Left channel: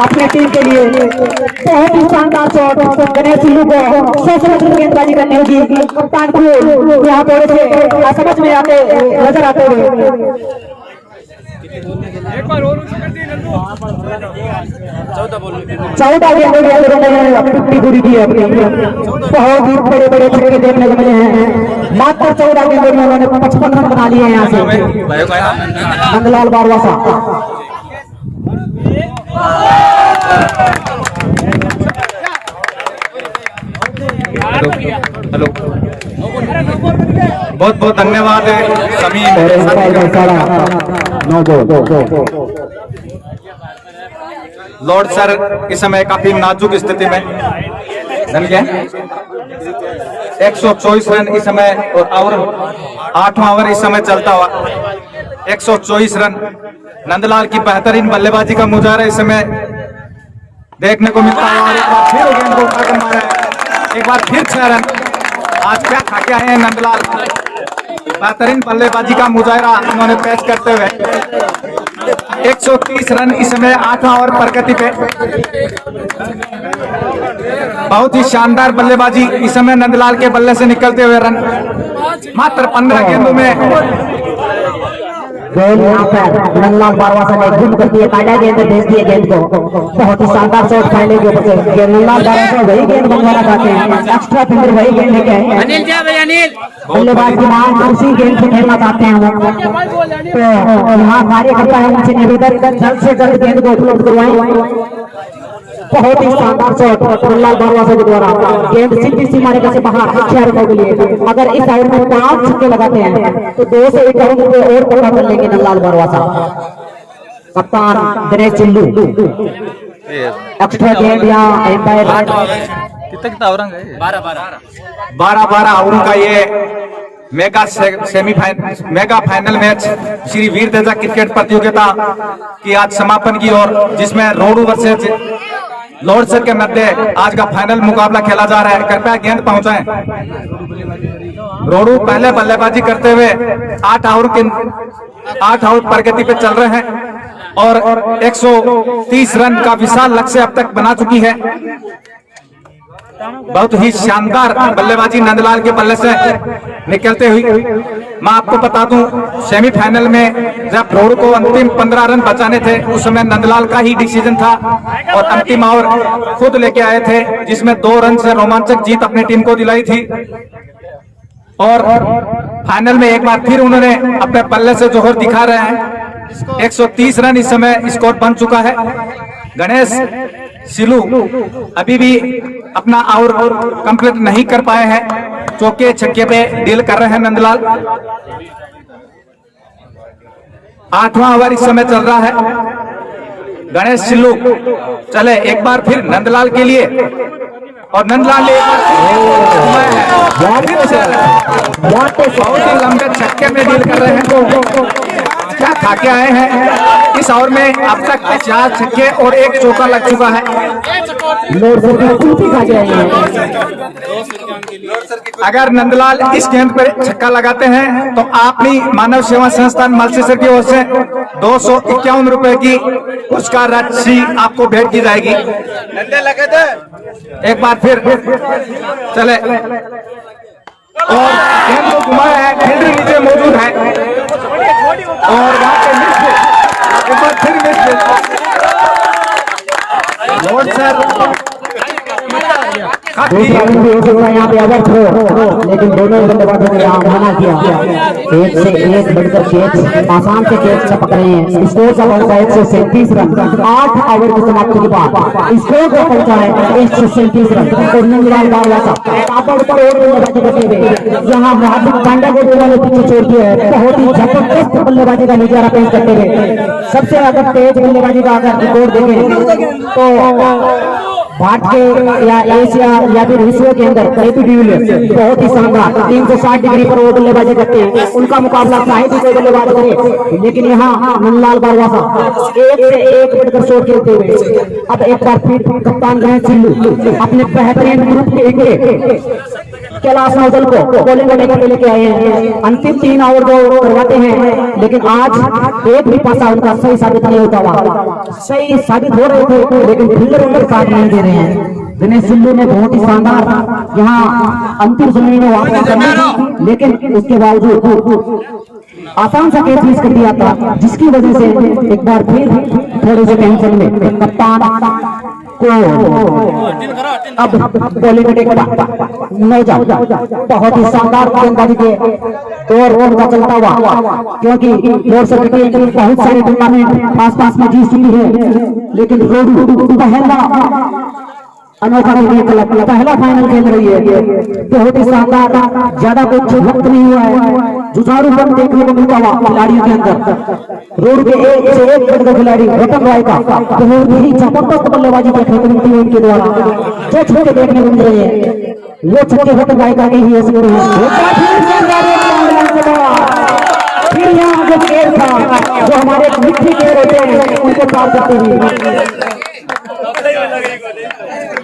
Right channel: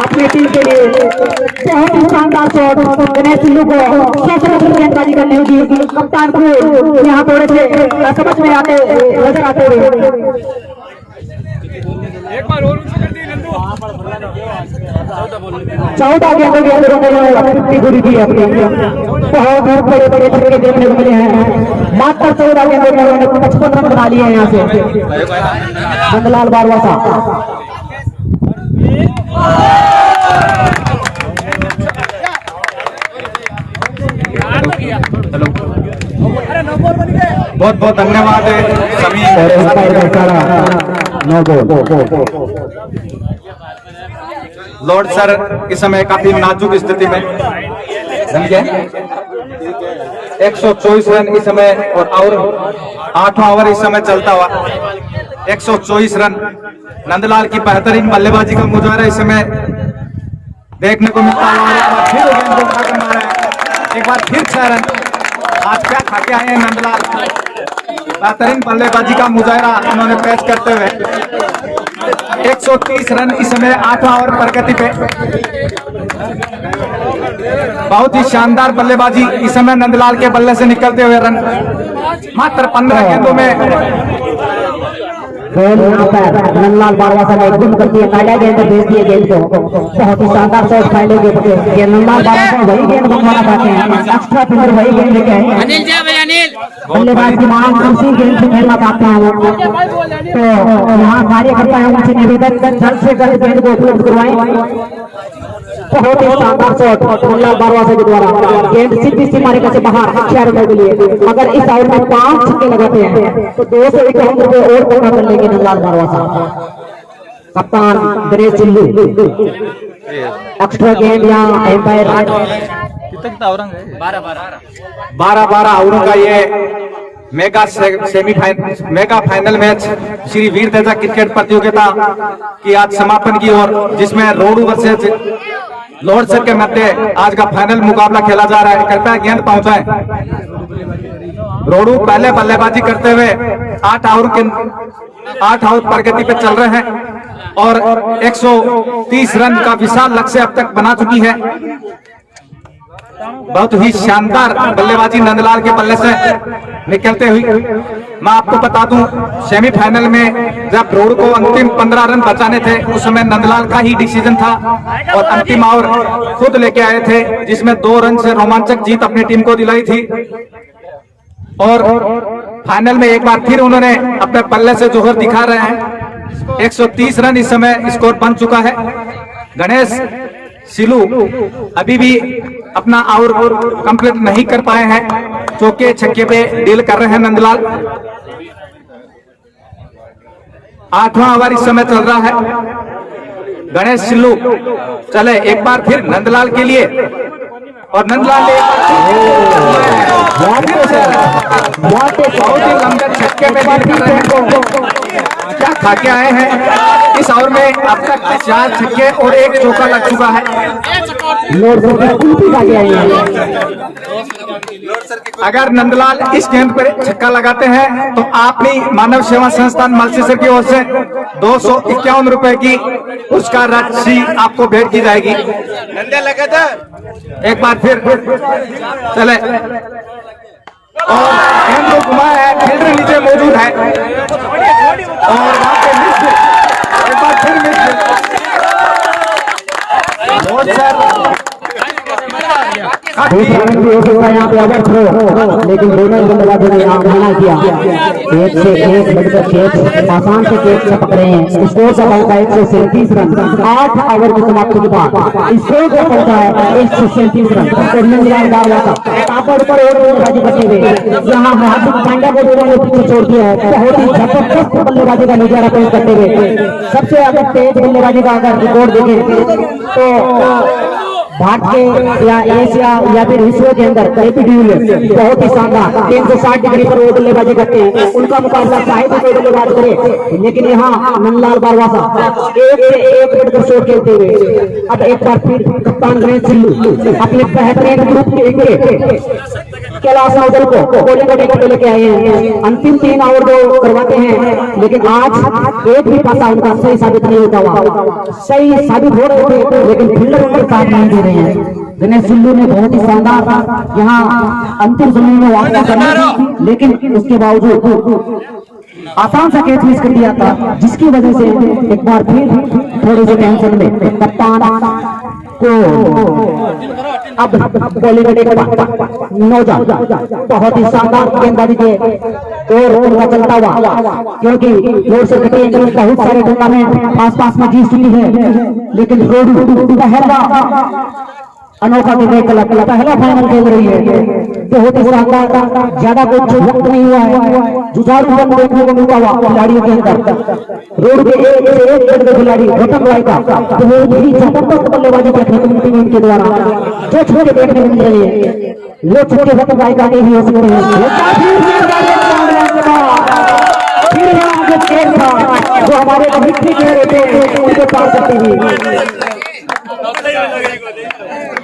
अपनी टीम के लिए बहुत ही शानदार शॉट गणेश सिल्लू को सबसे गेंदबाजी करने होगी। कप्तान को यहाँ थोड़े से समझ में आते नजर आते हुए एक बार और ऊंची कर दी नंदू। 14 गेंदों के अंदर फिफ्टी पूरी की अपनी बहुत बड़े बड़े छक्के देखने को मिले हैं। मात्र 14 गेंदों में उन्होंने 55 रन बना लिए हैं यहाँ से नंदलाल बारवासा। हेलो बहुत बहुत धन्यवाद सभी। लॉर्ड सर इस समय काफी नाजुक स्थिति में 124 रन इस समय और 8वां ओवर इस समय चलता हुआ 124 रन। नंदलाल की बेहतरीन बल्लेबाजी का मुजाहरा इस समय देखने को मिलता हुआ और एक बार फिर गेंद को उठाकर मारा है। एक बार फिर 6 रन। आज क्या खा के आए हैं नंदलाल। बेहतरीन बल्लेबाजी का मुजाहरा उन्होंने पेश करते हुए 130 रन इस समय 8वां ओवर प्रगति पे। बहुत ही शानदार बल्लेबाजी इस समय नंदलाल के बल्ले से निकलते हुए रन मात्र 15 गेंदों में। नंदलाल बारवासा ने गुम करती है काटा गेंद भेज दिए गेंद को। बहुत ही शानदार शॉट फाइनल के ऊपर नंदलाल बारवासा वही गेंद बनवाना चाहते हैं। एक्स्ट्रा फिंगर वही गेंद लेके आए हैं। अनिल जा भाई अनिल बल्लेबाज की मांग उसी गेंद से खेलना चाहते हैं। तो यहाँ कार्यकर्ता है उनसे निवेदन जल्द से जल्द गेंद को उपलब्ध करवाएं। बहुत ही शानदार शॉट नंदलाल बारवासा के द्वारा गेंद सीधी सीमा रेखा से बाहर 6 रनों के लिए। अगर इस ओवर में 5 छक्के लगाते हैं तो 2 से 1 रुपए और पैसा कर लेंगे नंदलाल बारवासा। कप्तान गणेश सिल्लू एक्स्ट्रा गेंद या एम्पायर कितना ओवर है 12 ओवरों का ये mega semifinal mega final match Shri Veer Teja cricket प्रतियोगिता की आज समापन की ओर, जिसमें रोडू वर्सेस लॉर्ड सर के मध्य आज का फाइनल मुकाबला खेला जा रहा है। कृपया गेंद पहुंचाएं। रोडू पहले बल्लेबाजी करते हुए 8 ओवर प्रगति पे चल रहे हैं और 130 रन का विशाल लक्ष्य अब तक बना चुकी है। बहुत ही शानदार बल्लेबाजी नंदलाल के बल्ले से निकलते हुई। मैं आपको बता दूं सेमीफाइनल में जब रोड को अंतिम 15 रन बचाने थे उस समय नंदलाल का ही डिसीजन था और अंतिम ओवर खुद लेके आए थे, जिसमें 2 रन से रोमांचक जीत अपनी टीम को दिलाई थी। और फाइनल में एक बार फिर उन्होंने अपने बल्ले से जोहर दिखा रहे हैं। 130 रन इस समय स्कोर बन चुका है। गणेश सिल्लू अभी भी अपना ओवर कंप्लीट नहीं कर पाए हैं। चौके छक्के पे डील कर रहे हैं नंदलाल। 8वां ओवर इस समय चल रहा है। गणेश सिल्लू चले एक बार फिर नंदलाल के लिए और नंदलाल ने एक बार बहुत ही लंबे छक्के में डील कर रहे हैं। क्या खा के आए हैं। इस ओवर में अब तक 4 छक्के और 1 चौका लग चुका है। अगर नंदलाल इस गेंद पर छक्का लगाते हैं तो अपनी मानव सेवा संस्थान मल्सीसर की ओर से 251 रुपए की पुरस्कार राशि आपको भेंट की जाएगी। एक बार फिर चले और गेंद को घुमाया है। फील्डर नीचे मौजूद है और वहां पे मिस, एक बार फिर मिस। लॉर्ड सर यहाँ पे ओवर थ्रो, लेकिन दोनों बल्लेबाजों ने यहाँ मना किया। एक से एक बढ़कर कैच आसान से कैच से पकड़े हैं। स्कोर का पहुंचा 137 रन 8 ओवर की समाप्ति के बाद स्कोर का पहुंचा है 137 रन। और नंदलाल बारवासा ताबड़ पर और बल्लेबाजी करते हुए यहाँ हार्दिक पांड्या को दोनों पीछे छोड़ दिया है। बहुत ही जबरदस्त बल्लेबाजी का नजारा पेश करते हुए सबसे अधिक तेज बल्लेबाजी का अगर रिकॉर्ड देखें तो भारत के या एशिया या फिर विश्व के अंदर एपी डिविलियर्स बहुत ही शानदार 360 डिग्री पर वो बल्लेबाजी करते हैं। उनका मुकाबला चाहे तो कोई बल्लेबाज करे, लेकिन यहाँ नंदलाल बारवासा एक से एक बढ़कर शॉट खेलते हुए अब एक बार फिर कप्तान गणेश सिल्लू अपने बेहतरीन ग्रुप के कैलाश नौजल को बॉलिंग करने के लेके आए हैं। अंतिम 3 ओवर जो करवाते हैं, लेकिन आज एक भी पासा उनका सही साबित नहीं होता हुआ। सही साबित हो रहे थे लेकिन फील्डर उनके साथ नहीं दे रहे हैं। दिनेश सिल्लू ने बहुत ही शानदार यहाँ अंतिम समय में वापसी करनी थी, लेकिन उसके बावजूद आसान सा कैच मिस कर दिया था, जिसकी वजह से एक बार फिर थोड़ी सी टेंशन में कप्तान को अब बॉलिंग बहुत ही शानदार गेंदबाजी के और उनका चलता हुआ, क्योंकि रोड से क्रिकेट बहुत सारे टूर्नामेंट आसपास में जीत चुकी है, लेकिन पहला अनोखा क्रिकेट क्लब पहला फाइनल खेल रही है। बहुत ही शानदार, ज्यादा कुछ वक्त नहीं हुआ है, जुझारूपन देखने को मिलता हुआ खिलाड़ियों के अंदर। रोड के एक से एक बढ़कर खिलाड़ी रतन राय का बहुत ही जबरदस्त बल्लेबाजी देखने को मिलती है उनके द्वारा। जो छक्के देखने को मिल रहे हैं वो छक्के रतन राय का ही हो सकते हैं। फिर यहाँ जो खेल था जो हमारे मिट्टी खेल होते हैं उनके पास सकते हुए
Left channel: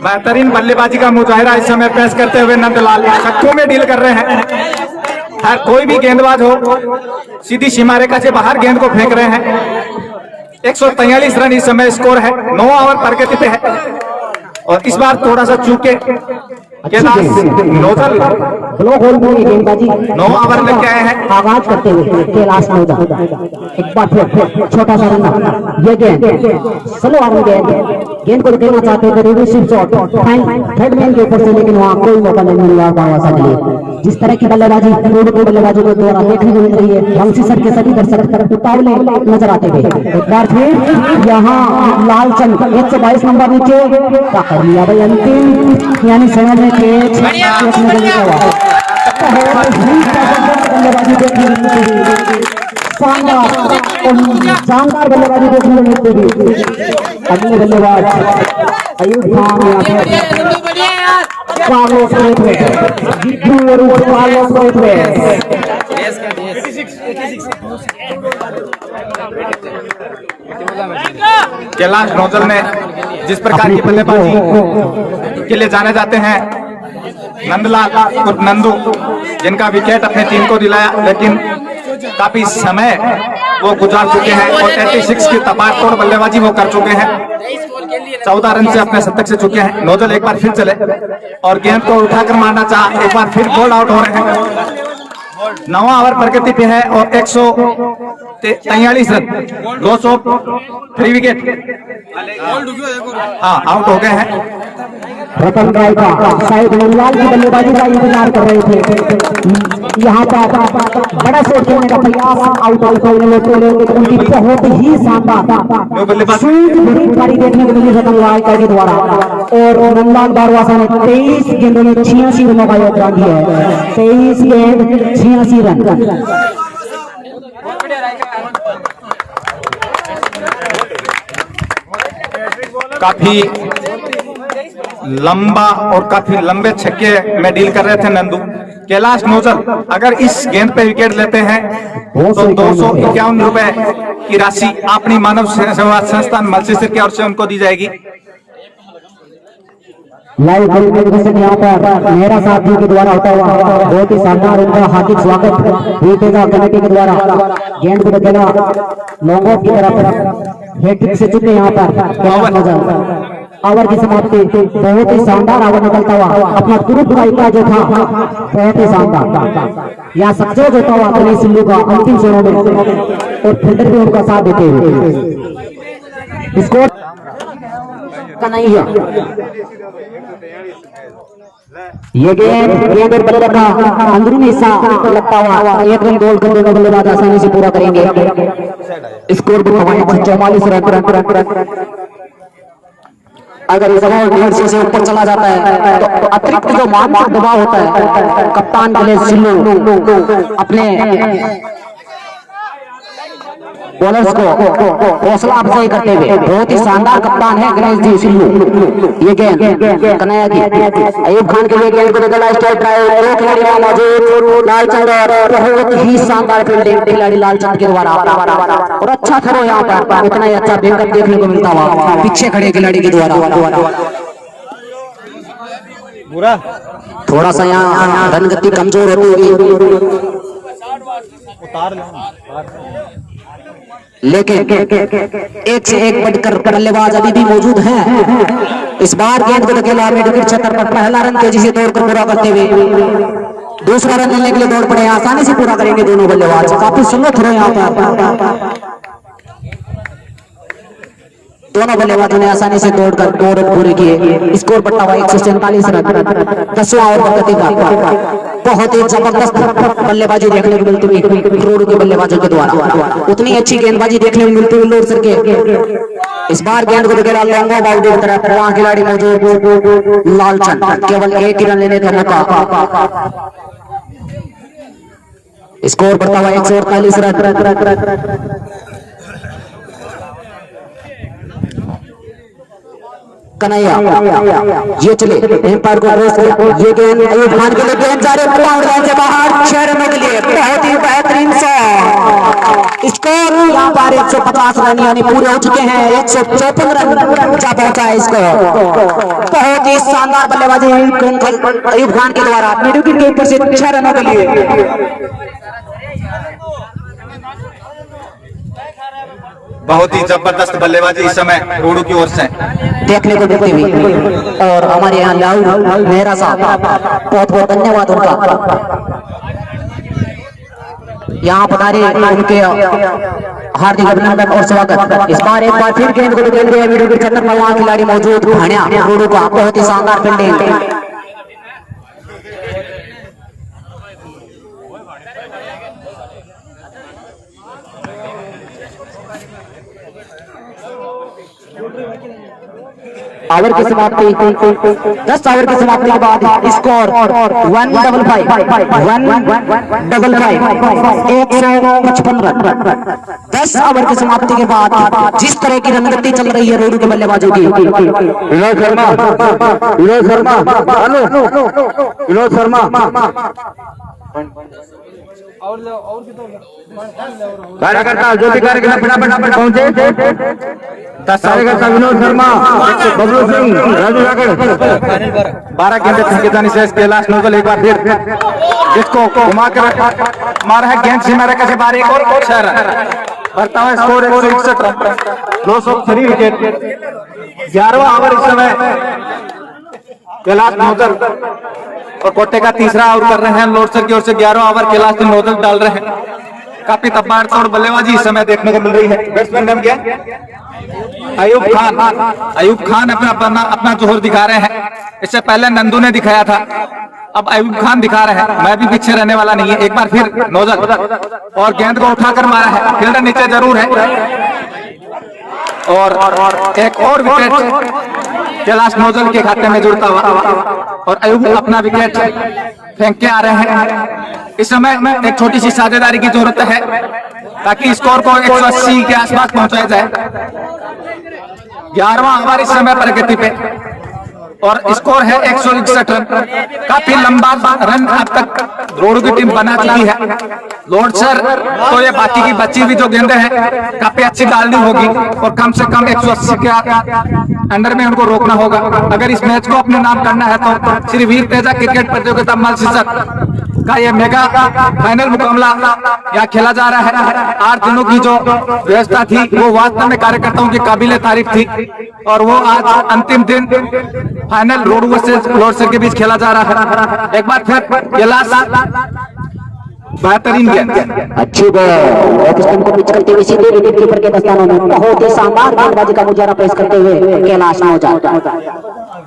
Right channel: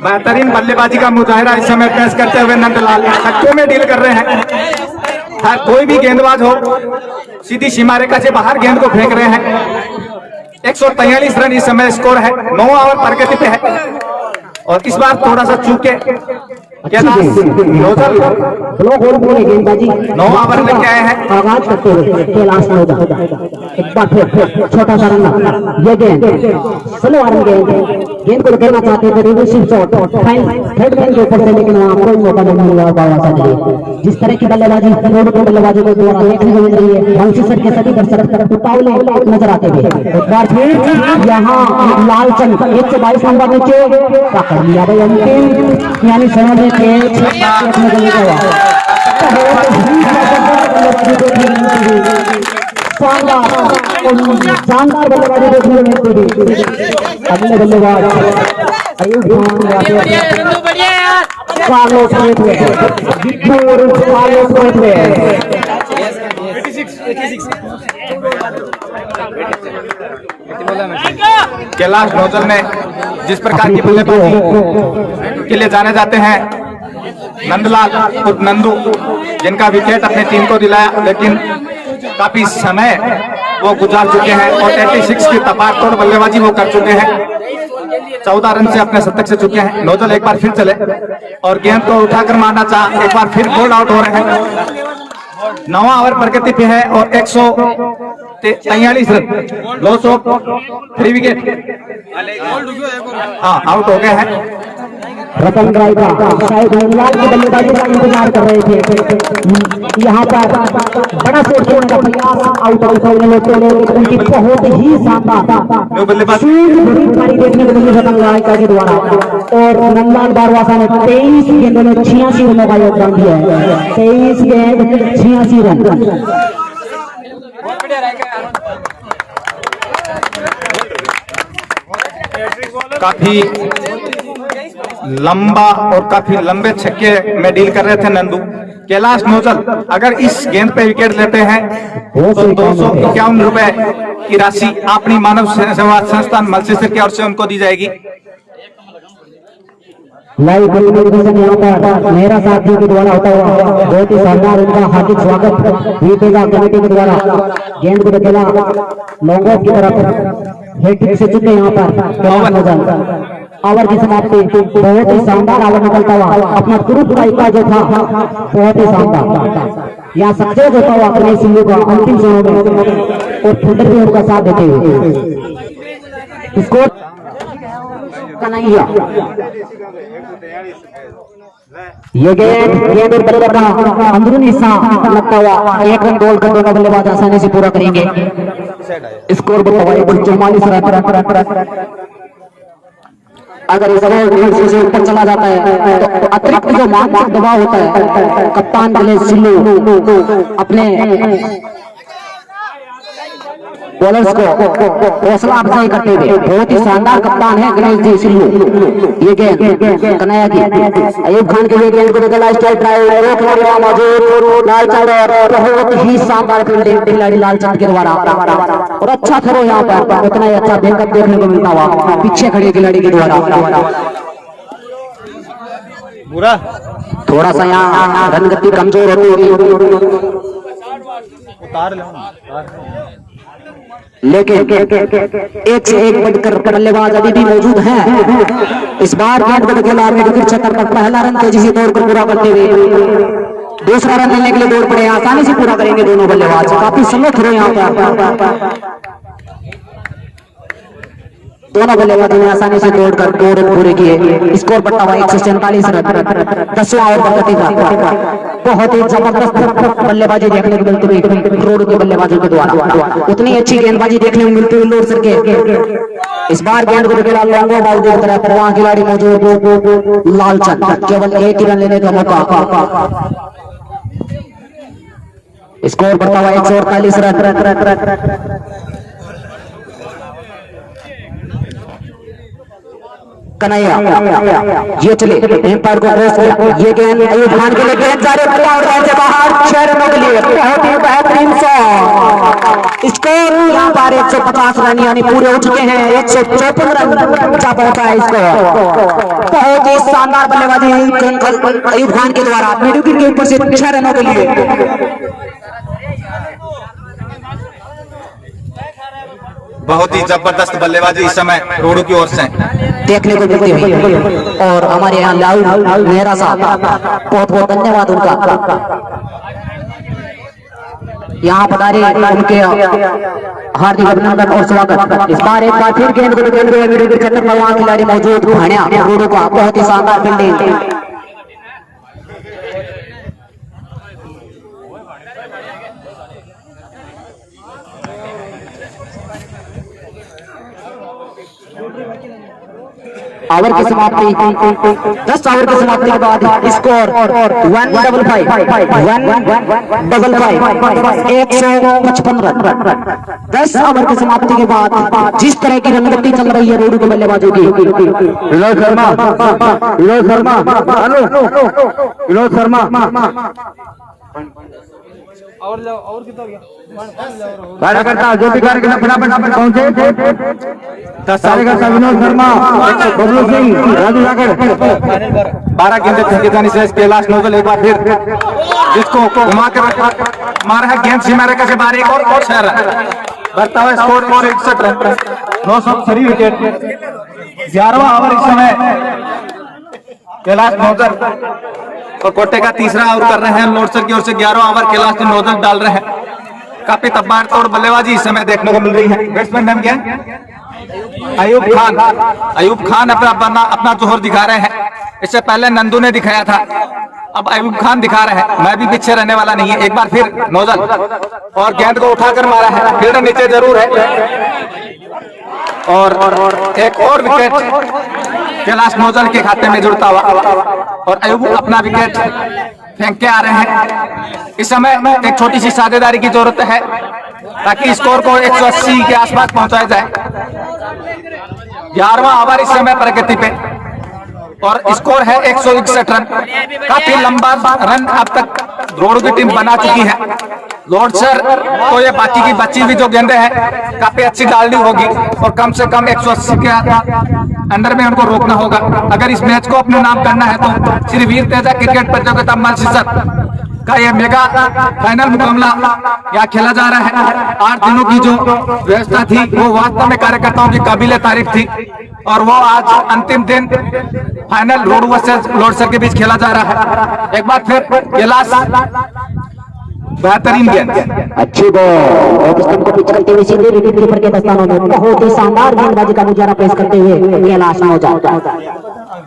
बेहतरीन बल्लेबाजी का मुजाहिरा इस समय पेश करते हुए नंदलाल छक्कों में डील कर रहे हैं। हर कोई भी गेंदबाज हो सीधी सीमा रेखा से बाहर गेंद को फेंक रहे हैं। 143 रन इस समय स्कोर है, 9 ओवर प्रगति पे है। और इस बार थोड़ा सा चूके कैलाश नौजल ब्लॉक होल में गेंदबाजी 9 ओवर लेके आए हैं। आगाज करते हुए कैलाश नौजल एक बार फिर छोटा सा रन, ये गेंद स्लो आर्म गेंद को करना चाहते थे रिवर्सिव शॉट थर्ड मैन के ऊपर से, लेकिन वहां कोई मौका नहीं मिला पाया था। जिस तरह की बल्लेबाजी रोड के बल्लेबाजों के द्वारा देखने को मिल रही है, बंसी सर के सभी दर्शक उतावले नजर आते हुए एक बार फिर यहाँ लालचंद 122 नंबर नीचे पकड़ लिया भाई अंतिम, यानी समय में शानदार बल्लेबाजी देखने को मिलती थी। अगले बल्लेबाज अयूब खान या फिर कार्लोस कैलाश नौजल ने जिस प्रकार की बल्लेबाजी के लिए जाने जाते हैं, नंदलाल उर्फ नंदू, जिनका विकेट अपनी टीम को दिलाया, लेकिन काफी समय वो गुजार चुके हैं और 86 की तपारतोड़ बल्लेबाजी वो कर चुके हैं। 14 रन से अपने शतक से चुके हैं। नौजल एक बार फिर चले और गेंद को उठाकर मारना चाहा, एक बार फिर बोल्ड आउट हो रहे हैं। 9वां ओवर प्रगति पे है और 143 रन, 203 विकेट, हाँ आउट हो गए हैं। रतन राय का शायद नंदलाल की बल्लेबाजी का इंतजार कर रहे थे। यहाँ पर बड़ा शॉट खेलने का प्रयास, आउट उनकी बहुत ही शानदार बल्लेबाजी देखने को मिली रतन राय का के द्वारा। और नंदलाल बारवासा ने 23 गेंदों में 86 रनों का योगदान दिया है। 23 गेंद 86 रन। काफी लंबा और काफी लंबे छक्के में डील कर रहे थे नंदू। कैलाश नौजल अगर इस गेंद पे विकेट लेते हैं तो 251 रुपए की राशि अपनी मानव सेवा संस्थान मल्सीसर की ओर से उनको दी जाएगी। लाइव टेलीविजन यहाँ पर मेरा साथियों के द्वारा होता हुआ बहुत ही शानदार उनका हार्दिक स्वागत बीतेगा कमेटी के द्वारा। गेंद को खेला लॉन्ग ऑफ की तरफ हैट्रिक से चुके यहाँ पर ओवर की समाप्ति। बहुत ही शानदार ओवर निकलता हुआ अपना तुरंत का जो था बहुत ही शानदार। यहाँ सक्सेस होता हुआ दिनेश सिल्लू का अंतिम समय में और फील्डर भी उनका साथ देते हुए स्कोर कन्हैया। ये गेंद और बल्लेबाज का अंदरूनी हिस्सा लगता हुआ 1 रन गोल करने का बल्लेबाज आसानी से पूरा करेंगे। स्कोर भी 44 रन। अगर इस ओवर से ऊपर चला जाता है तो अतिरिक्त जो मानसिक दबाव होता है कप्तान के लिए सिल्लू अपने बॉलर्स को हौसला अफजाई करते हुए बहुत ही शानदार कप्तान है गणेश जी सिल्लू। ये गेंद कन्हैया की अयूब खान के लिए गेंद को बदला स्ट्राइक ड्राइव लालचंद बहुत ही शानदार फील्डिंग खिलाड़ी लालचंद के द्वारा और अच्छा थ्रो यहाँ पर उतना ही अच्छा बैकअप देखने को मिलता हुआ पीछे खड़े खिलाड़ी के द्वारा। बुरा थोड़ा सा यहाँ रन गति कमजोर होती होगी, उतार ले लेकिन एक से एक बढ़कर बल्लेबाज अभी भी मौजूद हैं। इस बार गेंद को धकेला विकेट क्षेत्र पर पहला रन तेजी से दौड़कर पूरा करते हुए दूसरा रन लेने के लिए दौड़ पड़े, आसानी से पूरा करेंगे दोनों बल्लेबाज, काफी समर्थ रहे यहाँ पर दोनों बल्लेबाजों ने आसानी से दौड़कर 2 रन पूरे किए। स्कोर बढ़ता हुआ 147 रन 10वां ओवर प्रगति का। बहुत ही जबरदस्त बल्लेबाजी देखने को मिलती हुई रोड के बल्लेबाजों के द्वारा, उतनी अच्छी गेंदबाजी देखने को मिलती हुई लोड सर के। इस बार गेंद को निकला लॉन्गो बाउंड्री की तरफ, वहां खिलाड़ी मौजूद लालचंद, केवल एक ही रन लेने का मौका। स्कोर बढ़ता हुआ 148 रन। कन्हैया ये चले एम्पायर को क्रॉस किया, ये गेंद अयूब खान के लिए गेंद जा रही है और से बाहर 6 रनों के लिए बहुत ही बेहतरीन से स्कोर यहाँ पर 150 रन यानी पूरे हो चुके हैं। 154 रन जा पहुंचा है स्कोर। बहुत ही शानदार बल्लेबाजी अयूब खान के द्वारा मिडिल विकेट के ऊपर से 6 रनों के लिए। बहुत ही जबरदस्त बल्लेबाजी इस समय रोडू की ओर से देखने को मिलती हुई, और हमारे यहाँ लाल मेहरा साहब बहुत बहुत धन्यवाद उनका, यहाँ पधारे उनके हार्दिक अभिनंदन और स्वागत। इस बार एक बार फिर गेंद को खिलाड़ी मौजूद रोडू का बहुत ही शानदार फील्डिंग। ओवर की समाप्ति 10 ओवर की समाप्ति के बाद स्कोर 155 155 रन 10 ओवर की समाप्ति के बाद जिस तरह की रनगति चल रही है रोडू के बल्लेबाजों की। विनोद शर्मा और कितना कार्यकर्ता जो भी कार्यकर्ता फटाफट पहुंचे, कार्यकर्ता विनोद शर्मा, बबलू सिंह, राजू जाके 12 गेंदें फेंके जाने से कैलाश नोजल एक बार फिर जिसको घुमा कर मारा है गेंद सीमा रेखा से बारीक और 6 रन बढ़ता हुआ स्कोर 161 रन 903 विकेट। 11वां ओवर इस समय कैलाश नोजल और कोटे का तीसरा ओवर कर रहे हैं लोडसर की ओर से। 11वां ओवर कैलाश नोजल डाल रहे हैं। काफी तबाड़तोड़ बल्लेबाजी इस समय देखने को मिल रही है। बैट्समैन नाम क्या है? अयूब खान। अयूब खान अपना जोहर दिखा रहे हैं। इससे पहले नंदू ने दिखाया था, अब अयूब खान दिखा रहे हैं। मैं भी पीछे रहने वाला नहीं है। एक बार फिर नोजल और गेंद को उठाकर मारा है, फील्डर नीचे जरूर है और एक और विकेट कैलाश नोजल के खाते में जुड़ता हुआ और अयूब अपना विकेट फेंक के आ रहे हैं। इस समय एक छोटी सी साझेदारी की जरूरत है ताकि स्कोर को 180 के आसपास पहुंचाया जाए। 11वां ओवर इस समय प्रगति पे और स्कोर है 161 रन। काफी लंबा रन अब तक रोडू की टीम बना चुकी है। लोडसर तो ये बाकी की बची हुई जो गेंदें हैं काफी अच्छी डालनी होगी और कम से कम 180 के अंडर में उनको रोकना होगा अगर इस मैच को अपने नाम करना है। तो श्री वीर तेजा क्रिकेट प्रतियोगिता मलसीसत का ये मेगा फाइनल मुकाबला यहाँ खेला जा रहा है। 8 दिनों की जो व्यवस्था थी वो वास्तव में कार्यकर्ताओं की काबिले तारीफ थी और वो आज अंतिम दिन फाइनल रोडू वर्सेस लोडसर के बीच खेला जा रहा है। एक बार फिर कैलाश बेहतरीन गेंद अच्छी बॉल को पिच करते हुए सीधे विकेट कीपर के दस्तानों में बहुत ही शानदार गेंदबाजी का मुजाहरा पेश करते हुए कैलाश नौजवान।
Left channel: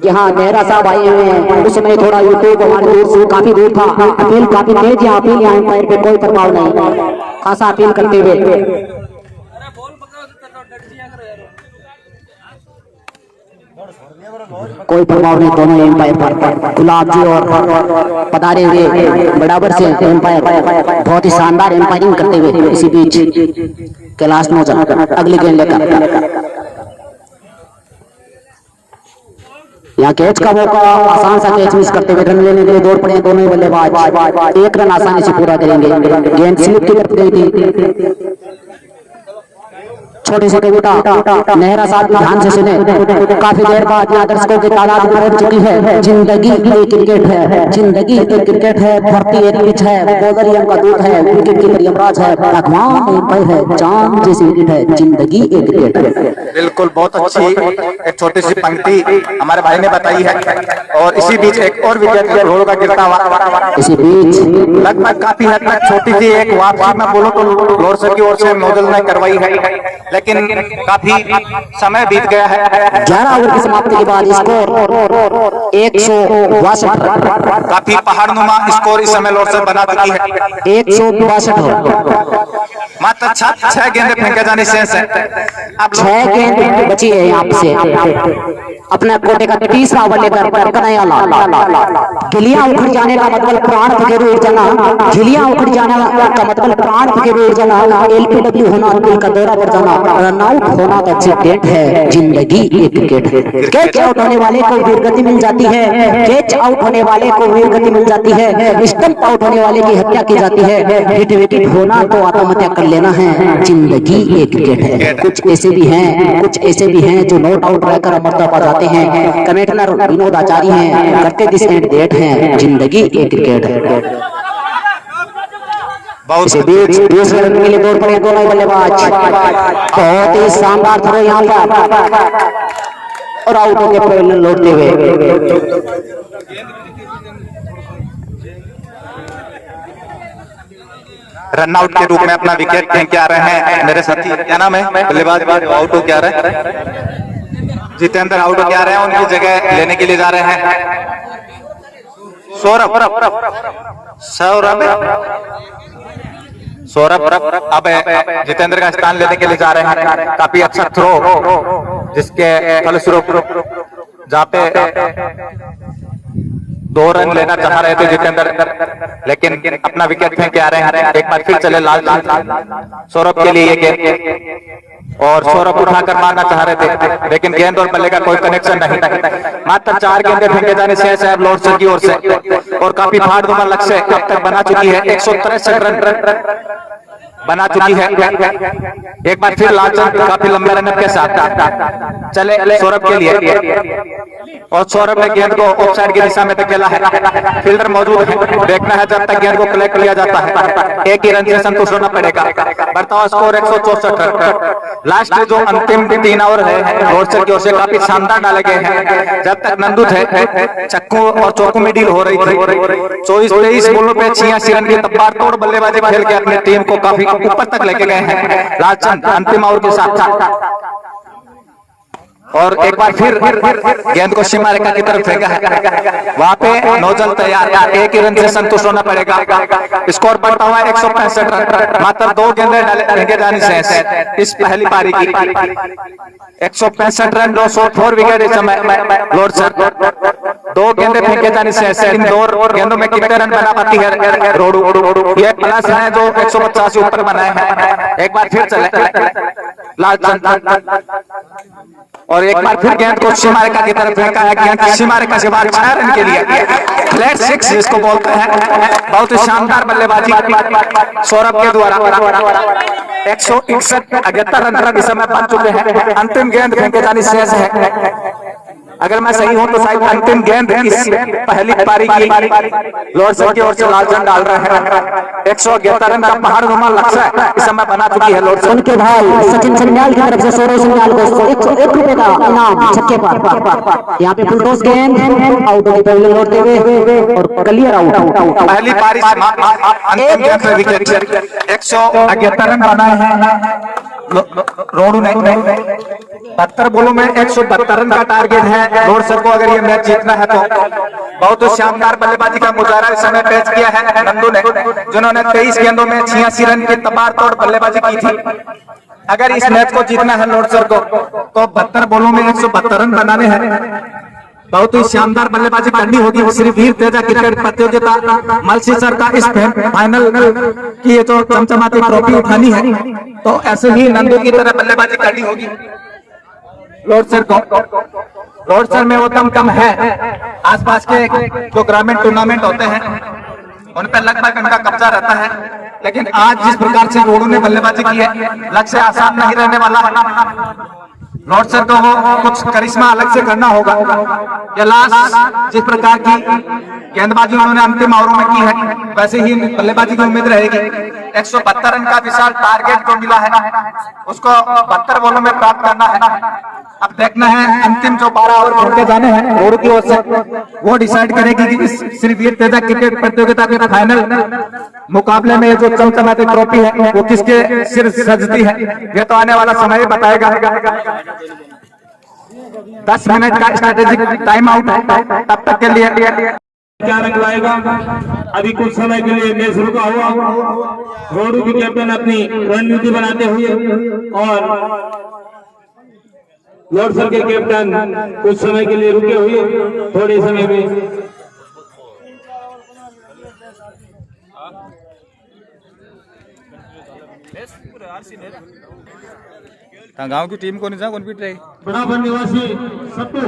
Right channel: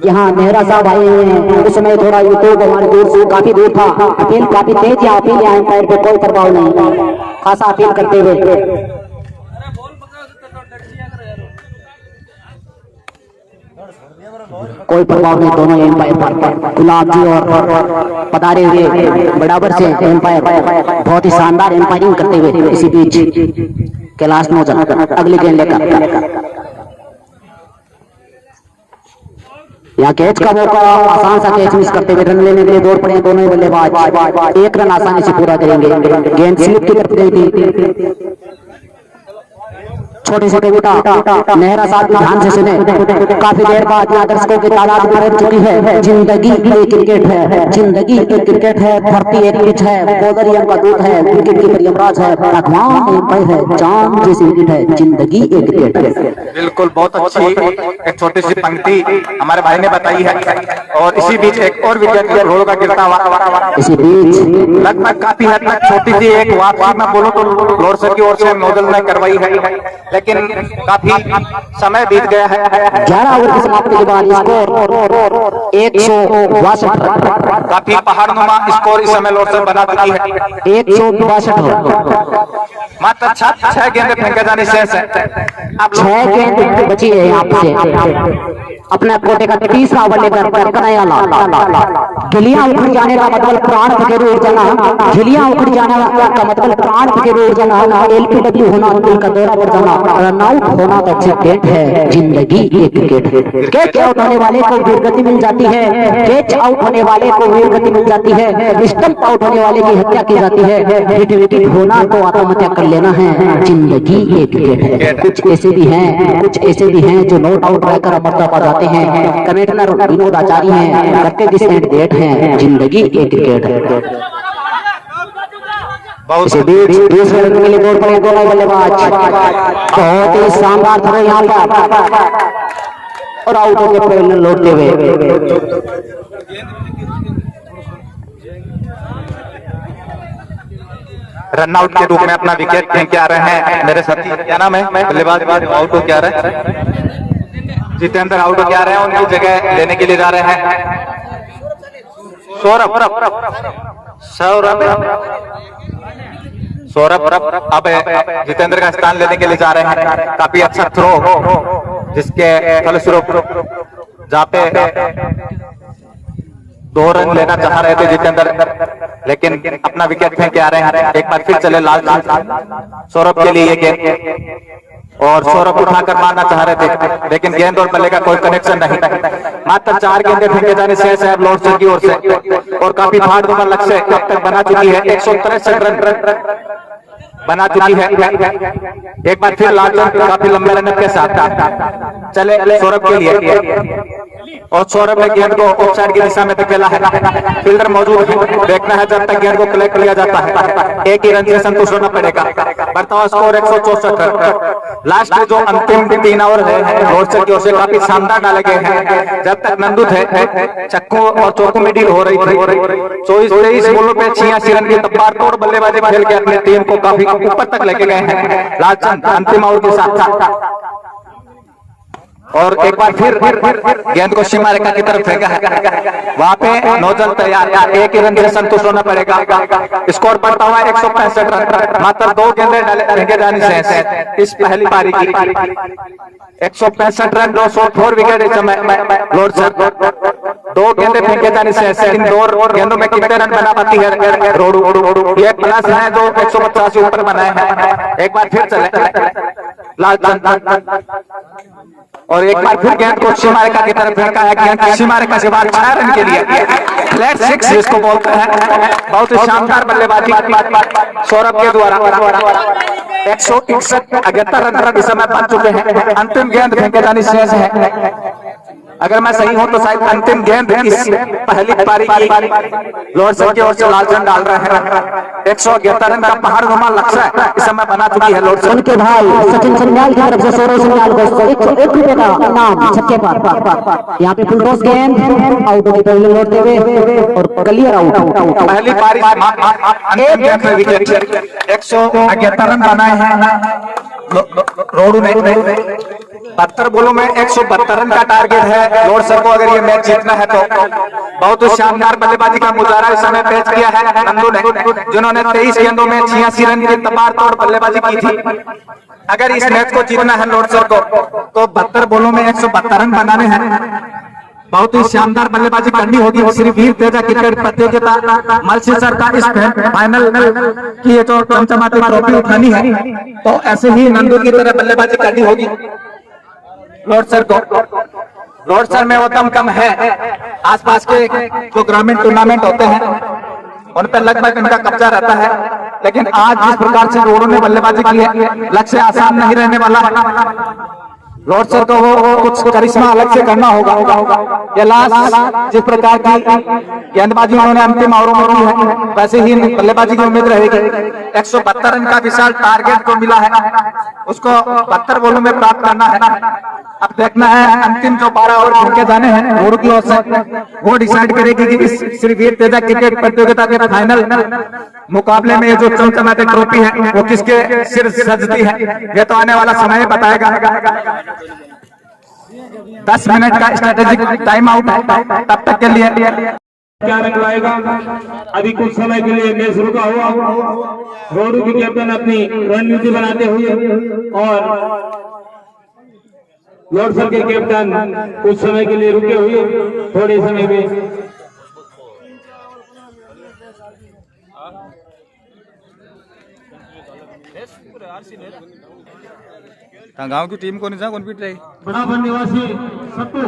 यहाँ नेहरा साहब आए हुए हैं। उस समय थोड़ा यूट्यूब हमारे दूर से काफी दूर था, अपील काफी तेज है। अपील यहाँ पैर पे कोई प्रभाव नहीं, खासा अपील करते हुए कोई प्रभाव नहीं। दोनों एम्पायर पर गुलाब जी और पधारे हुए बराबर से एम्पायर बहुत ही शानदार एम्पायरिंग करते हुए इसी बीच कैलाश नौजवान अगली गेंद लेकर यहाँ कैच का मौका, आसान सा कैच मिस करते हुए रन लेने के लिए दौड़ पड़े दोनों बल्लेबाज। 1 रन आसानी से पूरा करेंगे। गेंद स्लिप की तरफ गई थी। छोटे छोटे बेटा मेहरा साहब ध्यान से सुने। काफी देर बाद यहाँ दर्शकों की तादाद पहुंच चुकी है। जिंदगी एक क्रिकेट है, जिंदगी एक क्रिकेट है, धरती एक पिच है, बॉलर ही उनका दूत है, विकेट कीपर यमराज है, भगवान एक है, जान जैसी विकेट है, जिंदगी एक क्रिकेट है। बिल्कुल, बहुत अच्छी एक छोटी सी पंक्ति हमारे भाई ने बताई है। और इसी बीच एक और विकेट रोड का गिरता हुआ इसी बीच लगभग काफी हद तक छोटी सी एक वापसी में बोलो तो लोअर सर की ओर से नोजल ने करवाई है, लेकिन काफी समय बीत गया है। 11 ओवर की समाप्ति के बाद स्कोर 162। काफी पहाड़नुमा स्कोर इस समय लोअर सर बना चुकी है। 162 मात्र 6 गेंदें फेंके जाने शेष है। अब 6 गेंद बची है आपसे। अपने कोटे का तीसरा ओवर लेकर गिलियां उखड़ जाने का मतलब प्राण फकेरू उड़ जाना, गिलियां उखड़ जाने का मतलब प्राण फकेरू उड़ जाना, एलपीडब्ल्यू होना, दिल का दौरा पड़ जाना, रन आउट होना तो क्रिकेट है, जिंदगी एक क्रिकेट है। कैच आउट होने वाले को वीर गति मिल जाती है, कैच आउट होने वाले को वीर गति मिल जाती है, स्टंप आउट होने वाले की हत्या की जाती है, विकेट होना तो आत्महत्या कर लेना है, जिंदगी एक क्रिकेट है। कुछ ऐसे भी हैं जो नॉट आउट रहकर अमरता पा जाते हैं। कमेंटेटर विनोद आचार्य हैं, करते दिस एंड डेट हैं, जिंदगी एक क्रिकेट है। इसी बीच दूसरे रन के लिए दौड़ पड़े दोनों बल्लेबाज। बहुत ही शानदार थ्रो यहाँ पर और आउट होकर पहले लौटते हुए रन आउट के रूप में अपना विकेट फेंक के आ रहे हैं मेरे साथी। क्या नाम है बल्लेबाज? आउट हो क्या रहे हैं जितेंद्र, आउट हो क्या रहे हैं, उनकी जगह लेने के लिए जा रहे हैं सौरभ अब जितेंद्र का स्थान लेने के लिए जा रहे हैं। काफी अच्छा थ्रो जिसके फलस्वरूप जहाँ पे 2 रन लेना चाह रहे थे जितेंद्र, लेकिन अपना विकेट फेंक के आ रहे हैं। एक बार फिर चले लाल सौरभ के लिए ये गेंद, और सौरभ उठाकर मारना चाह रहे थे, लेकिन गेंद और बल्ले का कोई कनेक्शन नहीं। मात्र 4 गेंदें फेंके जाने शेष है लोअर सर की ओर से, और काफी फाड़नुमा लक्ष्य अब तक बना चुकी है। 163 रन बना चुकी है। एक बार फिर लालचंद काफी लंबे रन के साथ चले सौरभ के लिए, और सौरभ ने गेंद को ऑफसाइड की दिशा में धकेला है। फील्डर मौजूद है, देखना है जब तक गेंद को कलेक्ट किया जाता है। एक ही रन से संतुष्ट होना पड़ेगा। बढ़ता स्कोर 164। लास्ट जो अंतिम 3 ओवर है लोअर सर की ओर से काफी शानदार डाले गए हैं। जब तक नंदू थे चक्कू और चौकू में डील हो रही थी। 24-23 बॉलों पे 86 रन की तबादतोड़ बल्लेबाजी खेल के अपनी टीम को काफी ऊपर तक लेके गए हैं लालचंद अंतिम ओवर के साथ। और एक बार फिर गेंद को सीमा रेखा की तरफ फेंका है, वहां पे नोजल तैयार। एक ही रन से संतुष्ट होना पड़ेगा। स्कोर बढ़ता हुआ 165 रन। मात्र 2 गेंदें फेंके जाने से इस पहली पारी की 165 रन, 204 विकेट इस समय लोअर सर। 2 गेंदें फेंके जाने से इन 2 गेंदों में कितने रन बना पाती है रोडू? ये प्लस है जो 185 ऊपर बनाए हैं। एक बार फिर चले लालचंद, और एक बार फिर गेंद को सीमा रेखा की तरफ फेंका है। गेंद सीमा रेखा से बाहर 6 रन के लिए फ्लैट 6 जिसको बोलते हैं। बहुत ही शानदार बल्लेबाजी सौरभ के द्वारा। 161 रन इस समय बन चुके हैं। अंतिम गेंद फेंके जाने शेष है। अगर मैं सही हूं तो शायद अंतिम गेंद इस पहली पारी की लोअर सर की ओर से लालचंद डाल रहे हैं। 111 रन का पहाड़नुमा लक्ष्य इस समय बना चुकी है लोअर सर। उनके भाई सचिन संन्याल की तरफ से 16 संन्याल को 101 रुपए का इनाम छक्के पर। यहाँ पे फुल टॉस गेंद आउट होने पर लौटते हुए और क्लियर आउट। पहली पारी अंतिम गेंद पे विकेट 111 रन बनाए हैं रोडू ने। 72 बॉलों में 172 रन का टारगेट है लोअर सर को अगर ये मैच जीतना है तो। बहुत ही शानदार बल्लेबाजी का मुजाहरा इस समय पेश किया है नंदू ने, जिन्होंने 23 गेंदों में 86 रन की तबादतोड़ बल्लेबाजी की थी। अगर इस मैच को जीतना है लोअर सर को तो 72 बॉलों में 172 रन बनाने हैं। बहुत ही शानदार बल्लेबाजी करनी होगी। श्री वीर तेजा क्रिकेट प्रतियोगिता मलसीसर का इस फाइनल की ये जो चमचमाती ट्रॉफी उठानी है तो ऐसे ही नंदू की तरह बल्लेबाजी करनी होगी लोअर सर को। लोअर सर में वो कम है। आसपास के जो ग्रामीण टूर्नामेंट होते हैं उन पर लगभग इनका कब्जा रहता है, लेकिन आज जिस प्रकार से रोडो ने बल्लेबाजी की है, लक्ष्य आसान नहीं रहने वाला है। रोड सर को वो कुछ करिश्मा अलग से करना होगा। या लास्ट जिस प्रकार की गेंदबाजी उन्होंने अंतिम ओवरों में की है, वैसे ही बल्लेबाजी की उम्मीद रहेगी। 172 रन का विशाल टारगेट को मिला है, उसको 72 बॉलों में प्राप्त करना है। अब देखना है अंतिम जो 12 ओवर खेल के जाने हैं रोड की ओर से, वो डिसाइड करेगी कि इस श्री वीर तेजा क्रिकेट प्रतियोगिता के फाइनल मुकाबले में जो चमचमाती ट्रॉफी है वो किसके सिर सजती है। ये तो आने वाला समय बताएगा। 10 मिनट का स्ट्रेटेजिक टाइम आउट है, तब तक के लिए क्या रंग लाएगा। अभी कुछ समय के लिए मैच रुका हुआ, रोडू की कैप्टन अपनी रणनीति बनाते हुए और लॉर्ड सर के कैप्टन कुछ समय के लिए रुके हुए। थोड़े समय में गांव की टीम को नहीं कौन पीट रही। बड़ावन निवासी सत्तू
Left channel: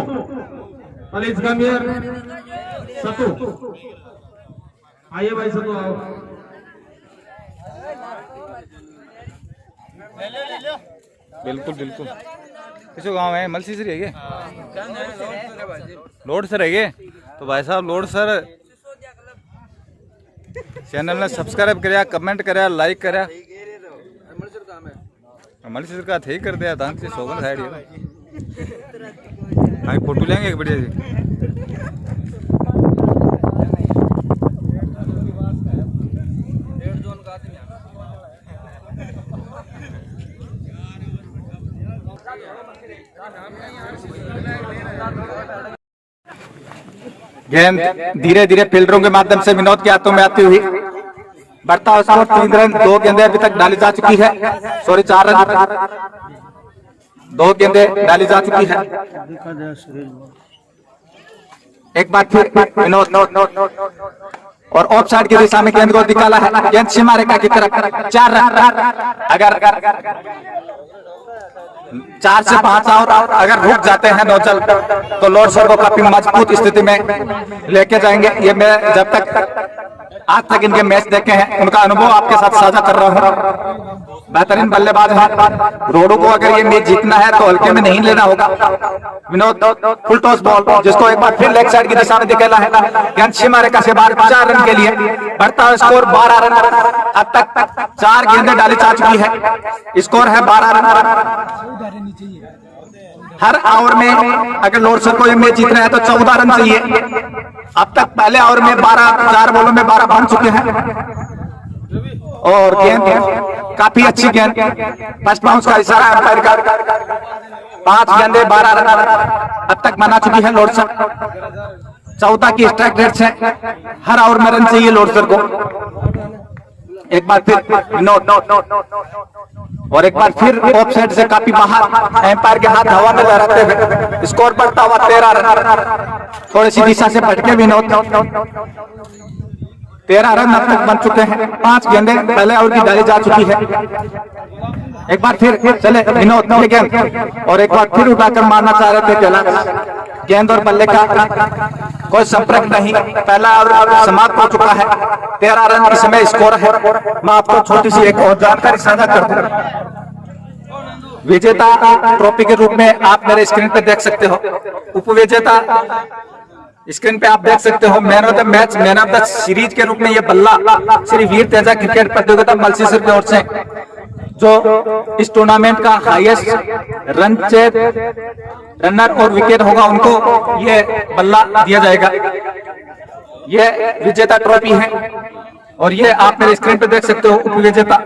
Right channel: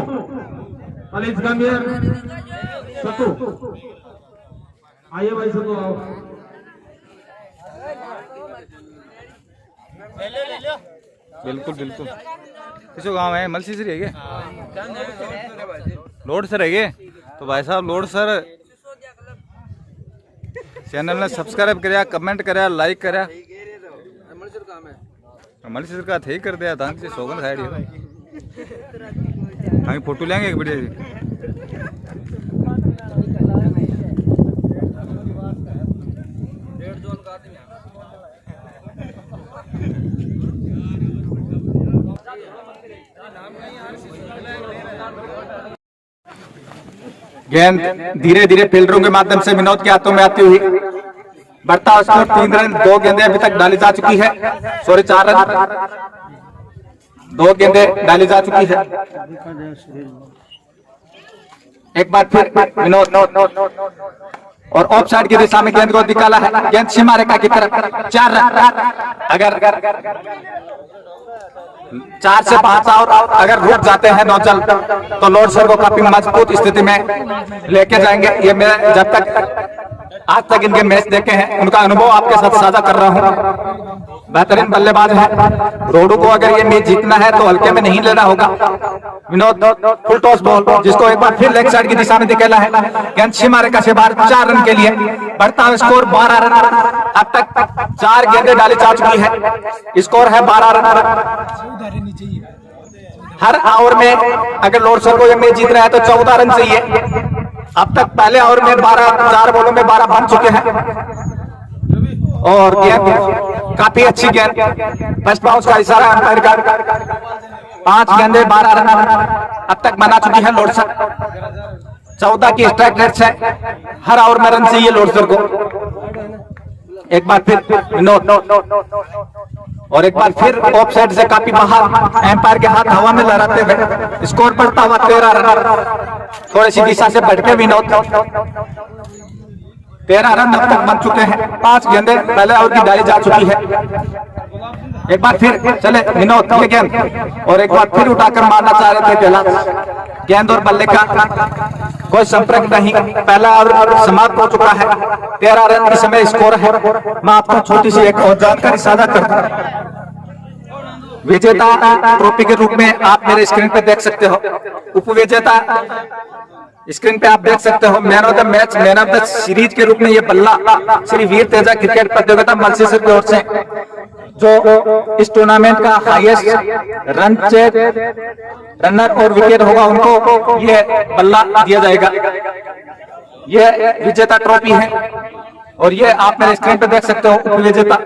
अलीस गंभीर सत्तू, आइए भाई सत्तू आओ। बिल्कुल बिल्कुल। किसो गांव है मलसी से रह गए, लोड से रह गए। तो भाई साहब लोड सर चैनल ने सब्सक्राइब कराया, कमेंट कराया, लाइक कराया। मलसी सर का थे कर दिया धान से सोगन खाई हम फोटो लेंगे एक बढ़िया जी। गेंद धीरे धीरे फील्डरों के माध्यम से विनोद के हाथों में आती हुई बढ़ता हुआ स्कोर 3 रन। 2 गेंदें अभी तक डाली जा चुकी है, सॉरी 4 रन। 2 गेंदें डाली जा चुकी है। एक बार फिर विनोद और ऑफ साइड की दिशा में गेंद को निकाला है। गेंद सीमा रेखा की तरफ 4 रन। अगर 4 से 5 और अगर रुक जाते हैं नौचल तो लॉर्ड सर को काफी मजबूत स्थिति में लेके जाएंगे। ये मैं जब तक आज तक इनके मैच देखे हैं उनका अनुभव आपके साथ साझा कर रहा हूं। बेहतरीन बल्लेबाज है। रोडू को अगर ये मैच जीतना है तो हल्के में नहीं लेना होगा। विनोद फुल टॉस बॉल जिसको एक बार फिर लेग साइड की दिशा में निकाला है। गेंद सीमा रेखा से बाहर 4 रन के लिए बढ़ता हुआ स्कोर 12 रन। अब तक 4 गेंदें डाली जा चुकी है, स्कोर है 12 रन। हर ओवर में अगर लॉर्ड सर को ये मैच जीतना है तो 14 रन चाहिए। अब तक पहले ओवर में 4 बॉलों में 12 बन चुके हैं और गेंद काफी अच्छी गेंद, फर्स्ट बाउंस का इशारा अंपायर का। 5 गेंदें 12 रन अब तक बना चुकी है लॉर्ड सर। 14 की स्ट्राइक रेट से हर ओवर में रन चाहिए लॉर्ड सर को। एक बार फिर विनोद और एक बार फिर ऑफ साइड से काफी बाहर, एम्पायर के हाथ हवा में लहराते हुए स्कोर बढ़ता हुआ 13 रन। थोड़ी सी दिशा से भटके विनोद। 13 रन अब तक बन चुके हैं। 5 गेंदें पहले ओवर की डाली जा चुकी है। एक बार फिर चले विनोद ये गेंद और एक बार फिर उठाकर मारना चाह रहे थे कैलाश। गेंद और बल्ले का कोई संपर्क नहीं, पहला ओवर समाप्त हो चुका है। 13 रन इस समय स्कोर है। मैं आपको छोटी सी एक और जानकारी साझा कर दूं। विजेता ट्रॉफी के रूप में आप मेरे स्क्रीन पे देख सकते हो। उपविजेता स्क्रीन पे आप देख सकते हो। Man of the match, man of the series के रूप में ये बल्ला श्री वीर तेजा क्रिकेट प्रतियोगिता मलसीसर की ओर से जो इस टूर्नामेंट का हाईएस्ट रन चेक रनर और विकेट होगा उनको ये बल्ला दिया जाएगा। ये विजेता ट्रॉफी है और ये आप मेरे स्क्रीन पे देख सकते हो। उपविजेता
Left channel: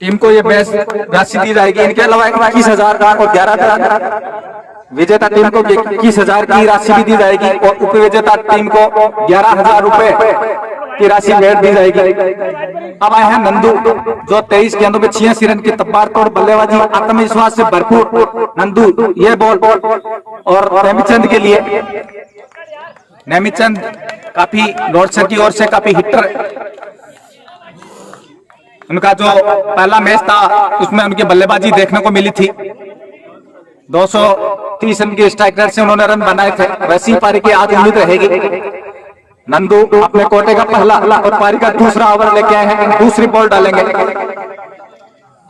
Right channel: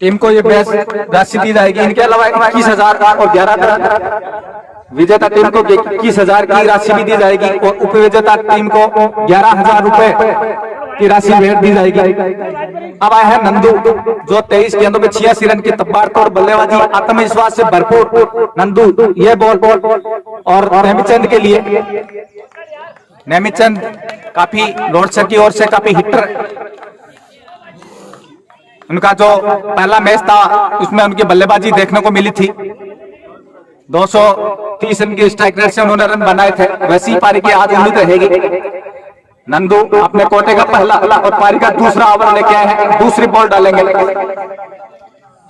टीम को ये बेस्ट राशि दी जाएगी। इनके अलावा 21,000 और 11,000 विजेता टीम को 21,000 की राशि भी दी जाएगी और उपविजेता टीम को 11,000 रुपए की राशि भेंट दी जाएगी। अब आए हैं नंदू जो 23 गेंदों में 86 रन की तबारतोड़ बल्लेबाजी, आत्मविश्वास से भरपूर नंदू ये बॉल और नेमीचंद के लिए। नेमीचंद काफी लॉर्ड सर की ओर से काफी हिटर, उनका जो पहला मैच था उसमें उनकी बल्लेबाजी देखने को मिली थी। 230 रन की स्ट्राइक रेट से उन्होंने रन बनाए थे। वैसी पारी की आज उम्मीद रहेगी। नंदू अपने कोटे का पहला और पारी का दूसरा ओवर लेके आए हैं, दूसरी बॉल डालेंगे।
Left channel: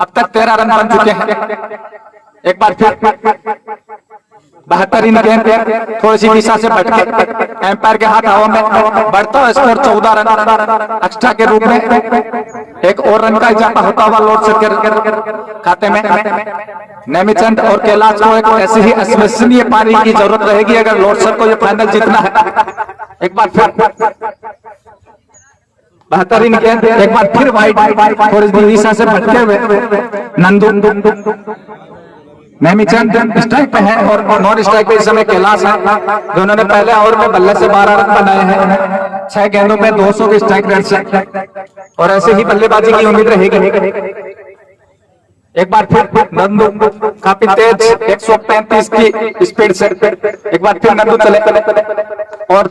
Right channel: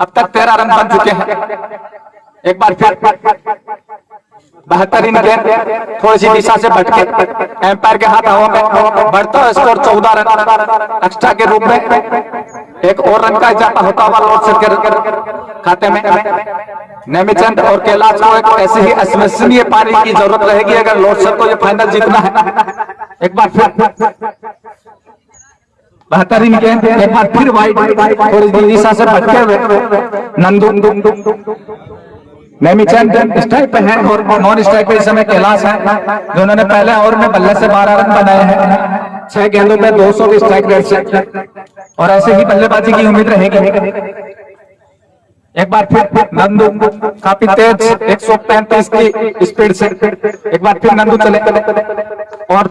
अब तक 13 रन बन चुके हैं। एक बार फिर बेहतरीन गेंद थोड़ी सी दिशा से भटके एम्पायर के हाथ हवा में, बढ़ता हुआ स्कोर 14 रन एक्स्ट्रा के रूप में। एक और रन का इजाफा होता हुआ लॉर्ड सर के खाते में। नेमिचंद और कैलाश को एक ऐसी ही अविश्वसनीय पारी की जरूरत रहेगी अगर लॉर्ड सर को ये फाइनल जीतना है। एक बार फिर बेहतरीन गेंद, एक बार फिर वाइड थोड़ी दिशा से भटके हुए नंदू। नेमिचंद स्ट्राइक पे है और नॉन स्ट्राइक पे इस समय कैलाश है। दोनों ने पहले ओवर में बल्ले से 12 रन बनाए हैं, 6 गेंदों पे 200 की स्ट्राइक रेट से, और ऐसे ही बल्लेबाजी की उम्मीद रहेगी। एक बार फिर नंदू काफी तेज 135 की स्पीड से, एक बार फिर नंदू चले और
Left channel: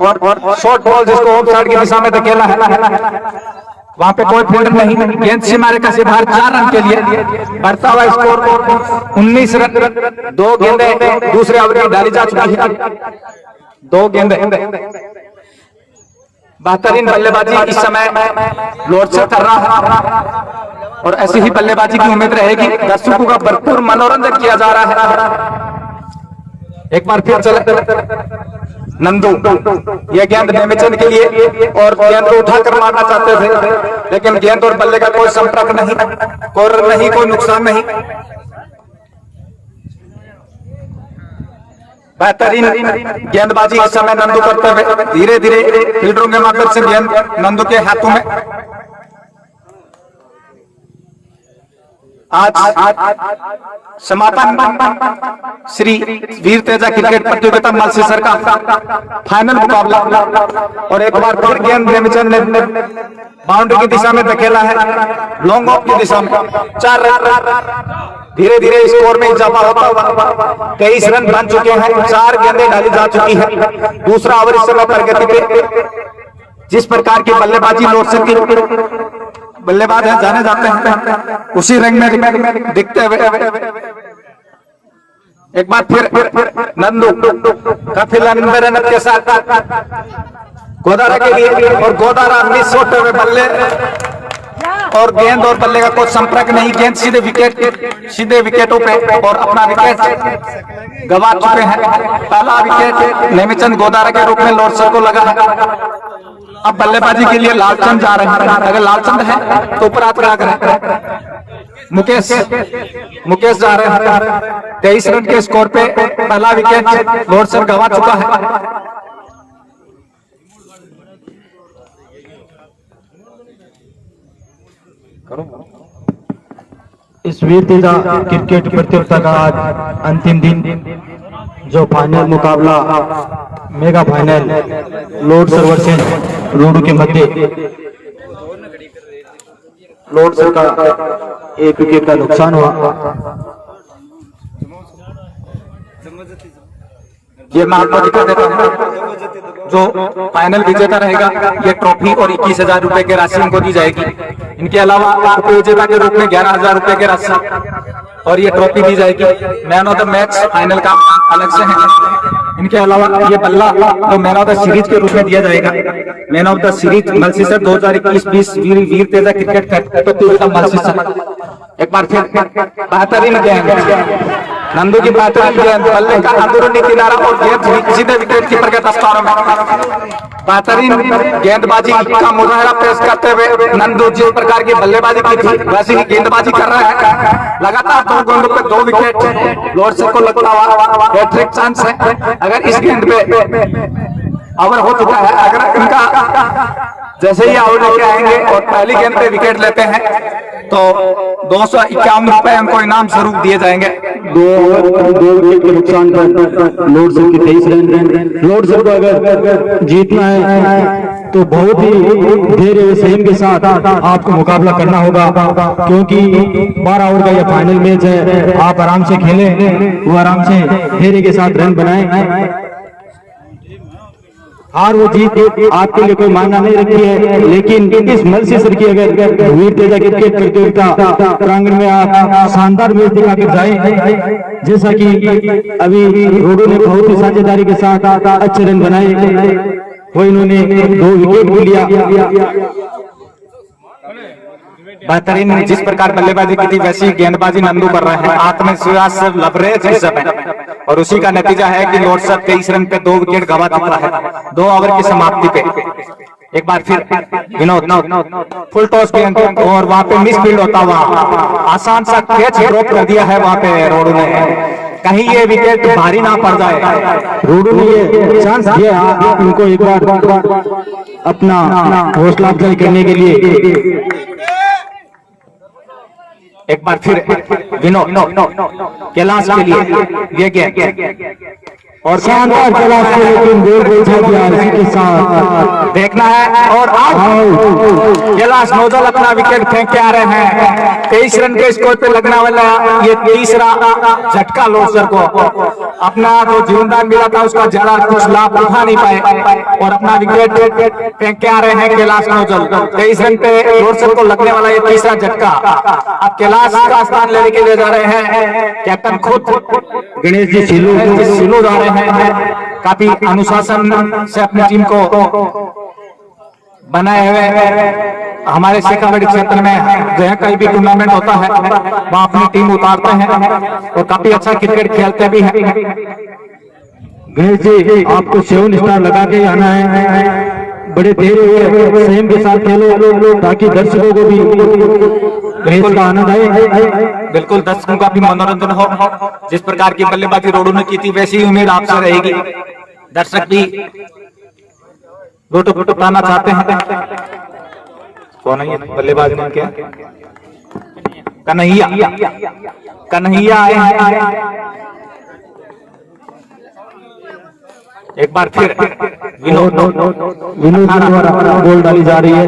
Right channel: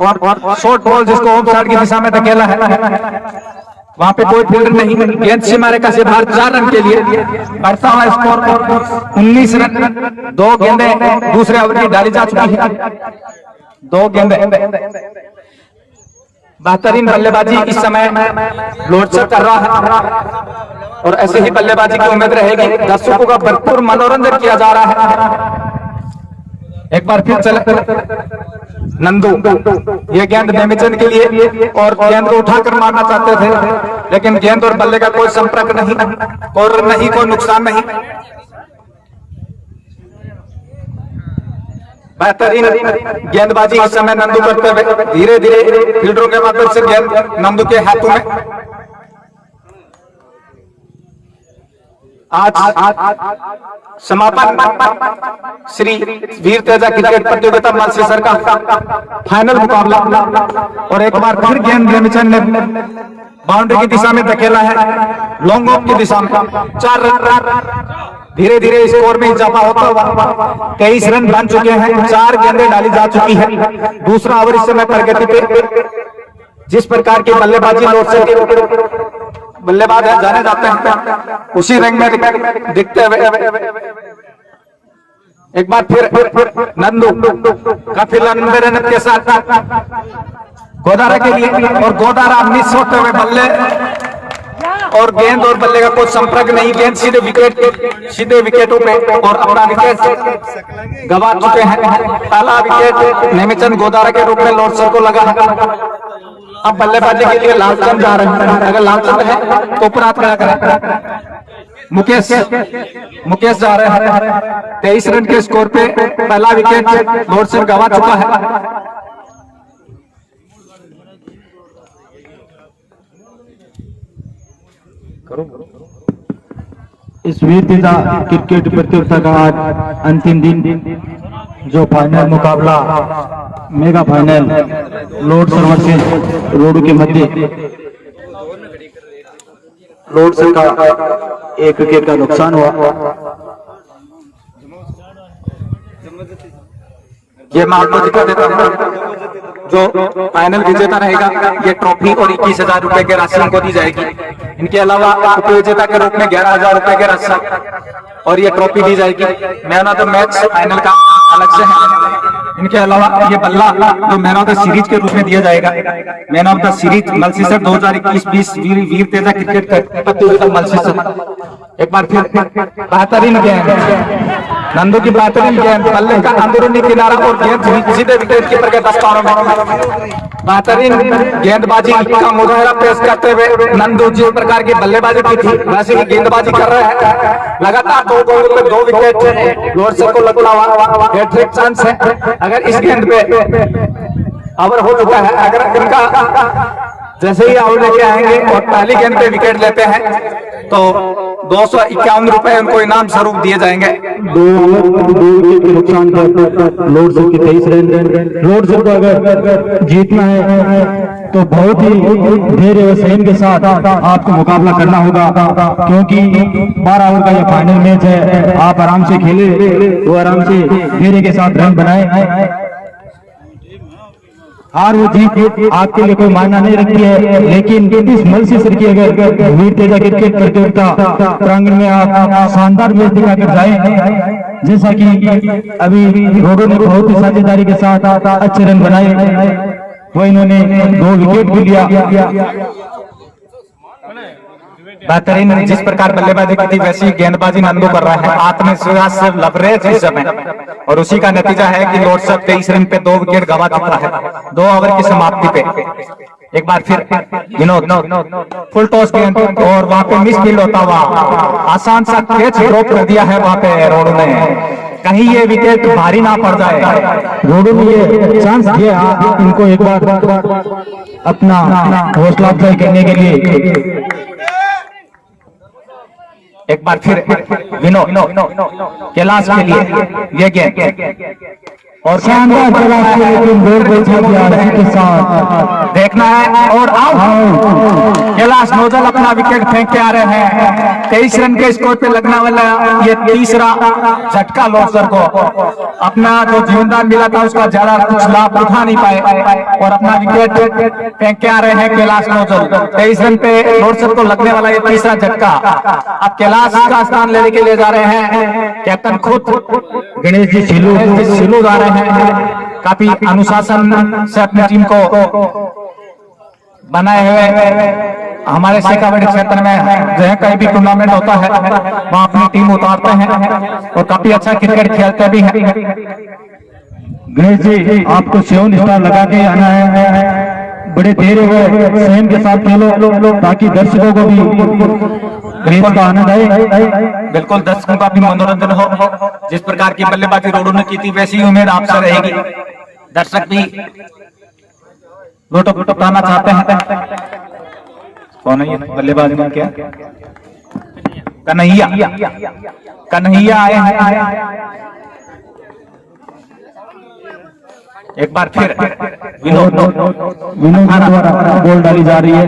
शॉर्ट बॉल जिसको ऑफ साइड की दिशा में धकेला है, वहां पे कोई फील्डर नहीं। गेंद सीमारे का से बाहर 4 रन के लिए बढ़ता हुआ स्कोर 19 रन। 2 गेंदें दूसरे ओवर की डाली जा चुकी है, 2 गेंदें। बेहतरीन बल्लेबाजी इस समय लॉर्ड सर कर रहा है और ऐसी ही बल्लेबाजी की उम्मीद रहेगी। दर्शकों का भरपूर मनोरंजन किया जा रहा है। एक बार फिर चले नंदू, ये गेंद नेमिचंद के लिए और गेंद को उठाकर मारना चाहते थे, लेकिन गेंद और बल्ले का कोई संपर्क नहीं, कोई नुकसान नहीं। बेहतरीन गेंदबाजी इस समय नंदू करते हुए धीरे धीरे फील्डरों के माध्यम से गेंद नंदू के हाथों में। आज समापन श्री वीर तेजा क्रिकेट प्रतियोगिता मालसीसर का फाइनल मुकाबला, और एक बार फिर गेंद नेमिचंद ने बाउंड्री की दिशा में धकेला है, लॉन्ग ऑफ की दिशा में। 4 रन, धीरे धीरे स्कोर में इजाफा होता हुआ 23 रन बन चुके हैं, 4 गेंदें डाली जा चुकी है। दूसरा ओवर इस समय प्रगति पे। जिस प्रकार की बल्लेबाजी लॉर्ड सर की बल्लेबाज जाने जाते हैं, उसी रंग में दिखते हुए एक बार फिर नंदू काफी लंबे रन के साथ गोदारा के लिए, और गोदारा मिस होते हुए बल्ले और गेंद और बल्ले का कोई संपर्क नहीं। गेंद सीधे विकेटों पे और अपना विकेट गंवा चुके हैं। पहला विकेट नेमिचंद गोदारा के रूप में लॉर्ड सर को लगा है। अब बल्लेबाजी के लिए लालचंद जा रहे हैं, अगर लालचंद है तो ऊपर हाथ खड़ा करें। मुकेश जा रहे हैं। 23 रन के स्कोर पे पहला विकेट लॉर्ड सर गंवा चुका है। इस वीर तेजा क्रिकेट प्रतियोगिता का आज अंतिम दिन, जो फाइनल मुकाबला mega final Lodsar versus Rodu के मध्य लॉर्ड सर का 1 विकेट का नुकसान हुआ। ये मैं आपको दिखा देता हूँ, जो फाइनल विजेता रहेगा ये ट्रॉफी और 21,000 रुपए की राशि उनको दी जाएगी। इनके अलावा उप विजेता के रूप में 11,000 रुपए की राशि और ये ट्रॉफी दी जाएगी। Man of the match final का अलग से है। इनके अलावा ये बल्ला जो मैन ऑफ द सीरीज के रूप में दिया जाएगा। Man of the series Malsisar 2021-20 Veer Teja cricket प्रतियोगिता मालसीसर। एक बार फिर बेहतरीन गेंद, नंदू की बेहतरीन गेंद, बल्ले का अंदरूनी किनारा और गेंद सीधे विकेट कीपर के दस्तारों में। बेहतरीन गेंदबाजी का मुजाहरा पेश करते हुए नंदू जिस प्रकार की बल्लेबाजी की थी वैसे ही गेंदबाजी कर रहे हैं। लगातार 2 गेंदों पे 2 विकेट लॉर्ड सर को लगता हुआ हैट्रिक चांस है। अगर इस गेंद पे ओवर हो चुका है, अगर इनका जैसे ही आउट लेके आएंगे और पहली गेंद पे विकेट लेते हैं तो 251 रुपए उनको इनाम स्वरूप दिए जाएंगे। 2 विकेट के नुकसान पर लॉर्ड सर के 23 रन। लॉर्ड सर को अगर जीतना है तो बहुत ही धैर्य और संयम के साथ आपको मुकाबला करना होगा, क्योंकि 12 ओवर का यह फाइनल मैच है। आप आराम से खेले तो आराम से धैर्य के साथ रन बनाए। हार वो जीत आपके लिए कोई मायना नहीं रखती है, लेकिन इस मालसीसर की अगर वीर तेजा क्रिकेट प्रतियोगिता प्रांगण में आप शानदार मैच दिखाकर जाए, जैसा कि अभी घोड़ों ने बहुत ही साझेदारी के साथ अच्छे रन बनाए, तो इन्होंने 2 विकेट भी लिया। बेहतरीन जिस प्रकार बल्लेबाजी की थी वैसी गेंदबाजी नंदू कर रहा है, आत्मविश्वास लवरेज इस समय, और उसी का नतीजा है कि लॉर्ड साहब 23 रन पे 2 विकेट गंवा चुका है 2 ओवर की समाप्ति पे। एक बार फिर विनोद फुल टॉस गेंद और वहां पे मिस फील्ड होता हुआ आसान सा कैच ड्रॉप कर दिया है वहां पे रोडू ने, कहीं ये विकेट भारी ना पड़ जाए। रोडू ने ये चांस दिया इनको एक बार अपना हौसला अफजाई करने के लिए। एक बार फिर विनोद कैलाश के लिए ये गेंद और शानदार कैलाश के लेकिन दूर के साथ देखना है और आउट। कैलाश नौजल अपना विकेट फेंक के आ रहे हैं। 23 रन के स्कोर पे लगने वाला ये तीसरा झटका लोसर को, अपना जो जीवनदान मिला था उसका ज्यादा कुछ लाभ उठा नहीं पाए और अपना विकेट फेंक के आ रहे हैं कैलाश नौजल। 23 रन पे लोसर को लगने वाला ये तीसरा झटका। अब कैलाश का स्थान लेने के लिए जा रहे हैं कैप्टन खुद गणेश जी सिलू जा रहे हैं। काफी अनुशासन से अपनी टीम को बनाए हुए हमारे शेखावाड़ी क्षेत्र में जहाँ कहीं भी टूर्नामेंट होता है वहाँ अपनी टीम उतारते हैं और काफी अच्छा क्रिकेट खेलते भी हैं। गणेश जी आपको 7 स्टार लगा के आना है, बड़े तेरे हुए संयम के साथ खेलो ताकि दर्शकों को भी गणेश का आनंद आए। बिल्कुल दर्शकों का भी मनोरंजन हो। जिस प्रकार की बल्लेबाजी रोडू ने की थी वैसी उम्मीद आपसे रहेगी। दर्शक भी लोटो पाना चाहते हैं। कौन है ये बल्लेबाज ने क्या? कन्हैया आए हैं। एक बार फिर विनोद द्वारा बॉल डाली जा रही है।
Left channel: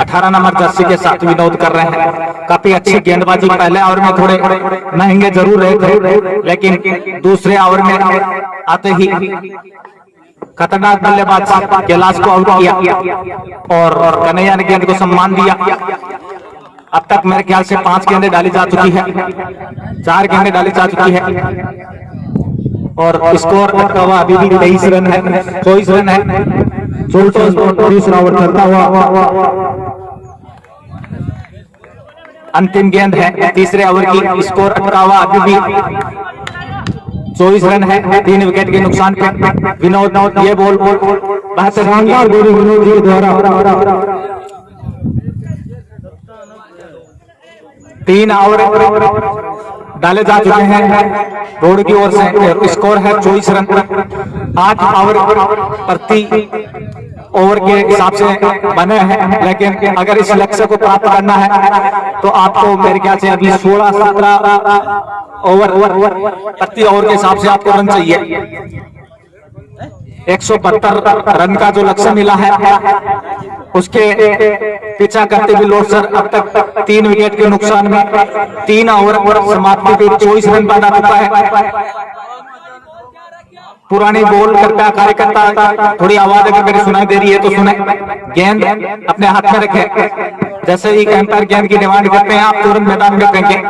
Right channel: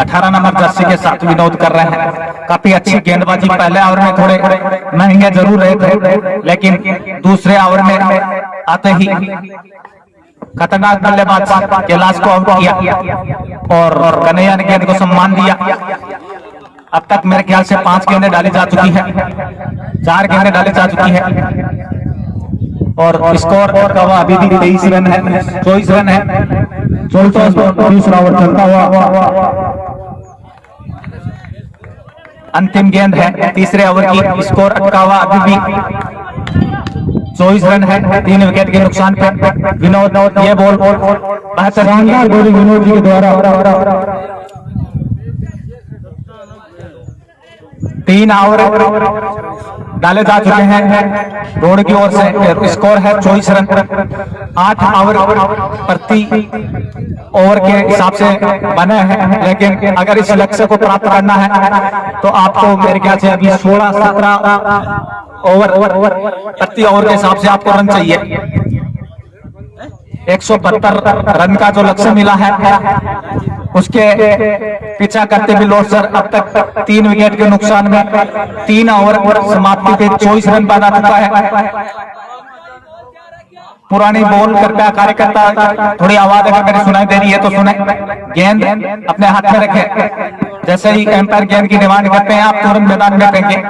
18 नंबर जर्सी के साथ विनोद कर रहे हैं। काफी अच्छी गेंदबाजी पहले ओवर में थोड़े महंगे जरूर रहे थे, लेकिन दूसरे ओवर में आते ही खतरनाक बल्लेबाज कैलाश को आउट किया और कन्हैया ने गेंद को सम्मान दिया। अब तक मेरे ख्याल से 5 गेंदें डाली जा चुकी है, 4 गेंदें डाली जा चुकी है और स्कोर का हुआ अभी भी 23 रन है, 24 रन है। 24 दूसरा ओवर चलता हुआ अंतिम गेंद है तीसरे ओवर की। स्कोर अटका हुआ अभी भी 24 रन है, 3 विकेट के नुकसान पे। विनोद ये बॉल बेहतरीन विनोद जी के द्वारा 3 ओवर डाले जा चुके हैं रोड की ओर से। स्कोर है 24 रन। 8 ओवर प्रति ओवर के हिसाब से बने हैं, लेकिन अगर इस लक्ष्य को प्राप्त करना है तो आपको मेरे ख्याल से अभी 16-17 ओवर प्रति ओवर के हिसाब से आपको रन चाहिए। 172 रन का जो लक्ष्य मिला है उसके पीछा करते हुए लोसर अब तक 3 विकेट के नुकसान में 3 ओवर समाप्ति पे 24 रन बना चुका है। पुरानी बॉल कृपया कार्यकर्ता थोड़ी आवाज अगर मेरी सुनाई दे रही है तो सुने। गेंद अपने हाथ में रखें, जैसे ही एम्पायर गेंद की डिमांड करते हैं आप तुरंत मैदान में फेंकें।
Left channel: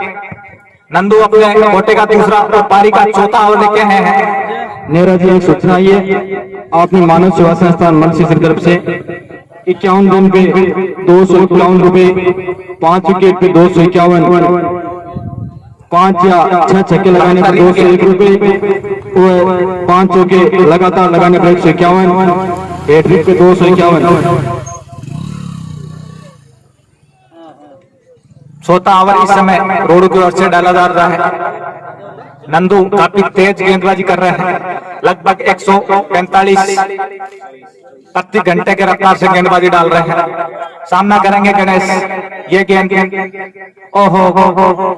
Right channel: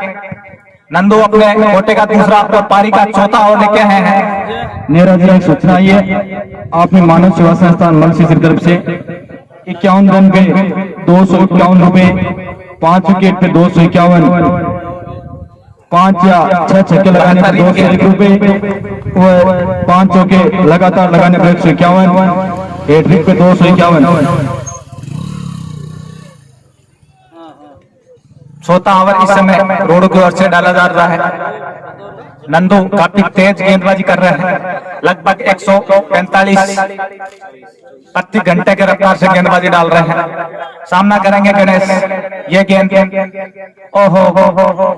नंदू अपने कोटे का दूसरा और पारी का चौथा ओवर लेके आए हैं। नेहरा जी एक सूचना आई है, आपने मानव सेवा संस्थान मुंशी की तरफ से 51 रन पे 251 रुपए, 5 विकेट पे 251, 5 या 6 छक्के लगाने पर 201 रुपए और 5 चौके लगातार लगाने पर 151, हैट्रिक पे 251। चौथा ओवर इस समय रोड की ओर से डाला जा रहा है। नंदू काफी तेज गेंदबाजी कर रहे हैं, लगभग 145 प्रति घंटे के रफ्तार से गेंदबाजी डाल रहे हैं। सामना करेंगे गणेश। ये गेंद ओहो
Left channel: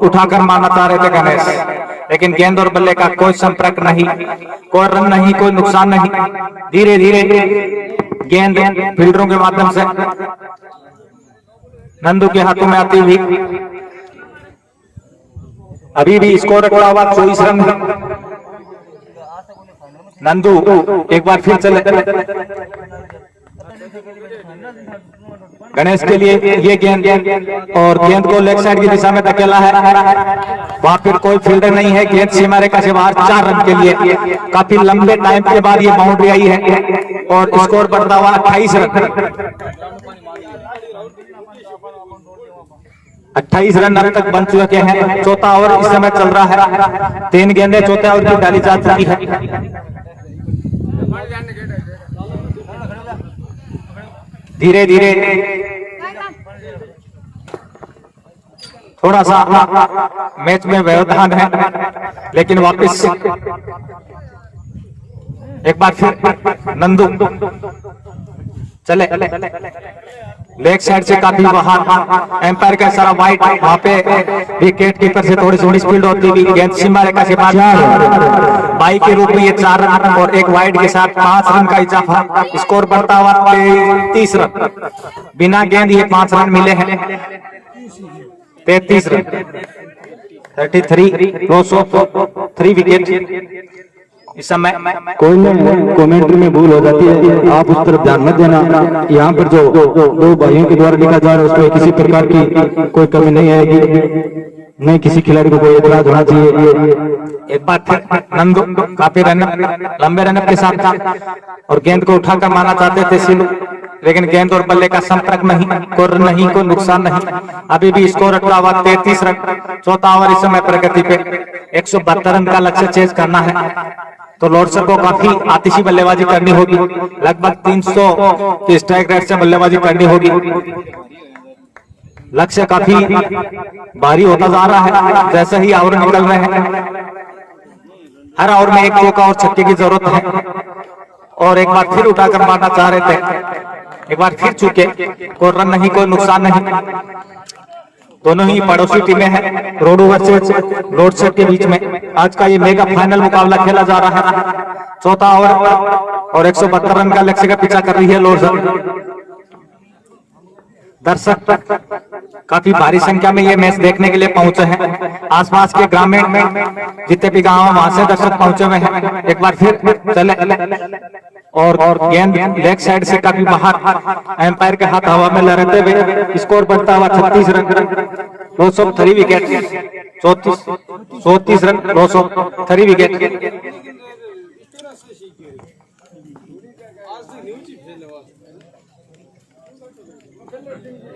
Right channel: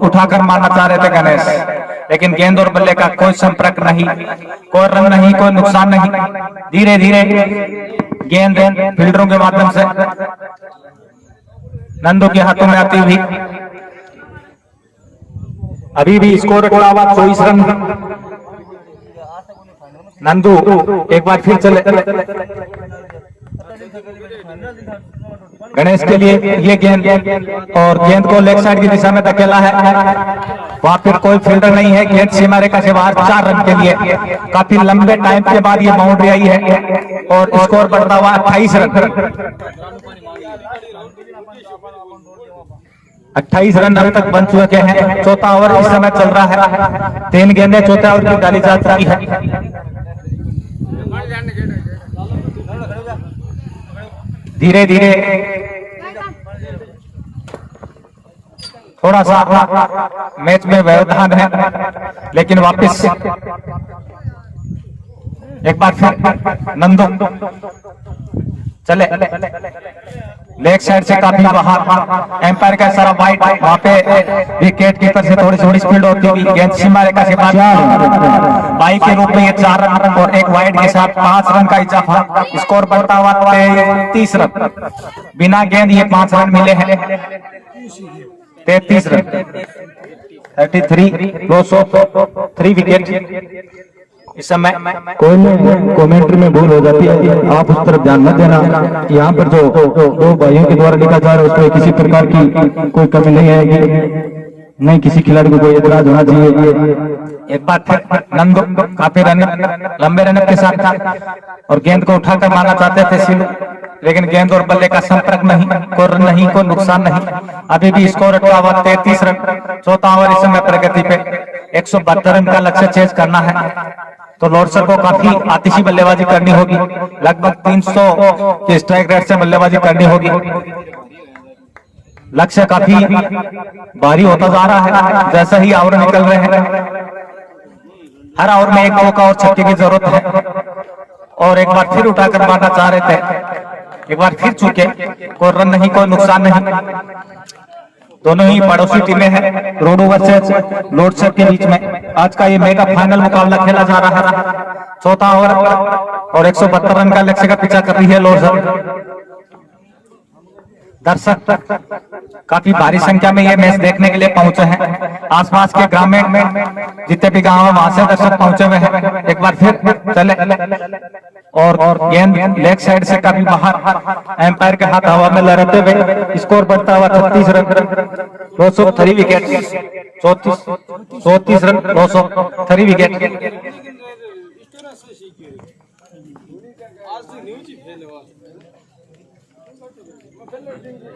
उठाकर मारना चाह रहे थे गणेश, लेकिन गेंद और बल्ले का कोई संपर्क नहीं, कोई रन नहीं, कोई नुकसान नहीं। धीरे धीरे गेंद फील्डरों के माध्यम से नंदू के हाथों में आती हुई अभी भी स्कोर का हुआ 24 रन। नंदू एक बार फिर चले। गणेश के लिए ये गेंद और गेंद को लेग साइड की दिशा में धकेला है वहां पर कोई फील्डर नहीं है। गेंद सीमा रेखा से बाहर 4 रन के लिए। काफी लंबे टाइम के बाद ये बाउंड्री आई है और स्कोर बढ़ता हुआ 28 रन। 28 रन अब तक बन चुके हैं। चौथा ओवर इस समय चल रहा है। 3 गेंदें चौथे ओवर की डाली जा चुकी है। धीरे धीरे थोड़ा सा मैच में व्यवधान है, लेकिन वापस एक बार फिर नंदू चले। लेग साइड से काफी बाहर, एम्पायर का सारा वाइट। वहां पे विकेट कीपर से थोड़ी सी स्पीड होती हुई गेंद सीमा रेखा से बाहर। बाई के रूप में ये 4 रन और एक वाइड के साथ 5 रन का इजाफा। स्कोर बढ़ता हुआ 33 रन। बिना गेंद ये 5 रन मिले हैं। 33 रन, 33 203 विकेट इस समय। कोई कमेंट्री में भूल हो जाती है, आप उस तरफ ध्यान मत देना। यहाँ पर जो 2 भाइयों के द्वारा लिखा जा रहा है उसमें किसी प्रकार की कोई कमी नहीं आएगी। नहीं किसी खिलाड़ी को कोई एतराज होना चाहिए। एक बार फिर नंदू काफी लंबे रन के साथ और गेंद को उठाकर मारना चाहते थे सिलू, लेकिन गेंद और बल्ले का संपर्क नहीं, कोई नुकसान नहीं। अभी भी स्कोर अटका हुआ 33 रन। चौथा ओवर इस समय प्रगति पे। 172 रन का लक्ष्य चेज करना है तो लॉर्डसर को काफी आतिशी बल्लेबाजी करनी होगी। लगभग 300 के स्ट्राइक रेट से बल्लेबाजी करनी होगी। लक्ष्य काफी भारी होता जा रहा है जैसा ही ओवर निकल रहे हैं। हर ओवर में एक चौका और छक्के की जरूरत है। और एक बार फिर उठाकर मारना चाह रहे थे, एक बार फिर चूके। कोई रन नहीं, कोई नुकसान नहीं। दोनों ही पड़ोसी टीमें हैं रोडो वर्सेस लॉर्डसर के बीच में। आज का ये मेगा फाइनल मुकाबला खेला जा रहा है। चौथा ओवर और 172 रन का लक्ष्य का पीछा कर रही है लॉर्डसर। दर्शक काफी भारी संख्या में ये मैच देखने के लिए पहुंचे हैं। आसपास के ग्रामीण में जितने भी गांव हैं वहां से दर्शक पहुंचे हुए हैं। एक बार फिर चले और गेंद लेग साइड से काफी बाहर, एम्पायर के हाथ हवा में लहराते हुए। स्कोर बढ़ता हुआ 36 रन, 203 विकेट। 34 run, 203 wicket.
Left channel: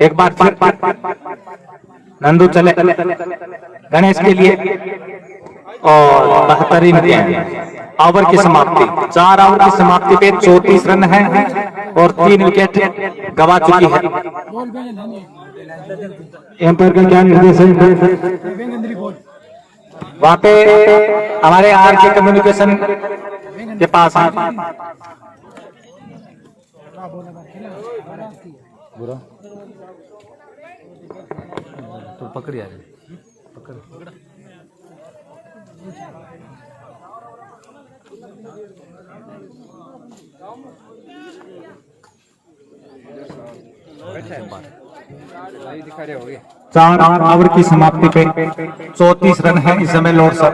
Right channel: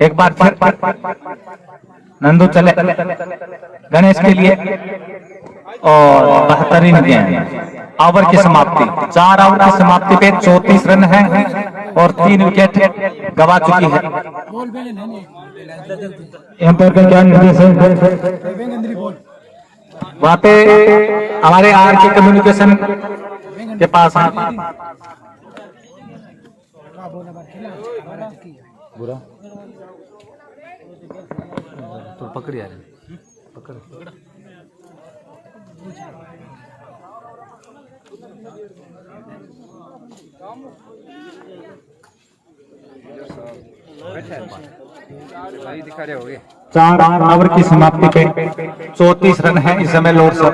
एक बार फिर नंदू चले गणेश के लिए और बेहतरीन गेंद। ओवर की समाप्ति, 4 ओवर की समाप्ति पे 34 रन हैं और 3 विकेट गवा चुकी है। एम्पायर का क्या निर्देश है? वहां पे हमारे आर के कम्युनिकेशन के पास है। बुरा तो पकड़ यार, पकड़। दिखा रहे होगे। 4 ओवर की समाप्ति पे 34 रन है इस समय लॉर्डसर।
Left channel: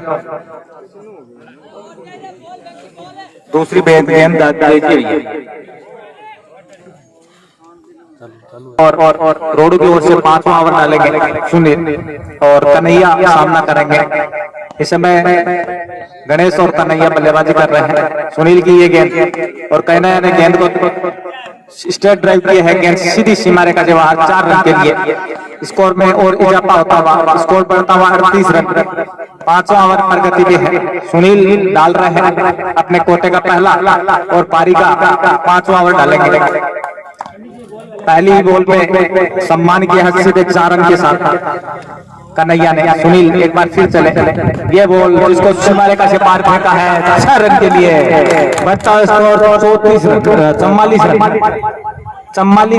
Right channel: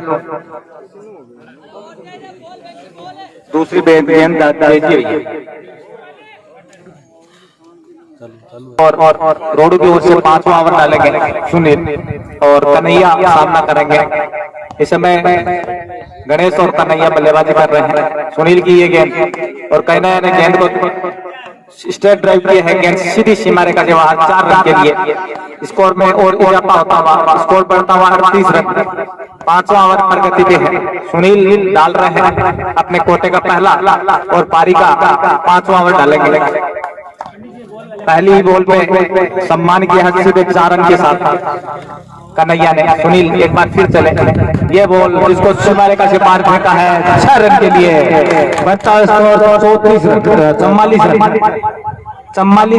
दूसरी गेंद देखी है और रोडू की ओर से 5वां ओवर डालेंगे सुनील और कन्हैया सामना करेंगे। इस समय गणेश और कन्हैया बल्लेबाजी कर रहे हैं। सुनील की ये गेंद और कन्हैया ने गेंद को स्ट्रेट ड्राइव किया है। गेंद सीधी सीमा रेखा के बाहर 4 रन के लिए। स्कोर में और इजाफा होता हुआ स्कोर बढ़ता हुआ 38 रन। 5वां ओवर प्रगति पे है। सुनील डाल रहे हैं अपने कोटे का पहला और पारी का 5वां ओवर डालेंगे। पहली बॉल पे सम्मान की हैसियत 4 रन के साथ कन्हैया ने। सुनील एक बार फिर चले। ये बॉल जिसको सीमा रेखा से पार फेंका है 6 रन के लिए। बढ़ता स्कोर 44 रन, 44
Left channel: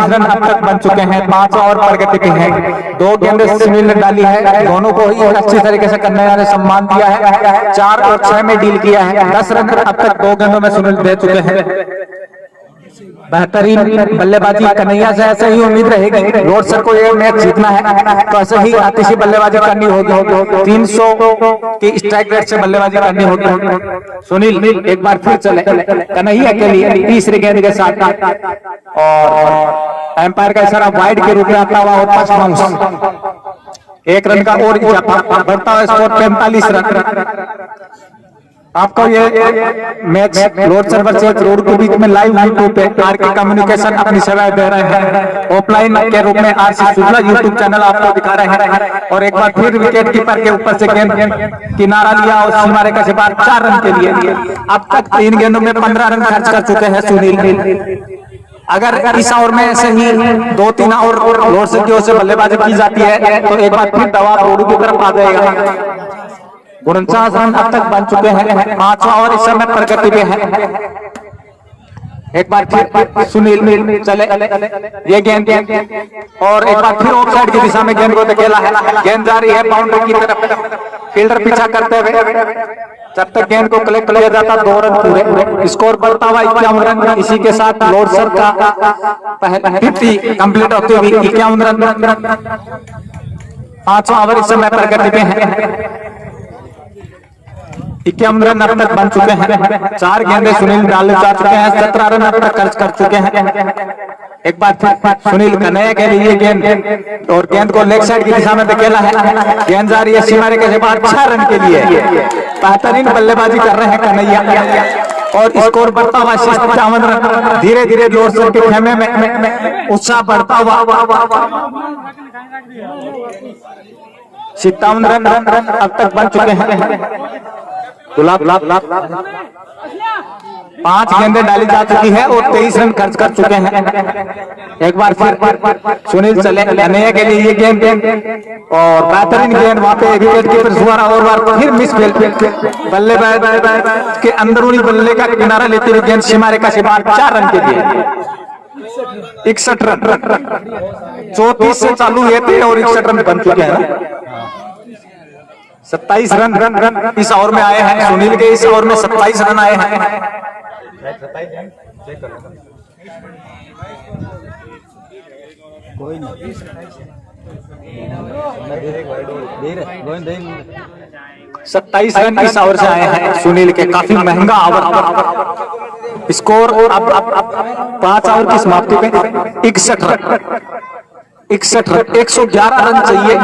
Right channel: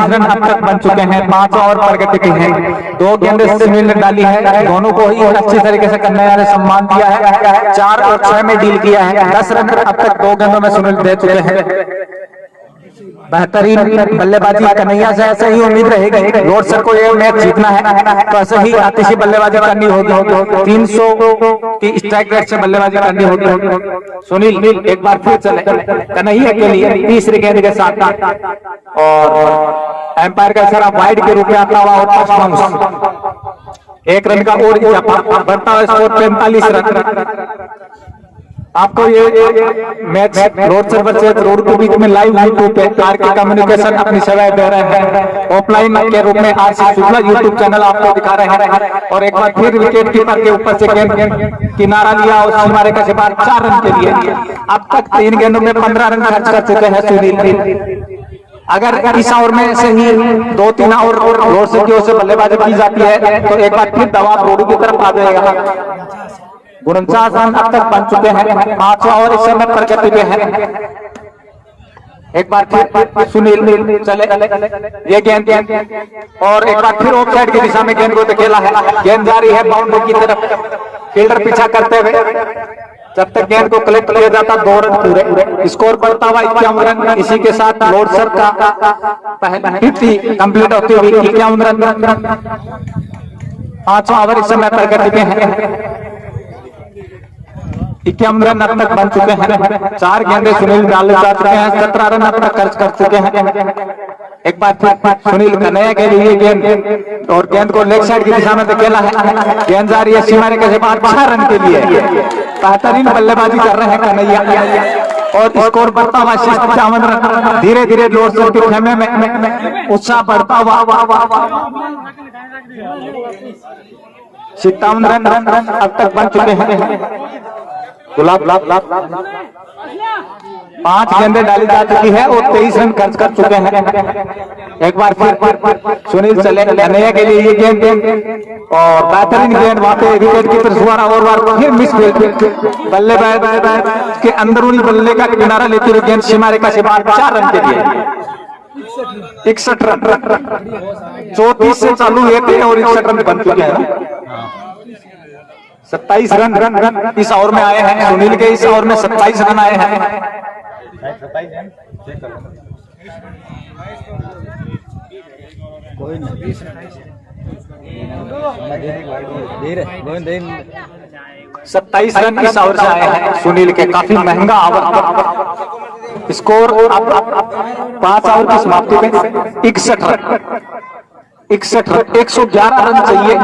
रन अब तक बन चुके हैं। 5 ओवर प्रगति के हैं। 2 गेंदें सुनील ने डाली है, दोनों को ही अच्छी तरीके से कन्हैया ने सम्मान दिया है। 4 और 6 में डील किया है। 10 रन अब तक 2 गेंदों में सुनील दे चुके हैं। बेहतरीन बल्लेबाजी कन्हैया से ऐसे ही उम्मीद रहेगी। लॉर्डसर को ये मैच जीतना है तो ऐसे ही आतिशी बल्लेबाजी करनी होगी। 300 की स्ट्राइक रेट से बल्लेबाजी करनी होगी। सुनील एक बार फिर चले कन्हैया के लिए तीसरी गेंद के साथ और एम्पायर का इशारा वाइड के रूप में आता हुआ और 5 रन। 1 रन का और इजाफा, बढ़ता हुआ स्कोर 45 रन। आपको ये मैच रोड सर्वर से रोड के बीच में लाइव यूट्यूब पे आरके कम्युनिकेशन अपनी सेवाएं दे रहे हैं। ऑफलाइन के रूप में आरसी शुक्ला यूट्यूब चैनल आपको दिखा रहे हैं। और एक बार फिर विकेट कीपर के ऊपर से गेंद किनारा लिया और सीमारे का शिकार 4 रन के लिए। अब तक 3 गेंदों में 15 रन खर्च कर चुके हैं सुनील। अगर इस ओवर में ऐसे ही 2-3 और रोड से की ओर से बल्लेबाजी की जाती है तो एक बार फिर दबाव रोड की तरफ आ जाएगा। 49 रन अब तक बन चुके हैं। 5 ओवर इस समय प्रगति में है। एक बार फिर सुनील चले ये गेंद और एक बार फिर ऑफ साइड की दिशा में गेंद को धकेला है। गेंद जा रही है बाउंड्री की तरफ। फील्डर पीछा करते हुए जब तक गेंद को कलेक्ट किया जाता 2 रन पूरे। स्कोर बढ़ता हुआ 51 रन। इसी के साथ लोड सर का 50 कंप्लीट होते हुए 51 रन। 5 ओवर इस समय प्रगति में है। 51 रन अब तक बन चुके हैं। 4 गेंदे सुनील डालने जा चुके हैं। 17 रन अब तक खर्च कर चुके हैं। एक बार फिर सुनील का नया के लिए गेंद और गेंद को लेग साइड की दिशा में धकेला है। गेंद जा रही है सीमारे के बाद 6 रन के लिए। बेहतरीन बल्लेबाजी कर रहे हैं कन्हैया और स्कोर बढ़ता हुआ 57 रन। धीरे धीरे लोड सर के खेमे में उत्साह बढ़ता हुआ 57 रन अब तक बन चुके हैं। 5 गेंदें डाली जा चुकी है और 23 रन खर्च कर चुके हैं। एक बार फिर सुनील चले कन्हैया के लिए ये गेंद और बेहतरीन गेंद वहां पे विकेट कीपर द्वारा और बार फिर मिस फील्ड। बल्लेबाज के अंदरूनी बल्ले का किनारा लेते हुए गेंद सीमारे का शिकार 4 रन के लिए। 61 रन 34 से चालू हुए थे और 61 रन बन चुके हैं। 27 रन इस ओवर में आए हैं। सुनील के इस ओवर में 27 रन आए हैं। कोई नहीं 27 रन इस ओवर से आए हैं सुनील के। काफी महंगा ओवर। स्कोर अब 5 ओवर की समाप्ति में 61 रन 111 रन चाहिए।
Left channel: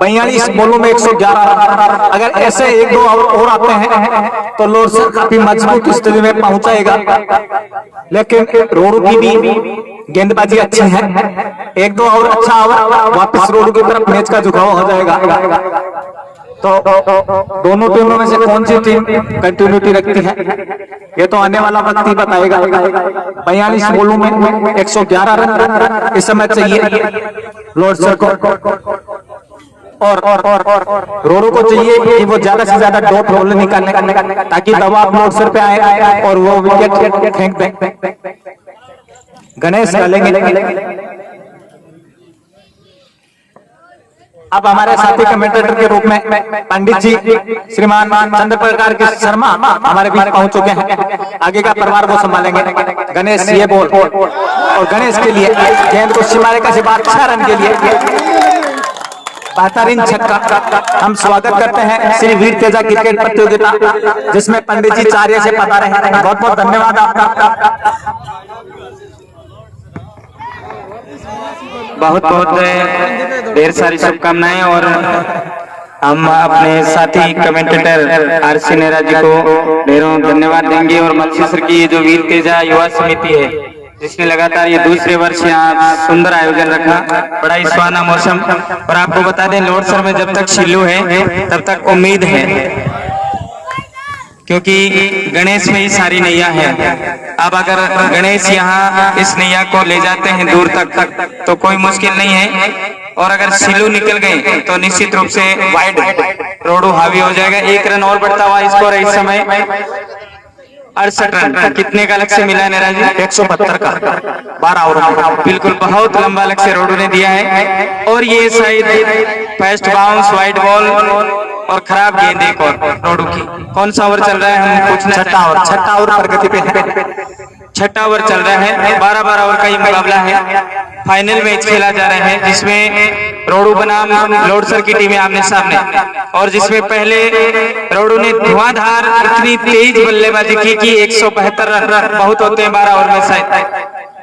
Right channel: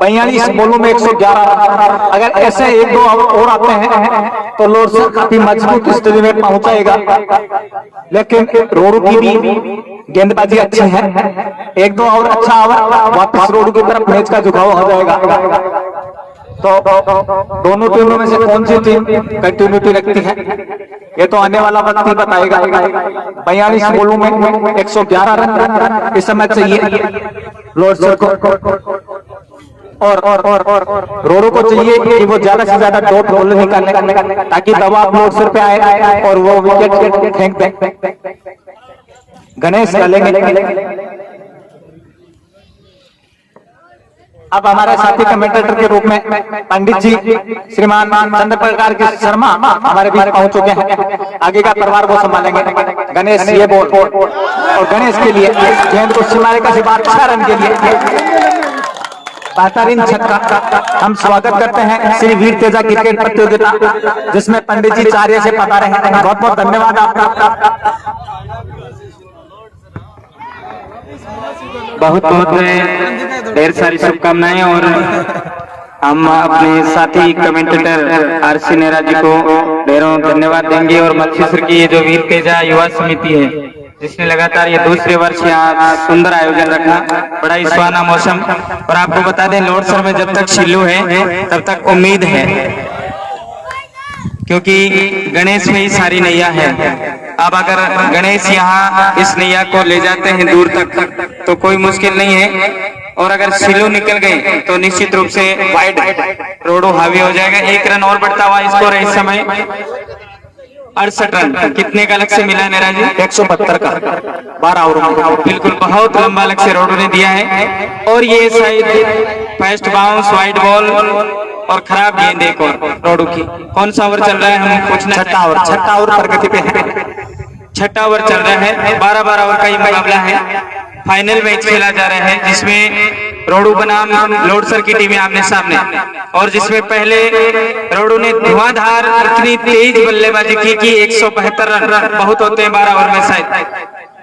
42 बॉलों में 111 रन। अगर ऐसे 1-2 ओवर और आते हैं तो लोड सर काफी मजबूत स्थिति में पहुंचाएगा। लेकिन रोडू की भी गेंदबाजी अच्छी है। 1-2 ओवर अच्छा ओवर वापस रोडू की तरफ मैच का झुकाव हो जाएगा। तो दोनों टीमों में से कौन सी टीम कंटिन्यूटी रखती है ये तो आने वाला वक्त ही बताएगा। 42 बॉलों में 111 रन इस समय चाहिए लोड सर को और रोडो को चाहिए कि वो ज्यादा से ज्यादा डॉट बॉल निकालने ताकि दबाव लोड सर पे आए और वो विकेट फेंक दे। गणेश डालेंगे। अब हमारे साथी कमेंटेटर के रूप में पंडित जी श्रीमान चंद्र प्रकार के शर्मा हमारे बीच पहुंच चुके हैं। आगे का परिवार को संभालेंगे। गणेश ये बोल और गणेश के लिए गेंद को सीमारे का शिकार 6 रन के लिए। बेहतरीन छक्का। हम स्वागत करते हैं श्री वीर तेजा क्रिकेट प्रतियोगिता जिसमें पंडित जी चार्य से पधारे हैं। बहुत बहुत धन्यवाद आपका। बहुत ढेर सारी शुभकामनाएं और हम अपने साथी कमेंटेटर आरसी नेहरा जी को ढेरों धन्यवाद देंगे। और मल्सीसर की ये जो वीर तेजा युवा समिति है जिसने लगातार ये दूसरे वर्ष यहाँ सुंदर आयोजन रखना, बड़ा ही सुहाना मौसम। और आपको बता दें लोड सर में जब तक शिल्लू है तब तक उम्मीद है क्योंकि गणेश में ही सारी नैया है। अब अगर गणेश यहाँ इस नैया को ले जाते हैं दूर तक तो कोई मुश्किल नहीं है। और अगर सिल्लू निकल गए तो निश्चित रूप से वाइड रोडो हावी हो जाएगा। 1 रन और बढ़ता हुआ स्कोर इस समय 68 रन। कितने का लक्ष्य मिला है नेहरा जी? 172 का 12 ओवर। बिल्कुल बहुत लंबा लक्ष्य रोडो ने दिया है। और ये शायद फास्ट बाउंस वाइड बॉल और खराब गेंद एक और रोडू की। कौन सा ओवर चल रहा है? हम पूछना। छठा ओवर प्रगति पे है। 6ठा ओवर चल रहा है। 12-12 ओवर का ये मुकाबला है। फाइनल मैच खेला जा रहा है जिसमें रोडू बनाम लोड सर की टीमें आमने सामने और जिसमें पहले रोडू ने धुआंधार इतनी तेज बल्लेबाजी की कि 172 रन बहुत होते हैं 12 ओवर में शायद।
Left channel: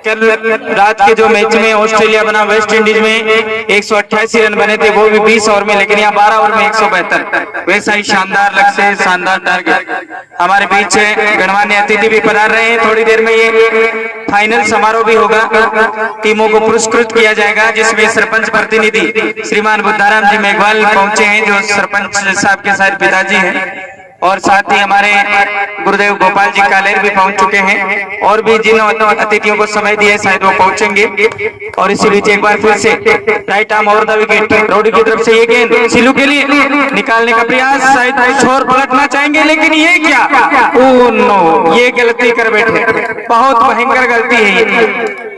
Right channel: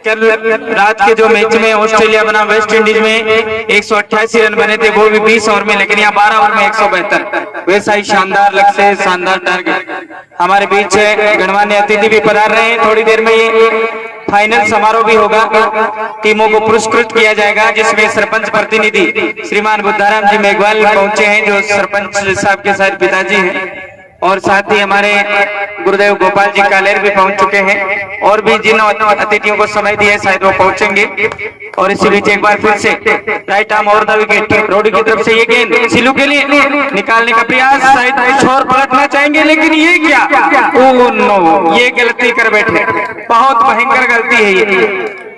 कल रात के जो मैच में ऑस्ट्रेलिया बना वेस्ट इंडीज में 188 रन बने थे, वो भी 20 ओवर में, लेकिन यहाँ 12 ओवर में 172। वैसा ही शानदार लक्ष्य, शानदार टारगेट हमारे बीच है। गणमान्य अतिथि भी पधार रहे हैं। थोड़ी देर में ये फाइनल समारोह भी होगा, टीमों को पुरस्कृत किया जाएगा, जिसमें सरपंच प्रतिनिधि श्रीमान बुद्धाराम जी मेघवाल पहुंचे हैं, जो सरपंच साहब के साथ पिताजी हैं, और साथ ही हमारे गुरुदेव गोपाल जी कालेर भी पहुंच चुके हैं, और भी जिन अतिथियों को समय दिया शायद वो पहुंचेंगे। और इसी बीच एक बार फिर से राइट आर्म और द विकेट, रोडी की तरफ से ये गेंद सिलू के लिए निकालने का प्रयास, शायद छोर पलटना चाहेंगे, लेकिन ये क्या, ओ नो, ये गलती कर बैठे, बहुत भयंकर गलती है ये।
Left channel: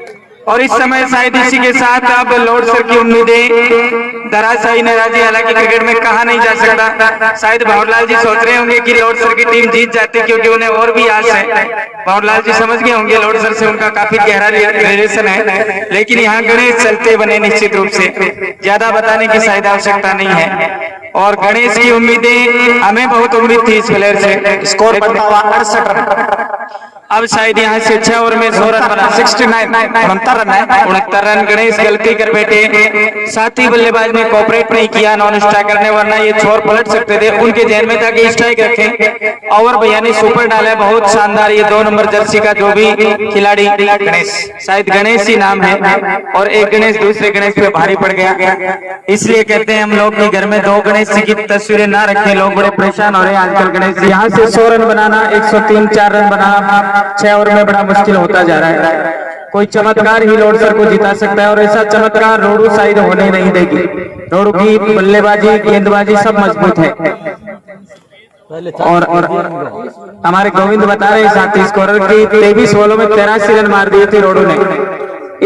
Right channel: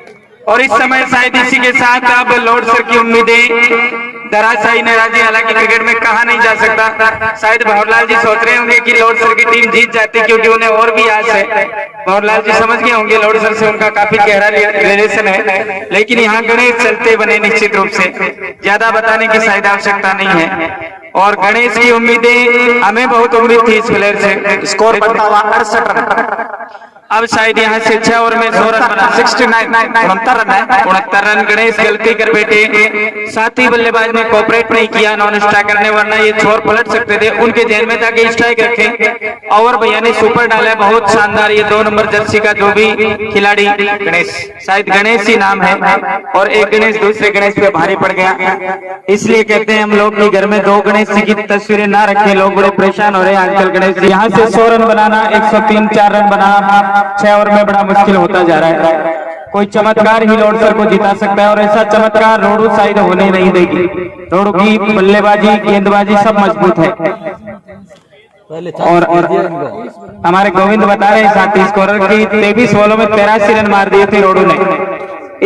और इस समय शायद इसी के साथ अब लॉर्ड सर की उम्मीदें धराशायी नाराजी, हालांकि क्रिकेट में कहा नहीं जा सकता। शायद भंवरलाल जी सोच रहे होंगे कि लॉर्ड सर की टीम जीत जाती, क्योंकि उन्हें और भी आस है। भंवरलाल जी समझ गए होंगे लॉर्ड सर से उनका काफी गहरा रिलेशन है, लेकिन यहाँ गणेश चलते बने निश्चित रूप से, ज्यादा बताने की शायद आवश्यकता नहीं है। और गणेश की उम्मीदें, हमें बहुत उम्मीद थी इस प्लेयर से। स्कोर बनता हुआ 68 रन। अब शायद यहाँ से 6 ओवर में 100 रन बना, 69 रन गणेश गलती कर बैठे। साथी बल्लेबाज ने कोऑपरेट नहीं किया नॉन स्ट्राइक करने, वरना ये छोर पलट सकते थे। उनके ध्यान में था कि स्ट्राइक रखें, और भैया ने सुपर डाला, बहुत शानदार। ये 2 नंबर जर्सी का जो भी खिलाड़ी गणेश, शायद गणेश ही नाम है, और एक गणेश दूसरे गणेश पे भारी पड़ गया। इसलिए कहते हैं हम लोग कि घर में 2 गणेश जी की तस्वीरें ना रखें, लोग बड़े परेशान हो रहे हैं आजकल। गणेश यहाँ से 100 रन बनाना, 103-4 रन बनाना 6 ओवर में बड़ा मुश्किल होता जा रहा है। कोई चमत्कार ही लॉर्ड सर को जिता सकता है, और ऐसा चमत्कार रोडू साइड होने नहीं देगी। रोडू की बल्लेबाजी, गेंदबाजी सब मजबूत है। और हमारे गोविंद बता रहे साथी स्कोरर की 23 बॉलों में 83 रन मार दिए थे रोडू ने,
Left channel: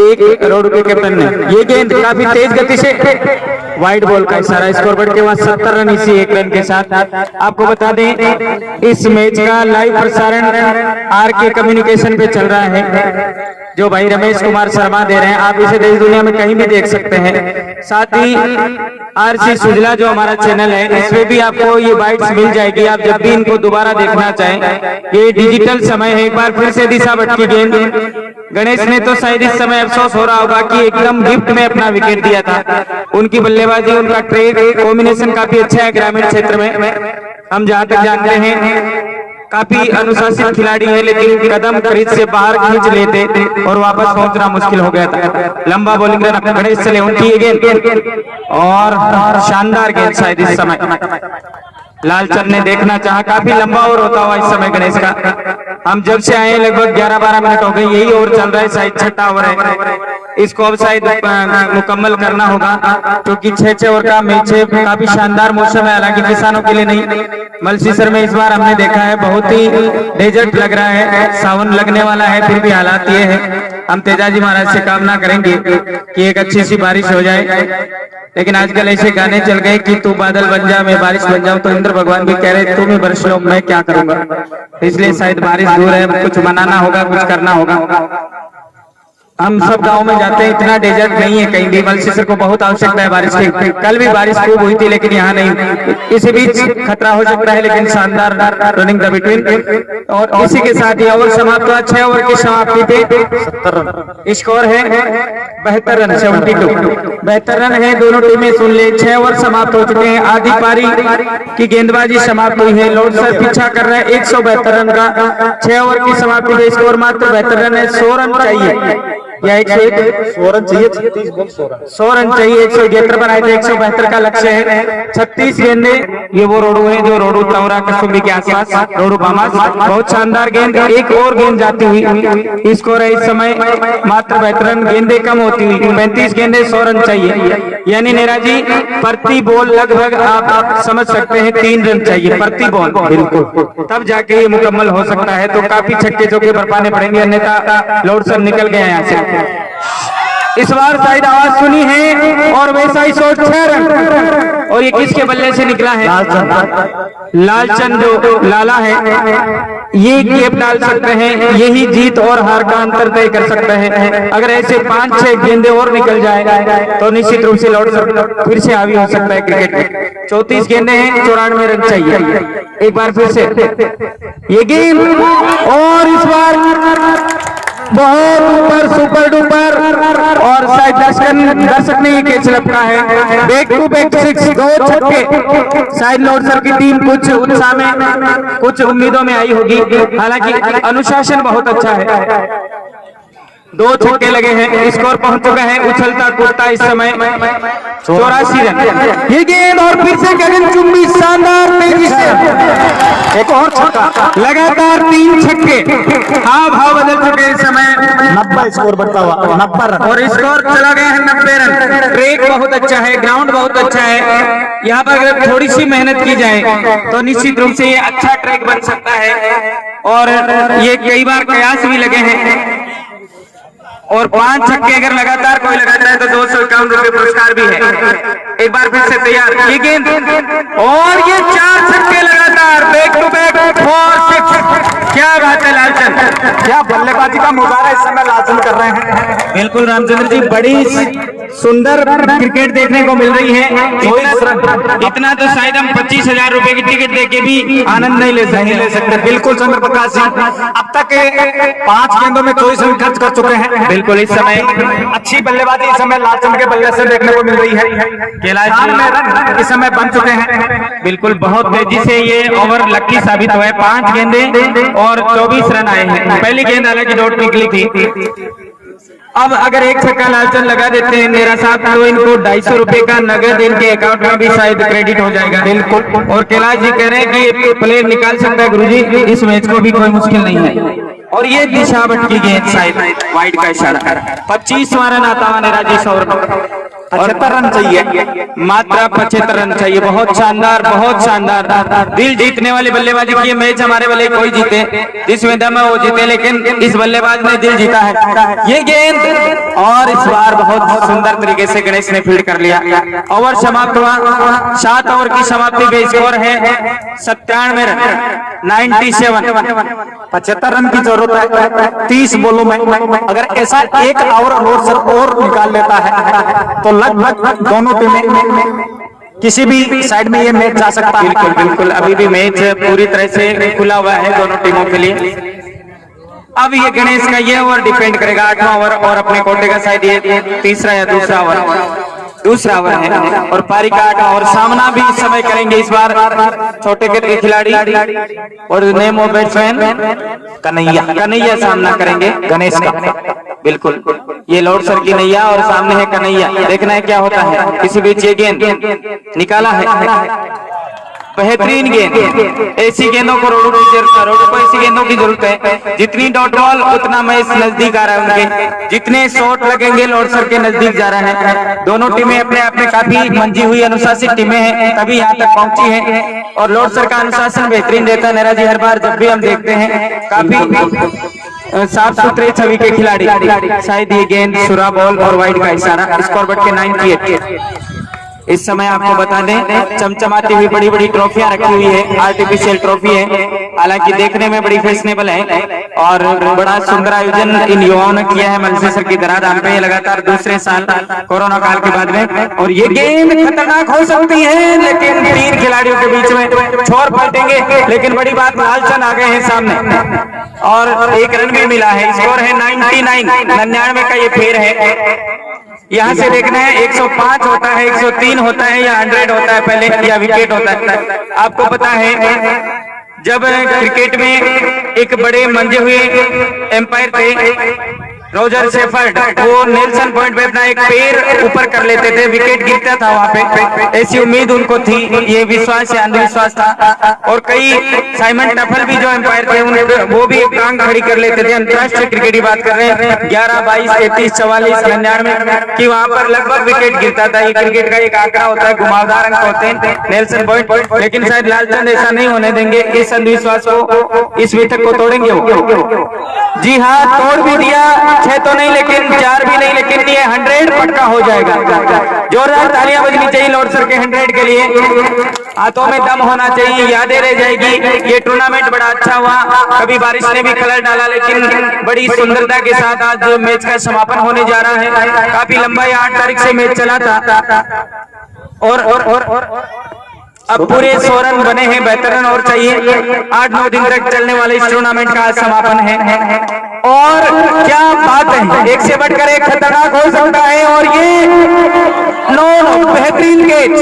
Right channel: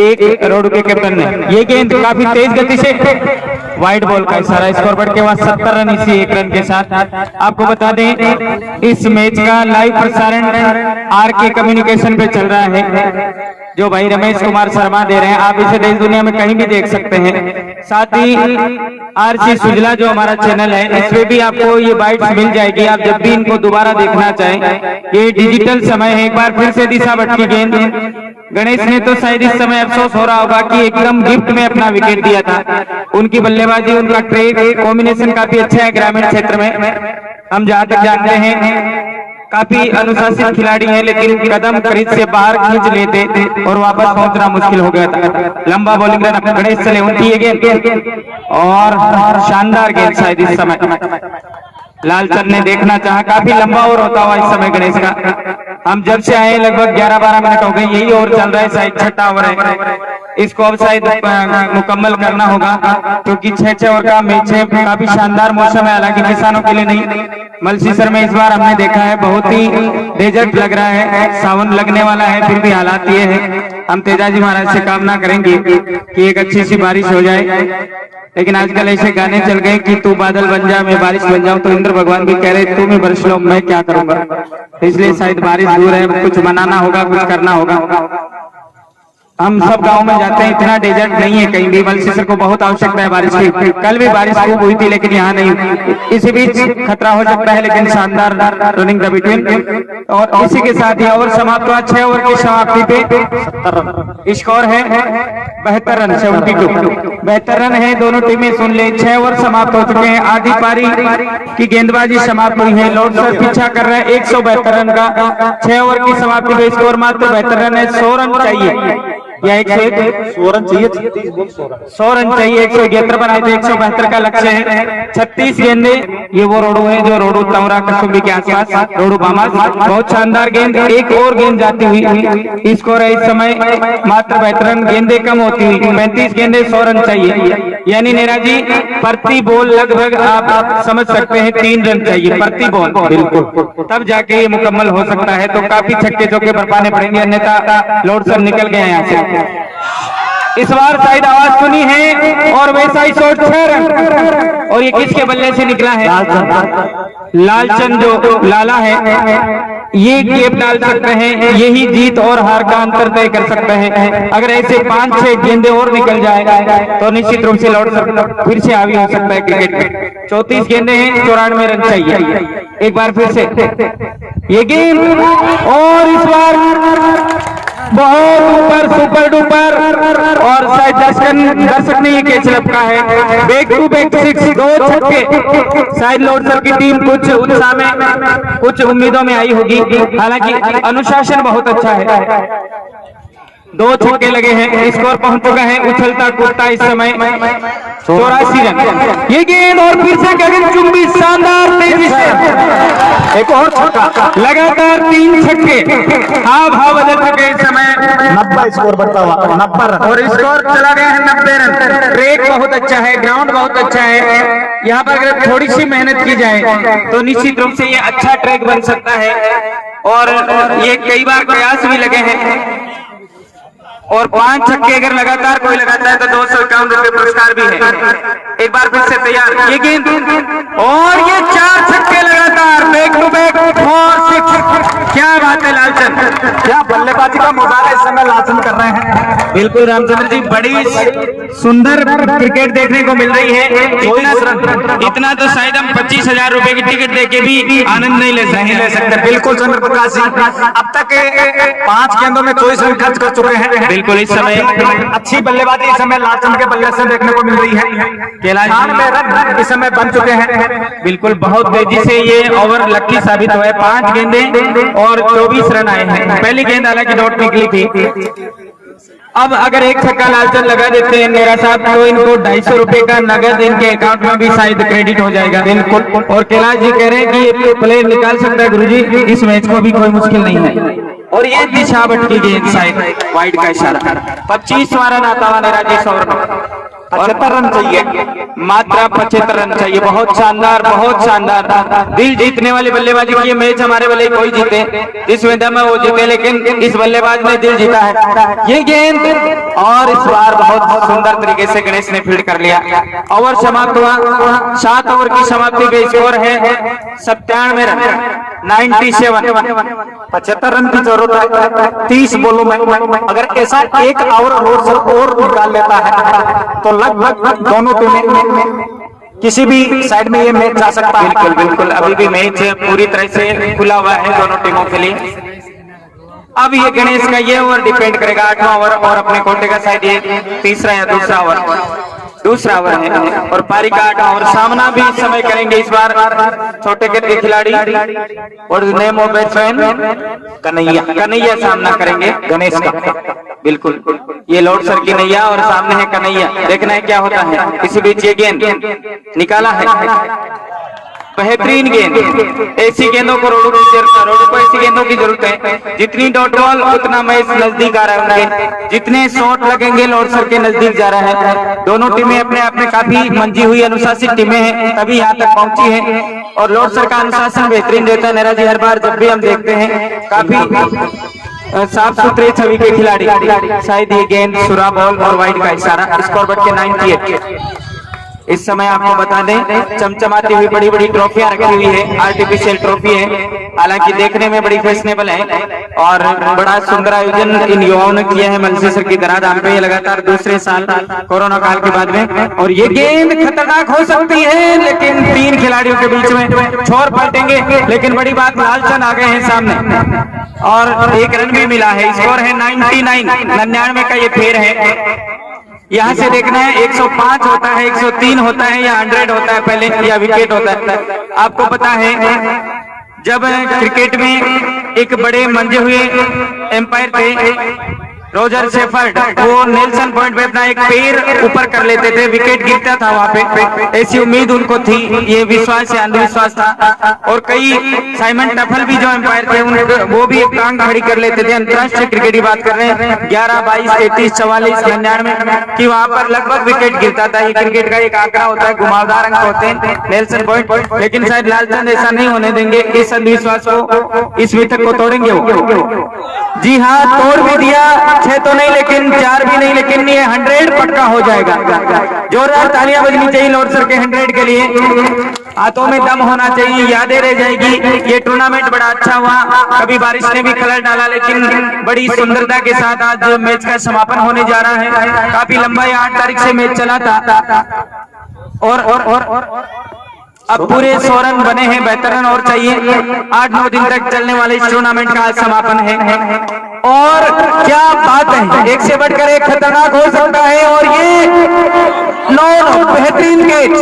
एक रोडू के कैप्टन ने। ये गेंद काफी तेज गति से वाइड बॉल का इशारा, स्कोर बढ़ के वहां 70 रन इसी एक रन के साथ। आपको बता दें इस मैच का लाइव प्रसारण आरके कम्युनिकेशन पे चल रहा है, जो भाई रमेश कुमार शर्मा दे रहे हैं। आप इसे देश दुनिया में कहीं भी देख सकते हैं। साथ ही आरसी सुजला जो हमारा चैनल है, इसमें भी आपको ये बाइट्स मिल जाएगी, आप जब भी इनको दोबारा देखना चाहें। ये डिजिटल समय है। एक बार फिर से दिशा भट्ट की गेंद, गणेश ने तो शायद इस समय अफसोस हो रहा होगा कि एकदम गिफ्ट में अपना विकेट दिया था। उनकी बल्लेबाजी, उनका ट्रेड कॉम्बिनेशन काफी अच्छा है ग्रामीण क्षेत्र में। हम जहां तक जानते हैं काफी अनुशासित खिलाड़ी है, लेकिन कदम क्रीज से बाहर खींच लेते और वापस पहुंचना मुश्किल हो गया था। लंबा बॉलिंग रन अपने गणेश चले उनकी ये गेंद, और शानदार गेंद शायद इस समय लालचंद ने देखना चाहा। काफी लंबा ओवर होता हुआ इस समय गणेश का। हम जब से आए लगभग 11-12 मिनट हो गए, यही ओवर चल रहा है, शायद 6ठा ओवर है। इसको अब शायद मुकम्मल करना होगा, क्योंकि 6 ओवर का मैच है। काफी शानदार मौसम है, हालांकि किसानों के लिए नहीं। मलसीसर में इस बार हमने देखा है बहुत ही डेजर्ट लग रहा है, सावन लगने वाला है, फिर भी हालात ये है। हम तेजाजी महाराज से कामना करेंगे कि एक अच्छी सी बारिश हो जाए, लेकिन आजकल ऐसे गाने चल गए कि तू बादल बन जा मैं बारिश बन जाऊं, तो इंद्र भगवान भी कह रहे तुम ही बरस लो, मैं क्या करूंगा। इसलिए शायद बारिश दूर है, कुछ बनाना होगा, कुछ करना होगा। हम सब गांव में जाते हैं, इतना डेजर्ट नहीं है कहीं भी। मलसीसर को बहुत आवश्यकता है बारिश की। कल भी बारिश खूब हुई थी, लेकिन यहाँ नहीं। इसी बीच खतरा हो सकता है, लेकिन शानदार रनिंग द बिटवीन। और इसी के साथ ये ओवर समाप्त हुआ। 6 ओवर की समाप्ति पे स्कोर है 72 रन, 72 72 रन है। दोनों टीमें सुन ले, 6 ओवर समाप्त हो चुके हैं। आधी पारी की गेंदबाजी समाप्त हुई है। लॉर्ड सर पीछा कर रहे हैं 172 रन का। 6 ओवर की समाप्ति पे स्कोर मात्र 72 रन है। 100 रन चाहिए या 101 रन चाहिए, 100 रन चाहिए। 171 पर आए थे, 172 का लक्ष्य है। 36 गेंदे। ये वो रोडू है जो रोडू तौरा कसुम्बी के आसपास रोडू बामास, बहुत शानदार गेंद। एक और गेंद जाती हुई। स्कोर है इस समय मात्र 72 रन, गेंदे कम होती हुई 35 गेंदे, 100 रन चाहिए। यानी नेरा जी प्रति बॉल लगभग आप समझ सकते हैं 3 रन चाहिए प्रति बॉल, बिल्कुल, तब जाके ये मुकम्मल हो सकता है। तो काफी छक्के चौके बरपाने पड़ेंगे, अन्यथा लॉर्ड सर निकल गए हैं यहाँ से। इस बार शायद आवाज सुनी है, और वैसा ही शॉट 6 रन। और ये किसके बल्ले से निकला है? लालचंद जो लाला है, ये गेप डाल सकते हैं, यही जीत और हार का अंतर तय कर सकते हैं। अगर ऐसे 5-6 गेंदे और निकल जाए तो निश्चित रूप से लॉर्ड सर फिर से हावी हो सकता है क्रिकेट में। 34 गेंदे हैं, 94 रन चाहिए। एक बार फिर से ये गेंद, और इस बार बहुत ऊपर सुपर डुपर और शायद दर्शक ने ये कैच लपका है। बैक टू बैक 6 दो छक्के। शायद लोडसर की टीम कुछ उत्साह में कुछ उम्मीदों में आई होगी, हालांकि अनुशासन बहुत अच्छा है। 2 छक्के लगे हैं, स्कोर पहुंच चुका है उछलता कूदता इस समय 84 रन। ये गेंद और फिर से गगन चुंबी शानदार तेजी से एक और छक्का, लगातार 3 छक्के। हाँ भाव बदल चुके इस समय 90 स्कोर बढ़ता हुआ 90 रन और स्कोर चला गया है 90 रन। ट्रैक बहुत अच्छा है, ग्राउंड बहुत अच्छा है। यहाँ पर अगर थोड़ी सी मेहनत की जाए तो निश्चित रूप से ये अच्छा ट्रैक बन सकता है और ये कई बार कयास भी लगे हैं। और 5 छक्के अगर लगातार कोई लगाता है तो 251 रुपए पुरस्कार भी है। एक बार फिर से तैयार, ये गेंद और ये 4 छक्के लगातार, बैक टू बैक 4-6। क्या बात है लालचंद, क्या बल्लेबाजी का मुजाहरा इस समय लालचंद कर रहे हैं। बिल्कुल रामचंद्र जी, बड़ी सुंदर क्रिकेट देखने को मिल रही है। इतना तो शायद हम 25,000 रुपए की टिकट देके भी आनंद नहीं ले सकते। बिल्कुल चंद्र प्रकाश जी, अब तक 5 गेंदों में 24 रन खर्च कर चुके हैं। बिल्कुल इस समय अच्छी बल्लेबाजी इस समय लालचंद के बल्ले से देखने को मिल रही है। 94 रन इस समय बन चुके हैं। बिल्कुल बहुत तेजी से ये ओवर लक्की साबित हुआ है। 5 गेंदें और 24 रन आए हैं। पहली गेंद हालांकि डॉट निकली थी। अब अगर एक छक्का लालचंद लगा देते हैं मेरा साहब तो इनको 250 रुपए का नगद इनके अकाउंट में भी शायद क्रेडिट हो जाएगा। बिल्कुल, और कैलाश जी कह रहे हैं कि ये प्लेयर निकाल सकता है गुरुजी, इस मैच को भी कोई मुश्किल नहीं है। और ये दिशा भटकी गेंद शायद वाइड का इशारा। 25वां रन आता हुआ निराजी सौर 75 रन चाहिए, मात्रा 75 रन चाहिए। बहुत शानदार, बहुत शानदार। दिल जीतने वाली बल्लेबाजी की मैच हमारे वाले कोई जीते, इस विधा में वो जीते, लेकिन इस बल्लेबाज ने दिल जीता है। ये गेंद और इस बार बहुत सुंदर तरीके से गणेश ने फील्ड कर लिया। ओवर समाप्त हुआ, 7 ओवर की समाप्ति का स्कोर है 97 रन, 97। 75 रन की जरूरत है 30 बॉलों में। अगर ऐसा एक ओवर लोडसर और निकाल लेता है तो लगभग दोनों टीमें किसी भी साइड में ये मैच जा सकता है। बिल्कुल बिल्कुल, अभी भी मैच पूरी तरह से खुला हुआ है दोनों टीमों के लिए। अब ये गणेश का ये ओवर डिपेंड करेगा, 8वां ओवर और अपने कोटे का शायद ये तीसरा या दूसरा ओवर है और पारी का 8वां ओवर। सामना भी इस समय करेंगे इस बार छोटे के खिलाड़ी और नेम ऑफ बैट्समैन कन्हैया सामना करेंगे गणेश का। बिल्कुल, ये लोडसर की नैया और सामने है कन्हैया। देखना है क्या होता है। इसी बीच ये गेंद निकाला है, बेहतरीन गेंद। ऐसी गेंदों को रोडों को ऐसी गेंदों की जरूरत है। जितनी डॉट बॉल उतना मैच नजदीक आ रहा है उनके, जितने शॉट लगेंगे लोडसर के नजदीक जा रहे हैं। दोनों टीमें अपने आप में काफी मंजी हुई अनुशासित टीमें हैं, तभी यहाँ तक पहुंची हैं और लोडसर का अनुशासन बेहतरीन रहता है। नेरा जी, हर बार जब भी हम देखते हैं काफी साफ सुथरे छवि के खिलाड़ी। शायद ये गेंद सुरा बॉल और वाइड का इशारा। स्कोर बढ़ के 98। इस समय आपको बता दें चमचमाती हुई बड़ी बड़ी ट्रॉफियां रखी हुई है, आर्टिफिशियल ट्रॉफी है, हालांकि देखने में बड़ी फैशनेबल है और बड़ा सुंदर आयोजन इन युवाओं ने किया है मंदसौर की दरादाम पे लगातार दूसरे साल कोरोना काल के बाद में। और ये गेंद खतरनाक हो सकती है, लेकिन 3 खिलाड़ियों के बीच में छोर पलटेंगे, लेकिन बड़ी बात लालचंद आ गए हैं सामने और 1 रन भी मिला है। स्कोर है 99 का ये फेर है। यहाँ से देखना है 105 होता है, 103 होता है या 100 होता है पहले, या विकेट होता है। आपको पता है जब क्रिकेट में एक बड़े मंजे हुए एम्पायर थे रोजर शेफर्ड, वो नेल्सन पॉइंट पे अपना एक पैर ऊपर कर लेते थे, विकेट गिरता था वहां पे। ऐसी उम्मीद उनको थी, ये विश्वास या अंधविश्वास था। और कई साइमन टफल भी जो एम्पायर थे वो भी एक टांग खड़ी कर लेते थे। अंतर्राष्ट्रीय क्रिकेट की बात कर रहे हैं 11, 22, 33, 44, 99 की वहां पर लगभग विकेट गिरता था। ये क्रिकेट का एक आंकड़ा होता है, घुमावदार अंक होते हैं नेल्सन पॉइंट, लेकिन शायद लालचंद ऐसा नहीं होने देंगे। इस अंधविश्वास को, इस मिथक को तोड़ेंगे वो। जी हाँ, तोड़ भी दिया, 6 तो नहीं लेकिन 4 भी नहीं, लेकिन ये 100 पक्का हो जाएगा। जोरदार तालियां बजनी चाहिए लोडसर के 100 के लिए। हाथों में दम होना चाहिए, यादें रह जाएगी। ये टूर्नामेंट बड़ा अच्छा हुआ, कभी बारिश ने भी कलर डाला, लेकिन बड़ी सुंदरता के साथ आज मैच का समापन होने जा रहा है। काफी लंबा 8 तारीख से मैच चला था और अब पूरे 100 रन बने हैं, बेहतर रन और चाहिए। 8-9 दिन तक चलने वाले इस टूर्नामेंट का आज समापन है। और क्या बात है, एक से बढ़कर एक खतरनाक हो सकता है। और ये बेहतरीन कैच,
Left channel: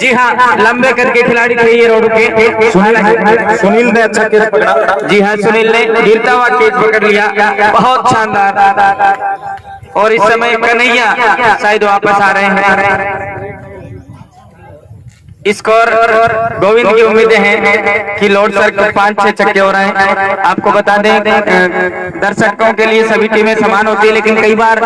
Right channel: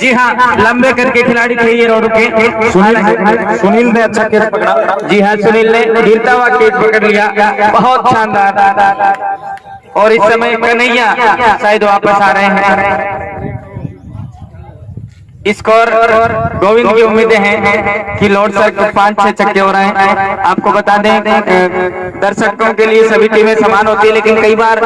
जी हाँ, लंबे करके खिलाड़ी थे ये रोड के। सुनील ने अच्छा कैच पकड़ा। जी हाँ, सुनील ने गिरता हुआ कैच पकड़ लिया, बहुत शानदार। और इस समय कन्हैया शायद वापस आ रहे हैं। स्कोर गोविंद की उम्मीदें हैं कि लॉर्ड सर को 5-6 छक्के हो रहे हैं। आपको बता दें दर्शकों के लिए सभी टीमें समान होती है, लेकिन कई बार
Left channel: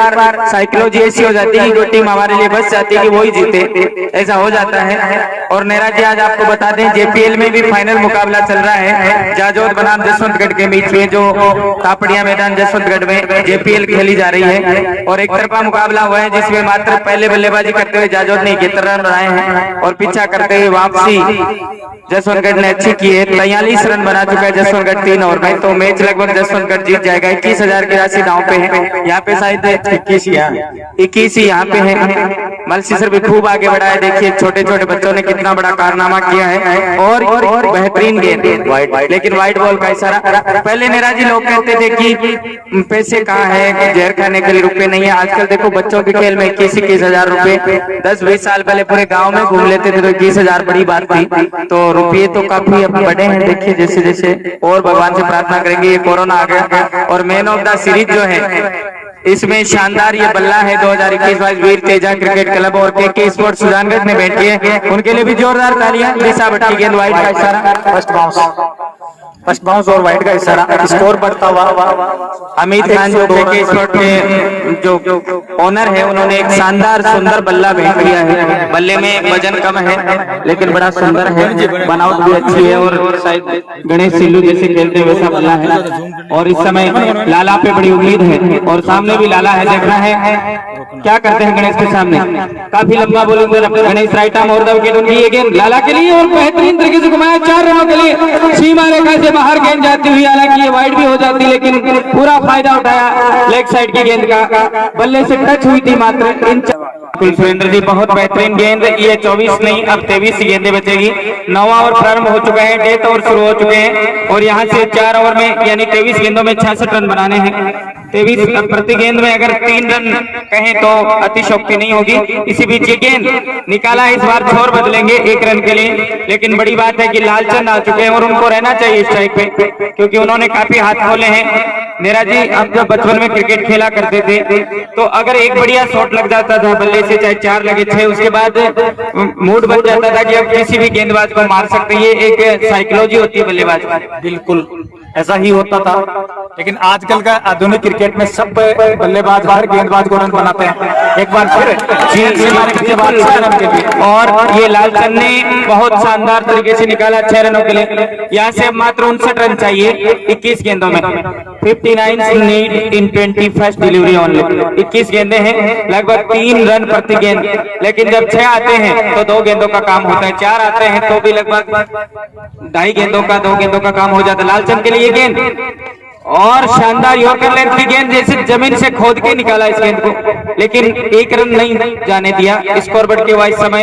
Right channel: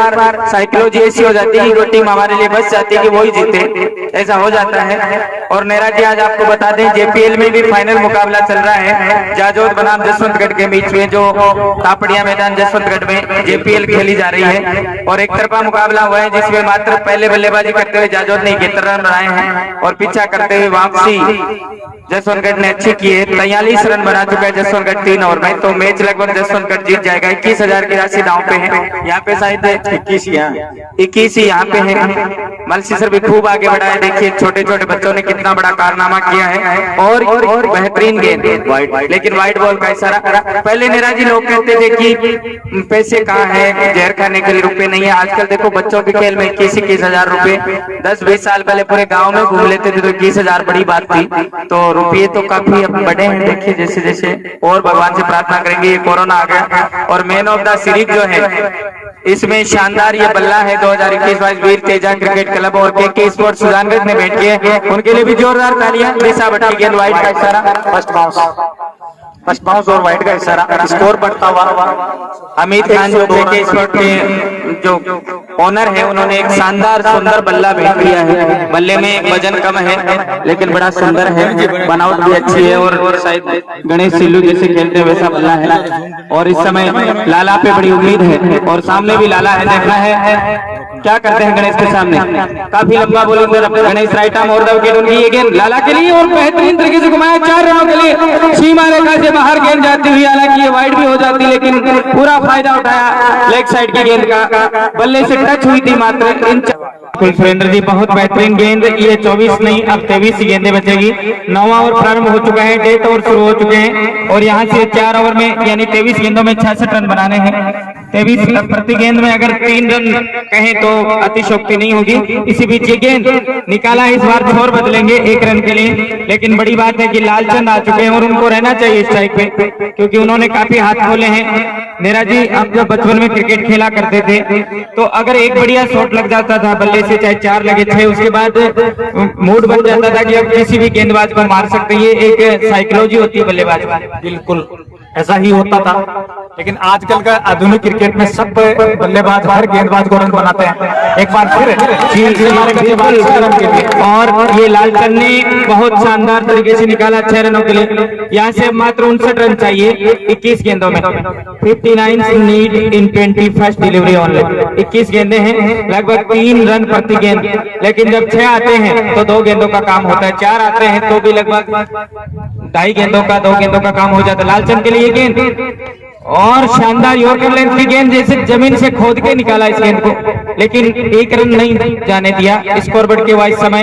साइकोलॉजी ऐसी हो जाती है कि जो टीम हमारे लिए बच जाती है कि वही जीते, ऐसा हो जाता है। और नेरा जी आज आपको बता दें जेपीएल में भी फाइनल मुकाबला चल रहा है जाजोद बनाम जसवंतगढ़ के बीच में, जो तापड़िया मैदान जसवंतगढ़ में जेपीएल खेली जा रही है। और एक तरफा मुकाबला हुआ है जिसमें मात्र पहले बल्लेबाजी करते हुए जाजोद ने 71 रन बनाए हैं और पीछा करते हुए वापसी जसवंतगढ़ ने अच्छी की है। 43 रन बना चुका है जसवंतगढ़ 3 ओवर में, तो मैच लगभग जसवंतगढ़ जीत जाएगा। 21,000 की राशि दांव पे है, यहाँ पे शायद 21 ही यहाँ पे है। मलसी सर भी खूब आगे बढ़ा है, देखिए छोटे छोटे बच्चों ने कितना बड़ा कारनामा किया है। और बेहतरीन गेंद, लेकिन वाइट बॉल का इशारा। पहले नेरा जी लोग कहते थे कि पैसे कहाँ है, जहर खाने के लिए रुपए नहीं है। आजकल देखो बच्चों के खेल में 21,000 रुपए, 10-20 साल पहले पूरे गाँव में घूम लेते थे तो 21,000 बड़ी बात थी। तो रुपये तो काफी अब बढ़े हैं, देखिए जैसे जैसे। और भगवान से प्रार्थना करेंगे ये कोरोना आ गया। और मैन ऑफ द सीरीज जो है इसमें शानदार ये बल्ला है 2021 वीर तेजा क्रिकेट क्लब और के स्पोर्ट्स सुजानगढ़ ने बैठ किए, उनके लिए भी जोरदार तालियां। दिशा भट्टी गेंद वाइड का इशारा, फर्स्ट बाउंस और वाइड का इशारा। स्कोर बढ़ता हुआ अमित खान जो के स्पोर्ट के जो ओनर है उन्होंने एक शानदार सुंदर बल्ला भेज दिया है। बल्ले में वजन कम है लेकिन बड़ा सुंदर है, बनावट भी अच्छी है और शायद गणेश सिल्लू जैसे खेलते हैं वैसा बल्ला है। और इस समय लाला पे बड़ी उम्मीद है और सामने भी लाला है, देखना है क्या करते हैं गणेश के सामने। काफी लंबा बॉलिंग गणेश राइट आर्म और द विकेट उनकी ये गेंद लाला के लिए और बेहतरीन तरीके से घुमाया 4 रनों के लिए। सीमा रेखा से बाहर गेंद जाती हुई, हालांकि ये वाइड भी हो जाती लेकिन पूरा फायदा उठाया लेग साइड की गेंद का, बल्ले से टच हुई थी मात्र। सुरेंद्र जी बहुत बेहतरीन गेंद, ये 24 नहीं अब 23 गेंदें बचेगी। 9 ओवर प्रारंभ हो चुका है, 8 ओवर शुरू हो चुके हैं और यहाँ से 4 ओवर में यानी 23 गेंदों में 66 रन बनाने हैं। 23 प्रति गेंद में अगर 3 रन कहें तो अतिशोक्ति नहीं होगी। इसी बीच ये गेंद निकाला, इस बार छोर बदलेंगे 1 रन के लिए, लेकिन बड़ी बात है कि लालचंद आ चुके हैं और उनको रहना चाहिए स्ट्राइक पे क्योंकि उन्होंने काफी हाथ खोले हैं। मेरा जी अब जब बचपन में क्रिकेट खेला करते थे तो अगर एक बढ़िया शॉट लग जाता था बल्ले से, चाहे 4 लगे 6, उसके बाद मूड बन जाता था कि अब किसी भी गेंदबाज को मार सकते हैं। ये एक साइकोलॉजी होती है बल्लेबाज की। बिल्कुल ऐसा ही होता था, लेकिन आजकल का आधुनिक क्रिकेट में सब बल्लेबाज हर गेंदबाज को रन बनाते हैं। एक बार फिर और ये लालचंद ने बहुत शानदार तरीके से निकाला 6 रनों के लिए। यहाँ से मात्र 59 रन चाहिए 21 गेंदों में। 59 नीड इन 21 डिलीवरी ओनली। 21 गेंदें हैं, लगभग 3 रन प्रति गेंद, लेकिन जब 6 आते हैं तो 2 गेंदों का काम होता है, 4 आते हैं तो भी लगभग 2.5 गेंदों का 2 गेंदों का काम हो जाता है। लालचंद के लिए गेंद और शानदार यॉर्कर लेंथ की गेंद, जैसे जमीन से खोद के निकाला इस गेंद को, लेकिन 1 रन नहीं जाने दिया। स्कोर बढ़ के वाइस समय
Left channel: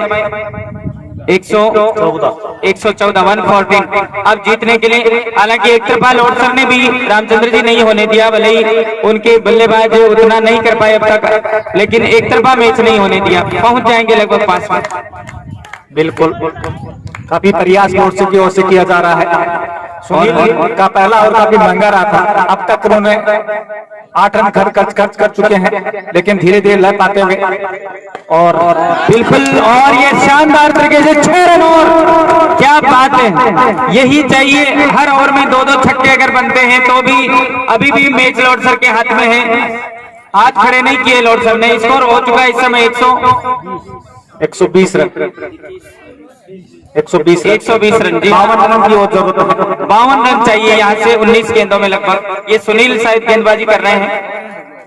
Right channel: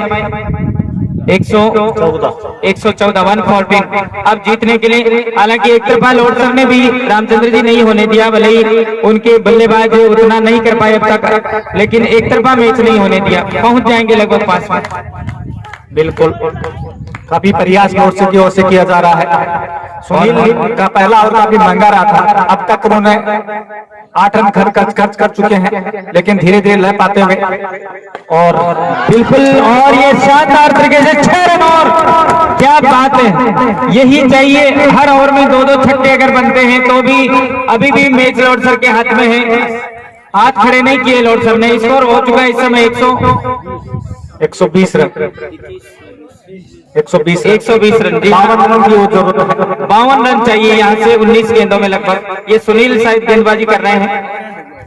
114 114। अब जीतने के लिए हालांकि एक तरफा लॉर्ड सर ने भी रामचंद्र जी नहीं होने दिया, भले ही उनके बल्लेबाज उतना नहीं कर पाए अब तक, लेकिन एक तरफा मैच नहीं होने दिया। पहुंच जाएंगे लगभग 5 में। बिल्कुल काफी प्रयास लॉर्ड की ओर से किया जा रहा है। सुनील का पहला ओवर काफी महंगा रहा था, अब तक उन्होंने 8 रन खर्च कर चुके हैं, लेकिन धीरे धीरे लय पाते हुए और बिल्कुल। और ये शानदार तरीके से 6 रन, और क्या बात है, यही चाहिए। हर ओवर में 2-2 छक्के अगर बनते हैं तो भी अभी भी मैच लॉर्ड सर के हाथ में है। हाथ खड़े नहीं किए लॉर्ड सर ने। स्कोर हो चुका है इस समय 120 रन 120 रन। 52 रन की जरूरत है, 52 रन चाहिए यहाँ से 19 गेंदों में लगभग। ये सुनील शायद गेंदबाजी कर रहे हैं,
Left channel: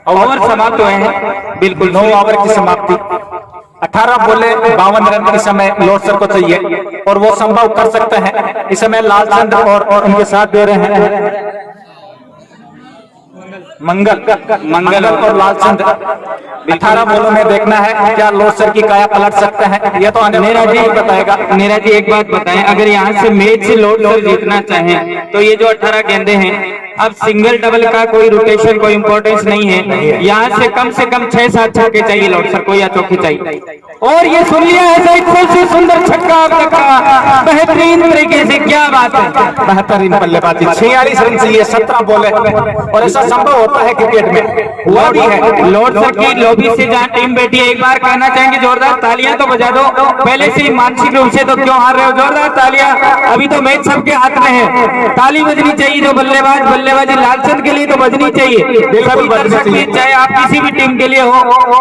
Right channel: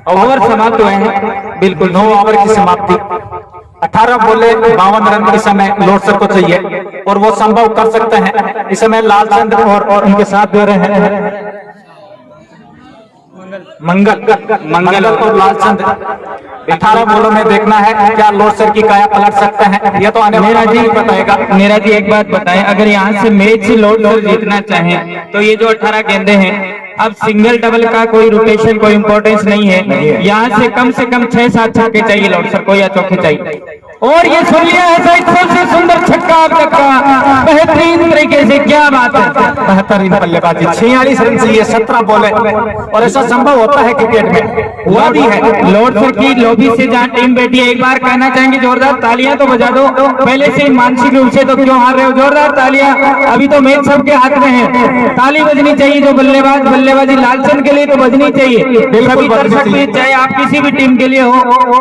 ओवर समाप्त हुए हैं। बिल्कुल 9 ओवर की समाप्ति, 18 बोले 52 रन इस समय लॉर्ड सर को चाहिए और वो संभव कर सकते हैं। इस समय लालचंद और उनके साथ दे रहे हैं मंगल और लालचंद 18 बॉलों में देखना है क्या लोडसर की काया पलट सकते हैं, ये तो आने वाला जी बताएगा। नीरज जी एक बात बताएं, अगर यहाँ से मैच लोडसर जीतना चाहें तो ये जो 18 गेंदे हैं, अब सिंगल डबल का कोई रोटेशन कोई इंपॉर्टेंस नहीं है, यहाँ से कम 6-7 छक्के चाहिए लोडसर को या चौके चाहिए। और ये सुन लिया ऐसा सबसे सुंदर छक्का अब तक का, बेहतरीन तरीके से, क्या बात है, बेहतरीन बल्लेबाजी। 46 रन से ये 17 बॉल है और ऐसा संभव होता है क्रिकेट में, हुआ भी है। लोडसर की लॉबी से जहाँ टीम बैठी है, एक बार कहना चाहेंगे जोरदार तालियां तो बजा दो, पहले से ही मानसिक रूप से तो क्यों हार रहे हो, जोरदार तालियां, अभी तो मैच सबके हाथ में है, ताली बजनी चाहिए जो बल्लेबाजी लालचंद के लिए तो बजनी चाहिए, बिल्कुल बजनी चाहिए, चाहे आप किसी भी टीम के लिए हो,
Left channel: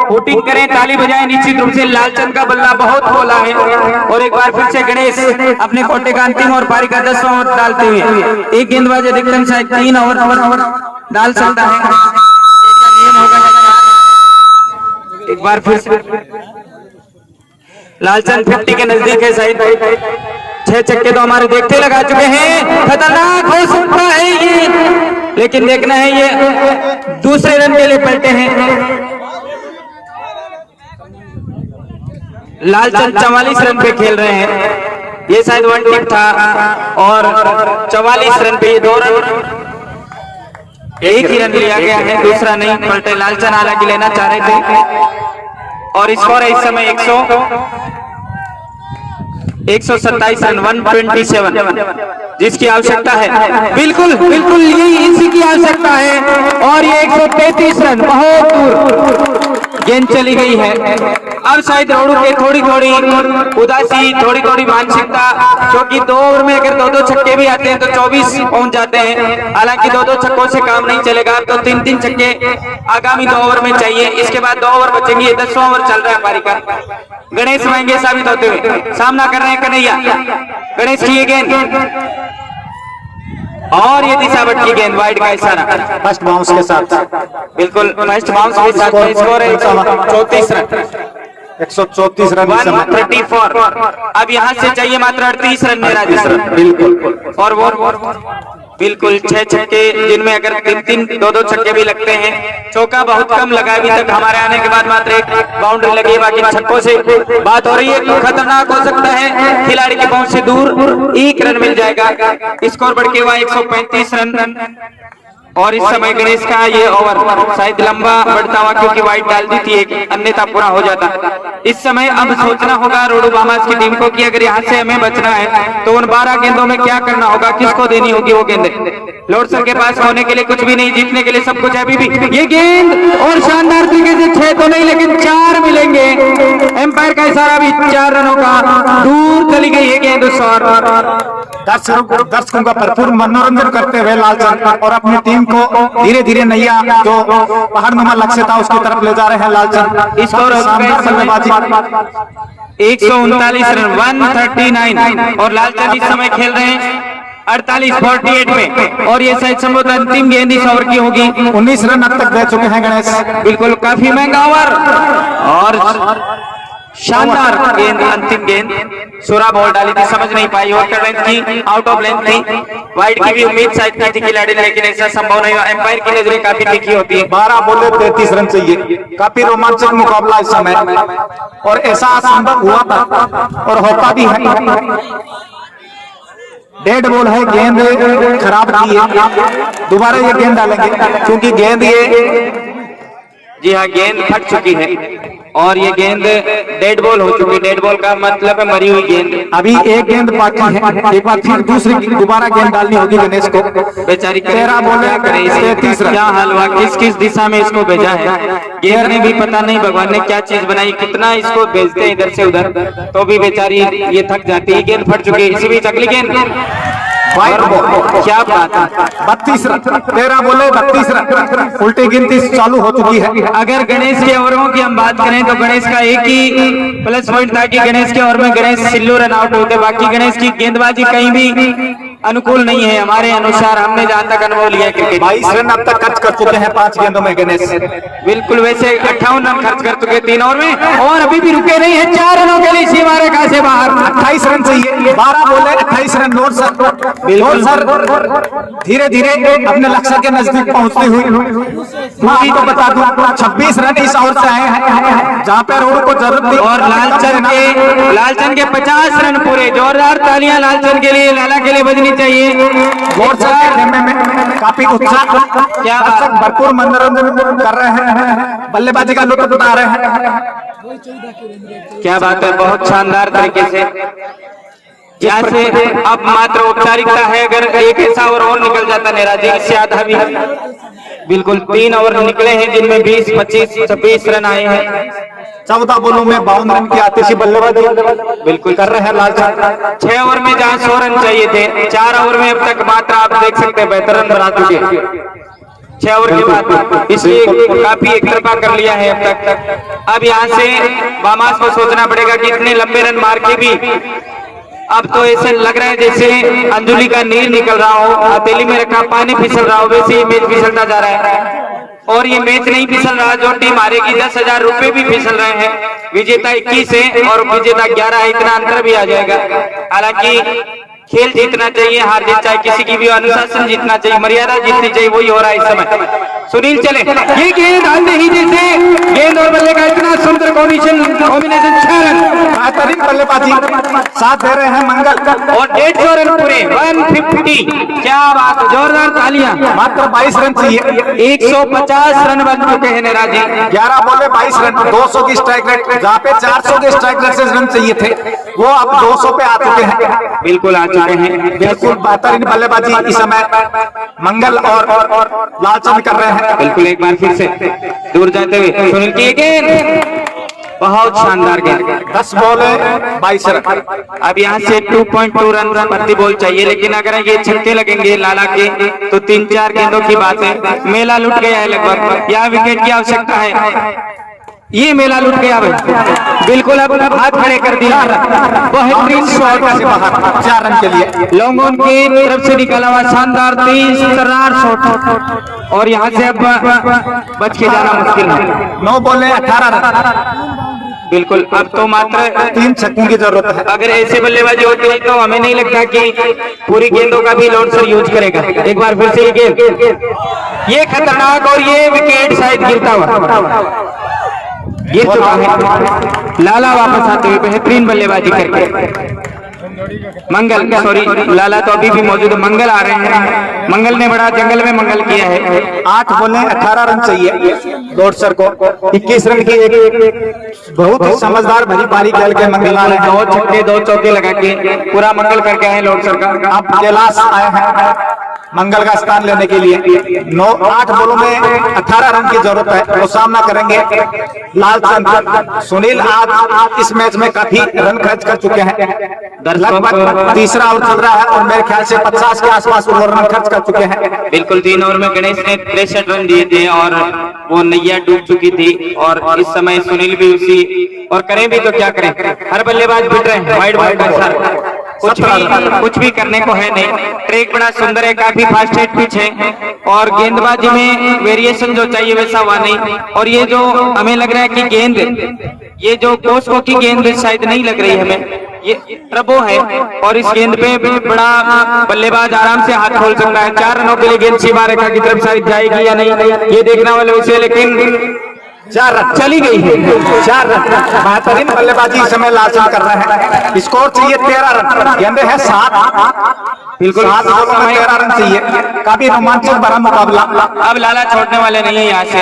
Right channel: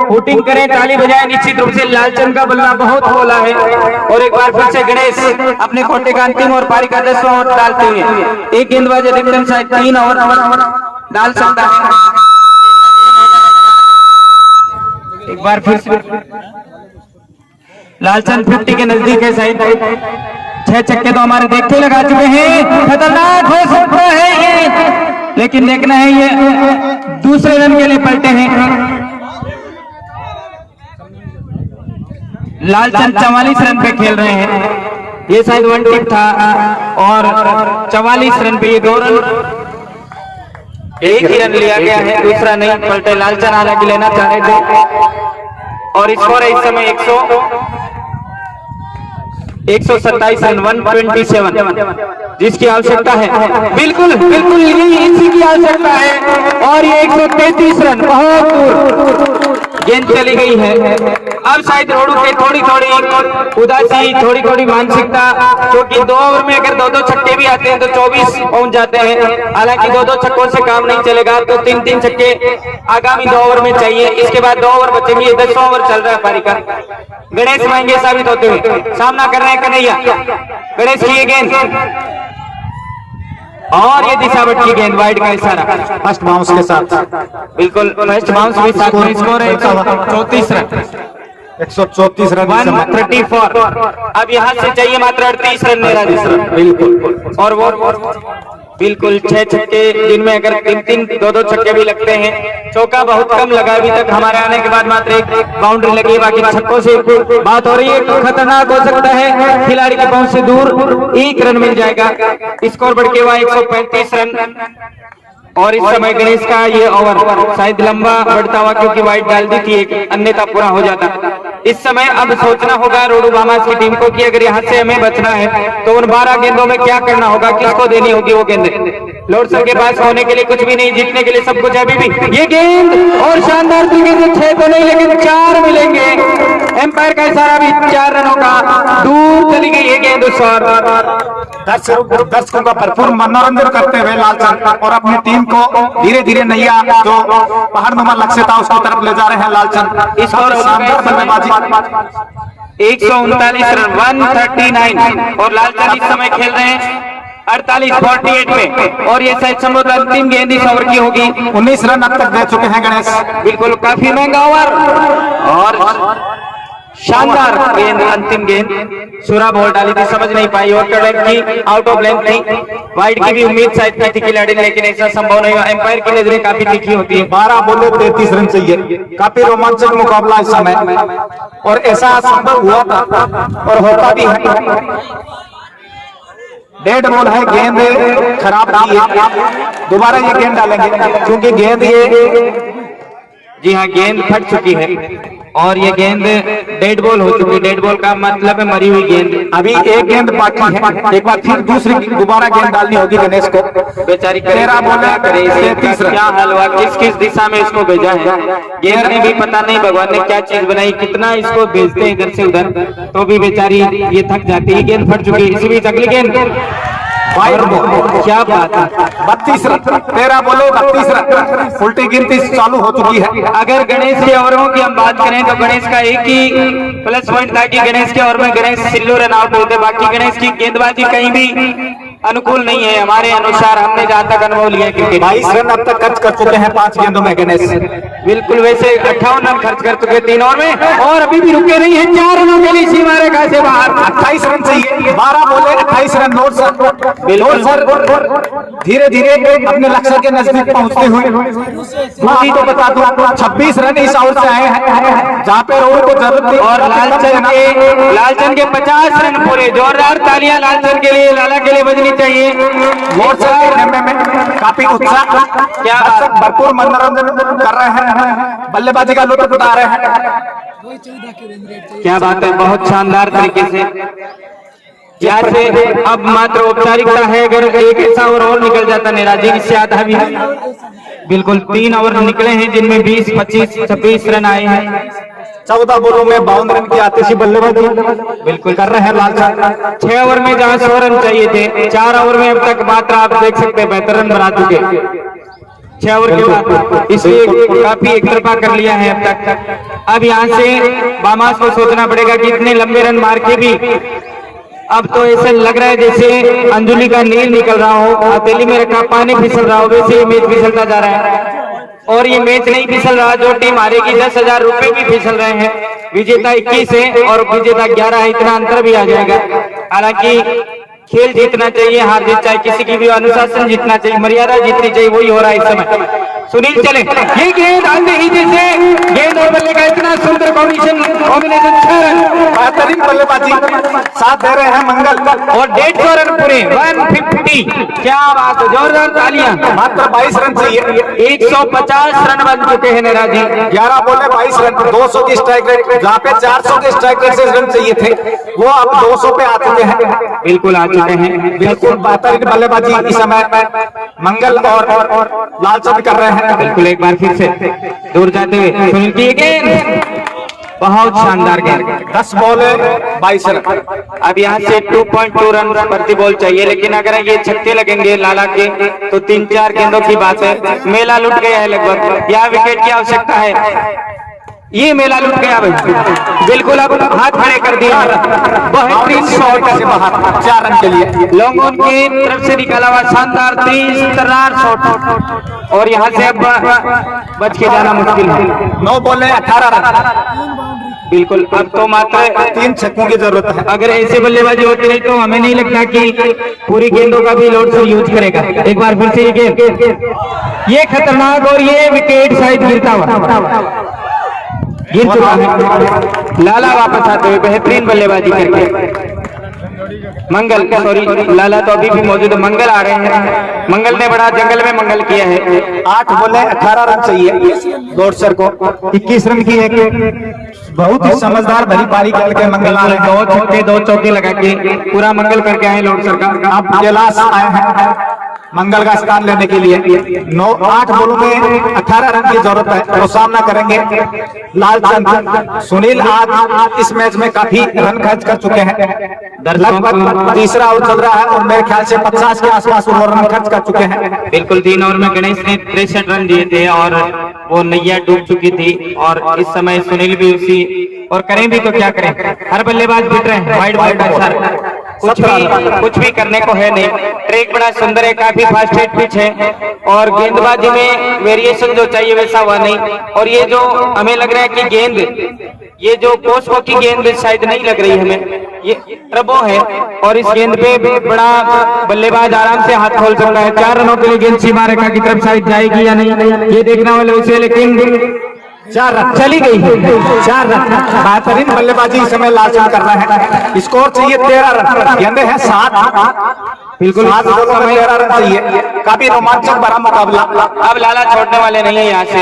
वोटिंग करें, ताली बजाएं। निश्चित रूप से लालचंद का बल्ला बहुत बोला है और एक बार फिर से गणेश अपने कोटे का अंतिम और पारी का 10वां ओवर डालते हुए, एक गेंदबाज अधिकतम शायद 3 ओवर डाल सकता है। एक बार फिर से लालचंद 50 के नजदीक है, शायद 6 छक्के तो हमारे देखते लगा चुके हैं, खतरनाक हो सकता है ये, लेकिन देखना है ये दूसरे रन के लिए पलटे हैं। लालचंद 44 रन पे खेल रहे हैं, ये शायद 1 टिप था और 44 रन पे ये 2 रन, एक ही रन लिया गया है, दूसरा नहीं पलटे। लालचंद हालांकि लेना चाह रहे थे और स्कोर है इस समय 127 रन 127, जिसकी आवश्यकता है, बिल्कुल बिल्कुल यही इसी की आवश्यकता है और ये 133 रन, बहुत दूर गेंद चली गई है। अब शायद रोडू के थोड़ी उदासी, थोड़ी मानसिकता, क्योंकि 2 ओवर में अगर 2-2 छक्के भी आते हैं तो 24 पहुंच जाते हैं, हालांकि 2-2 छक्कों से काम नहीं चलेगा, तो 3-3 छक्के आगामी 2 ओवर में चाहिए, इसके बाद 2 ओवर बचेंगे, 10वां ओवर चल रहा है पारी का। गणेश महंगे साबित होते हुए सामना कर रहे हैं कन्हैया, गणेश की गेंद और ये दिशावट की गेंद, वाइड का इशारा, फर्स्ट बाउंस के साथ, बिल्कुल फर्स्ट बाउंस के साथ स्कोर है 134 रन, 134 रन 134। अब यहाँ से चाहिए मात्र 38 रन मेरा बिल्कुल, और वो बिल्कुल 6 छक्के, जिनमें अगर 3-3 2-2 छक्के भी लगते हैं, चौका बहुत कम लगा अभी तक, हमारे आने के बाद मात्र 1 बाउंड्री लगी, बाकी छक्कों से बात हो रही है, तो खतरनाक हो सकता है, खिलाड़ी की पहुंच से दूर 1 रन मिल जाएगा, स्कोर बढ़ के हुआ 135 रन। और इस समय गणेश का ये ओवर शायद लंबा बढ़ता हुआ, क्योंकि वाइड डाल दी थी एक, अन्यथा पूरा हो जाता। इस समय अब सोचना होगा रोडू बामास की टीम को कि अगर यहाँ से हमें बचना है तो उन 12 गेंदों में क्या करना होगा, किसको देनी होगी वो गेंदें। लोडसर के पास होने के लिए कुछ भी नहीं, जीतने के लिए सब कुछ है अभी भी। ये गेंद और शानदार तरीके से 6 तो नहीं लेकिन 4 मिलेंगे, एम्पायर का इशारा भी 4 रनों का, दूर चली गई ये गेंद उस ओर। दर्शकों का भरपूर मनोरंजन करते हुए लालचंद और अपनी टीम को धीरे धीरे नैया जो पहाड़ नुमा लक्ष्य था उसकी तरफ ले जा रहे हैं लालचंद। इस और शानदार बल्लेबाजी, 139 रन 139, और लालचंद इस समय खेल रहे हैं 48 में, और ये शायद संभवत अंतिम गेंद इस ओवर की होगी। 19 रन अब तक दे चुके हैं गणेश, बिल्कुल काफी महंगा ओवर और शानदार गेंद, अंतिम गेंद, सोरा बॉल डाली थी, समझ नहीं पाई, आउट ऑफ लेंथ थी, वाइड की भी उम्मीद शायद की थी खिलाड़ी ने, लेकिन ऐसा संभव नहीं हुआ। एम्पायर की नजरें काफी तीखी होती है। 12 बॉले 33 रन चाहिए, काफी रोमांचक मुकाबला इस समय, और ऐसा संभव हुआ था और होता भी है। डेड बॉल है, गेंद खराब की है, दोबारा ये गेंद डालेंगे क्योंकि गेंद ये, जी हाँ, गेंद फट चुकी है और ये गेंद डेड बॉल हो चुकी है। डेड बॉल का मतलब है मरी हुई गेंद। अभी एक गेंद बाकी है, एक बार फिर दूसरी दोबारा गेंद डालनी होगी गणेश को। बेचारी 13 बॉले 33 रन। क्या हाल हुआ, किस किस दिशा में इसको भेजा है, गेंद ने भी पता नहीं भगवान ने क्या चीज बनाई, कितना इसको भेजते हैं इधर से उधर, तो भी बेचारी ये थक जाती है। गेंद फट चुकी है, इसी बीच अगली गेंद, क्या बात है, 32 रन, 13 बॉले 32 रन, उल्टी गिनती चालू हो चुकी है। अगर गणेश के ओवरों की हम बात करें तो गणेश का एक ही प्लस पॉइंट था कि गणेश के ओवर में गणेश सिल्लो रन आउट होते, बाकी गणेश की गेंदबाजी कहीं भी अनुकूल नहीं है हमारे अनुसार। हमने जहाँ तक अनुभव लिया है क्रिकेट, 22 रन अब तक खर्च कर चुके हैं 5 गेंदों में गणेश। बिल्कुल वैसे 58 रन खर्च कर चुके 3 ओवर में, और अभी भी रुके नहीं है। 4 रनों के लिए सीमा रेखा से बाहर। 28 रन चाहिए, 12 बोले 28 रन। नोट सर, बिल्कुल सर, धीरे धीरे अपने लक्ष्य के नजदीक पहुंचते हुए अभी तो बता दूं 26 रन इस ओवर से आए हैं, जहाँ पे रोडू को जरूरत थी। और लालचंद के 50 रन पूरे। जोरदार तालियां लालचंद के लिए, लाला के लिए बजनी चाहिए। और सर में काफी उत्साह, क्या भरपूर मनोरंजन कर रहे हैं, बल्लेबाजी का लुत्फ उठा रहे हैं। क्या बात है, बहुत शानदार तरीके से। यहाँ से अब मात्र औपचारिकता है, अगर एक ऐसा ओवर और निकल जाता नेराजी, इससे आधा भी। बिल्कुल 3 ओवर निकले हैं जिनमें 20, 25, 26 रन आए हैं। 14 बॉलों में 52 रन की आतिशी बल्लेबाजी बिल्कुल कर रहे हैं लालचंद। 6 ओवर में जहां 100 रन चाहिए थे, 4 ओवर में अब तक मात्र आप देख सकते हैं 72 रन बना चुके 6 ओवर के बाद, इसलिए काफी एक तरफा कर लिया है अब तक। अब यहाँ से बामास को सोचना पड़ेगा कि इतने लंबे रन मार के भी अब तो ऐसे लग रहा है जैसे अंजुली का नील निकल रहा हो, हथेली में रखा पानी फिसल रहा हो, वैसे ये मैच फिसलता जा रहा है। और ये मैच नहीं फिसल रहा, जो टीम हारेगी 10,000 रुपए भी फिसल रहे हैं। विजेता 21 है और विजेता 11 है, इतना अंतर भी आ जाएगा। हालांकि खेल जीतना चाहिए, हार जीत चाहे किसी की भी, अनुशासन जीतना चाहिए, मर्यादा जीतनी चाहिए, वही हो रहा है इस समय। सुनील चले, ये गेंद अंधेरी जैसे गेंद और बल्ले का इतना सुंदर कॉम्बिनेशन 6 रन। बेहतरीन बल्लेबाजी साथ दे रहे हैं मंगल, और 150 रन पूरे 150। क्या बात है, जोरदार तालियां। मात्र 22 रन चाहिए, 150 रन बन चुके हैं नेराजी। 11 बॉले 22 रन, 200 की स्ट्राइक रेट, जहाँ पे 400 के स्ट्राइक रेट से रन चाहिए थे वो अब 200 पे आ चुके हैं। बिल्कुल आ चुके हैं। बिल्कुल बेहतरीन बल्लेबाजी इस समय मंगल और लालचंद कर रहे हैं। बिल्कुल एक बार फिर से दूर जाते हुए सुनील की गेंद, बहुत शानदार गेंद। 10 बॉले 22 रन। अब यहाँ से 2.2 रन प्रति बॉल चाहिए, लेकिन अगर ये छक्के लगेंगे लाला के तो 3-4 गेंदों की बात है। मेला लुट गया है लगभग, यहाँ विकेट की आवश्यकता है। ये मेला लुट गया भाई, बिल्कुल अब हाथ खड़े कर दिया। बेहतरीन शॉट से बाहर 4 रन के लिए लॉन्गॉन की तरफ से निकाला हुआ शानदार तेज तर्रार शॉट, और यहाँ से अब बच के जाना मुश्किल है। 9 बॉले 18 रन। बिल्कुल अब तो मात्र 3 छक्कों की जरूरत है। अगर ऐसे बल्लेबाजी होती है तो हमें नहीं लगता कि पूरी गेंदों का भी लोड सर यूज करेगा। एक बार फिर से ये गेंद, ये खतरनाक, और ये विकेट शायद गिरता हुआ गिर चुका है। लाला वापस आते हुए बेहतरीन बल्लेबाजी करके। मंगल, सॉरी लाला तो अभी भी मौजूद है, मंगल आ रहे हैं। मंगल ने बड़ा जंगल में मंगल किया है। 8 बॉले 18 रन चाहिए डॉटसर को। 21 रन की एक बहुत ही समझदार भरी पारी खेल के मंगल आ रहे हैं। 2 छक्के 2 चौके लगा के पूरा मंगल करके आए लोग सर का। अब कैलाश आए हैं मंगल का स्थान लेने के लिए। 8 बॉलों में 18 रन की जरूरत है, वो सामना करेंगे लालचंद। सुनील आज इस मैच में काफी रन खर्च कर चुके हैं, लगभग तीसरा आउट चल रहा है और मेरे ख्याल से 50 के आसपास वो रन खर्च कर चुके हैं। बिल्कुल 3 ओवर में गणेश ने 63 रन दिए थे और वो नैया डूब चुकी थी, और इस समय सुनील भी उसी, और करें भी तो क्या करें, हर बल्लेबाज पिट रहे हैं वाइड वाइड का। कुछ भी करने को है नहीं। ट्रैक बड़ा सुंदर है, काफी फास्ट हेड पिच है, और गेंदबाजी में वेरिएशन जो चाहिए वैसा हुआ नहीं। और ये जो हमें लग रहा है कि गेंद, ये जो कोस्को की गेंद शायद नहीं लग रही हमें, ये ट्रबो है, और इस गेंद पे बड़ा बल्लेबाज आराम से हाथ खोल सकता है। 4 रनों के लिए गेंद सीमा रेखा की तरफ शायद जाएगी या नहीं, ये देखने वाले विषय, लेकिन 4 रन चली गई है। 4 रन, बेहतरीन बल्लेबाजी इस समय लालचंद कर रहे हैं। स्कोर चाहिए 13 रन, गेंदे है 7। बिल्कुल 7 बॉलों में 13 रन चाहिए, काफी रोमांचक बड़ा मुकाबला। अब लाला छोड़ने वाले नहीं है यहाँ से।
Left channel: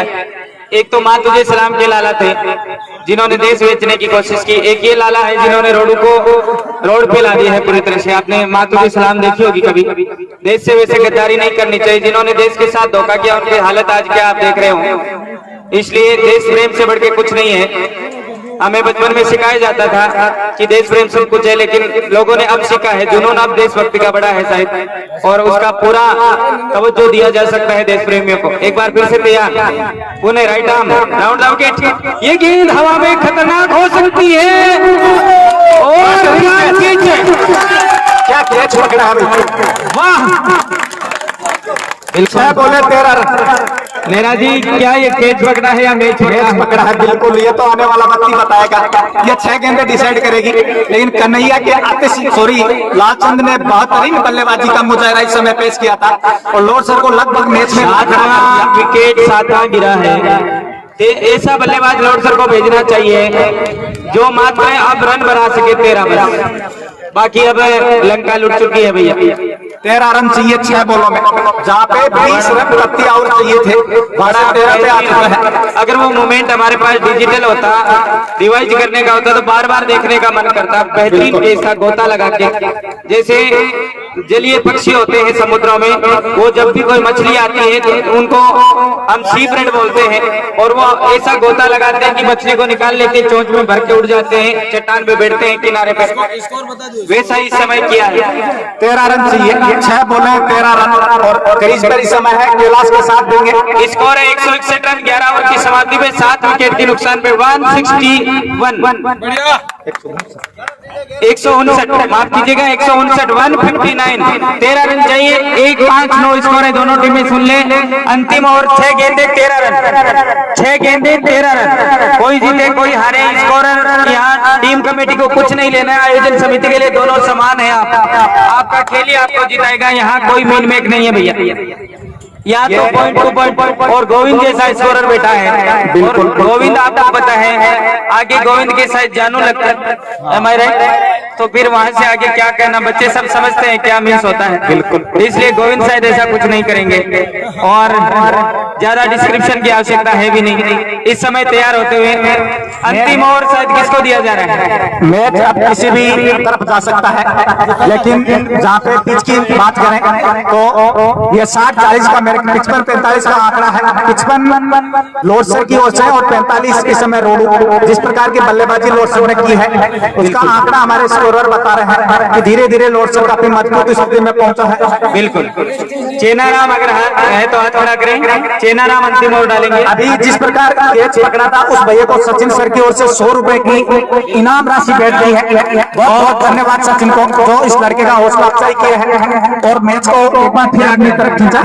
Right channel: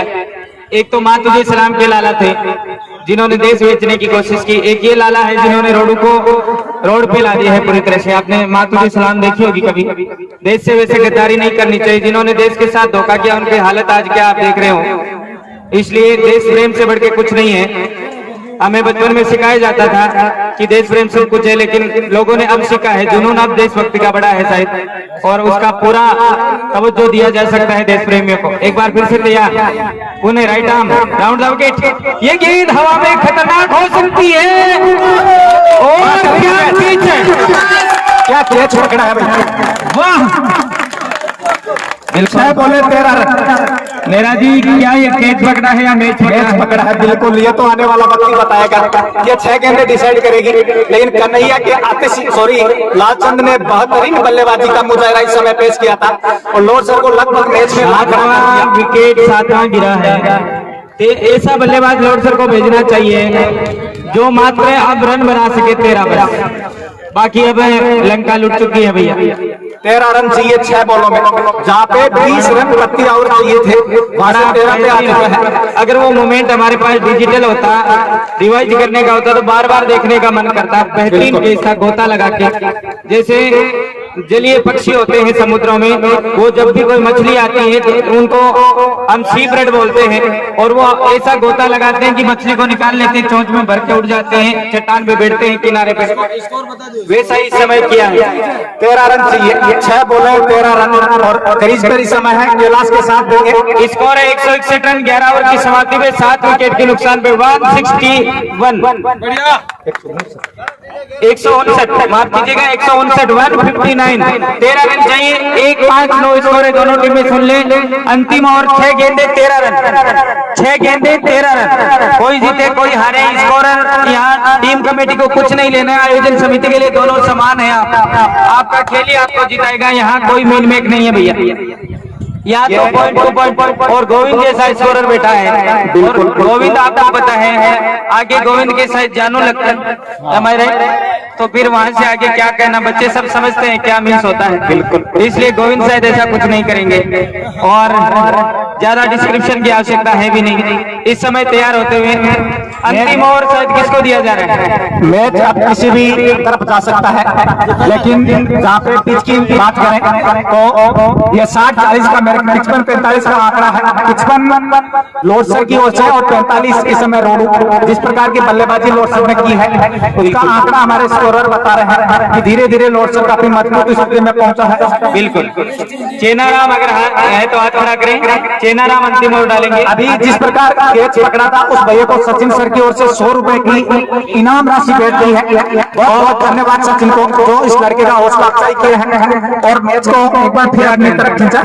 एक तो माँ तुझे सलाम के लाला थे जिन्होंने देश बेचने की कोशिश की, एक ये लाला है जिन्होंने रोडू को रोड पे ला दिया है पूरी तरह से। आपने माँ तुझे सलाम देखी होगी कभी। देश से वैसे गद्दारी नहीं करनी चाहिए, जिन्होंने देश के साथ धोखा किया उनकी हालत आज क्या आप देख रहे हो। इसलिए देश प्रेम से बढ़ के कुछ नहीं है। हमें बचपन में सिखाया जाता था कि देश प्रेम सब कुछ है, लेकिन लोगों ने अब सीखा है जुनून अब देशभक्ति का बड़ा है शायद, और उसका पूरा तवज्जो दिया जा सकता है देश प्रेमियों को। एक बार फिर से तैयार, Pune right arm round wicket, ये गेंद हवा में खतरनाक हो सकती है, और क्या कैच पकड़ा है भाई, वाह। 6 बॉले 13 रन। नेरा जी, क्या ये कैच पकड़ा है या मैच पकड़ा है? बिल्कुल, ये तो आने वाला वक्त ही बताएगा। ये 6 गेंदें डिसाइड करेगी। लेकिन कन्हैया के लालचंद ने बेहतरीन बल्लेबाजी का मुजाहरा इस समय पेश किया था और लॉर्ड सर को लगभग मैच में ला खड़ा कर दिया। विकेट 7वां गिरा है। ऐसा बल्लेबाज लॉर्ड सर को भेजना चाहिए जो मात्र अब रन बना सके 13 बस, बाकी अब लंका लुट चुकी है भैया। 13 रन चाहिए 6 बॉलों में, जहाँ पे 20 रन प्रति ओवर चाहिए थे, वहां से 13 पे आ चुके हैं। अगर वो मोमेंट हमारे पास डिजिटल होता, रिवाइज करने का होता तो बार बार देखने का मन करता। बेहतरीन जैसा गोता लगा के, जैसे जलीय पक्षी होते हैं समुद्रों में, वो जब भी कोई मछली आती है तो उनको हम सी ब्रेड बोलते हैं, और वो ऐसा गोता लगाते हैं कि मछली को निकाल लेते हैं, चोंच में भर के उड़ जाते हैं, चट्टान पे बैठते हैं किनारे पे। वैसा ही समय किया है। 13 रन चाहिए, 6 बॉलर 13 रन और क्रीज पर इस समय है कैलाश के साथ देंगे। स्कोर है 161 रन 11 ओवर की समाप्ति में 7 विकेट के नुकसान पे 161 159, माफ कीजिएगा 159 159। 13 रन चाहिए, 1-5-9 स्कोर है दोनों टीमें। सुन लें, अंतिम ओवर 6 गेंदे 13 रन, 6 गेंदे 13 रन। कोई जीते कोई हारे, स्कोरर यहाँ टीम कमेटी को कुछ नहीं लेना है, आयोजन समिति के लिए दोनों समान है। आपका खेल ही आपको जिताएगा, यहाँ कोई मेल मेक नहीं है भैया। यहाँ तो पॉइंट टू पॉइंट, और गोविंद जैसा स्कोरर बैठा है। और गोविंद आपको पता है आगे गोविंद के साथ जानू लगता है हमारे, तो फिर वहां से आगे क्या कहना, बच्चे सब समझते हैं क्या मिस होता है। बिल्कुल, इसलिए गोविंद शायद ऐसा कुछ नहीं करेंगे और ज्यादा डिस्क्रिप्शन की आवश्यकता है भी नहीं। इस समय तैयार होते हुए अंतिम ओवर शायद किसको दिया जा रहा है? मैच अब किसी भी तरफ जा सकता है, लेकिन जहाँ पे पिच की बात करें तो ये 60-40 का, मेरे 55-45 का आंकड़ा है। 55 लॉर्ड सर की ओर से और 45 इस समय रोडू। जिस प्रकार की बल्लेबाजी लॉर्ड सर ने की है, उसका आंकड़ा हमारे स्कोरर बता रहे हैं कि धीरे धीरे लॉर्ड सर काफी मजबूत स्थिति में पहुंचा है। बिल्कुल, चेनाराम अगर है तो हाथ खड़ा करें, चेनाराम अंतिम ओवर डालेंगे। अभी जिस प्रकार कैच पकड़ा था, उस भैया को सचिन सर की ओर से 100 रुपए की इनाम राशि बैठ गई है। बहुत बहुत धन्यवाद सचिन को, जो इस लड़के का हौसला अफजाई किए हैं और मैच को एक बार फिर अपनी तरफ खींचा।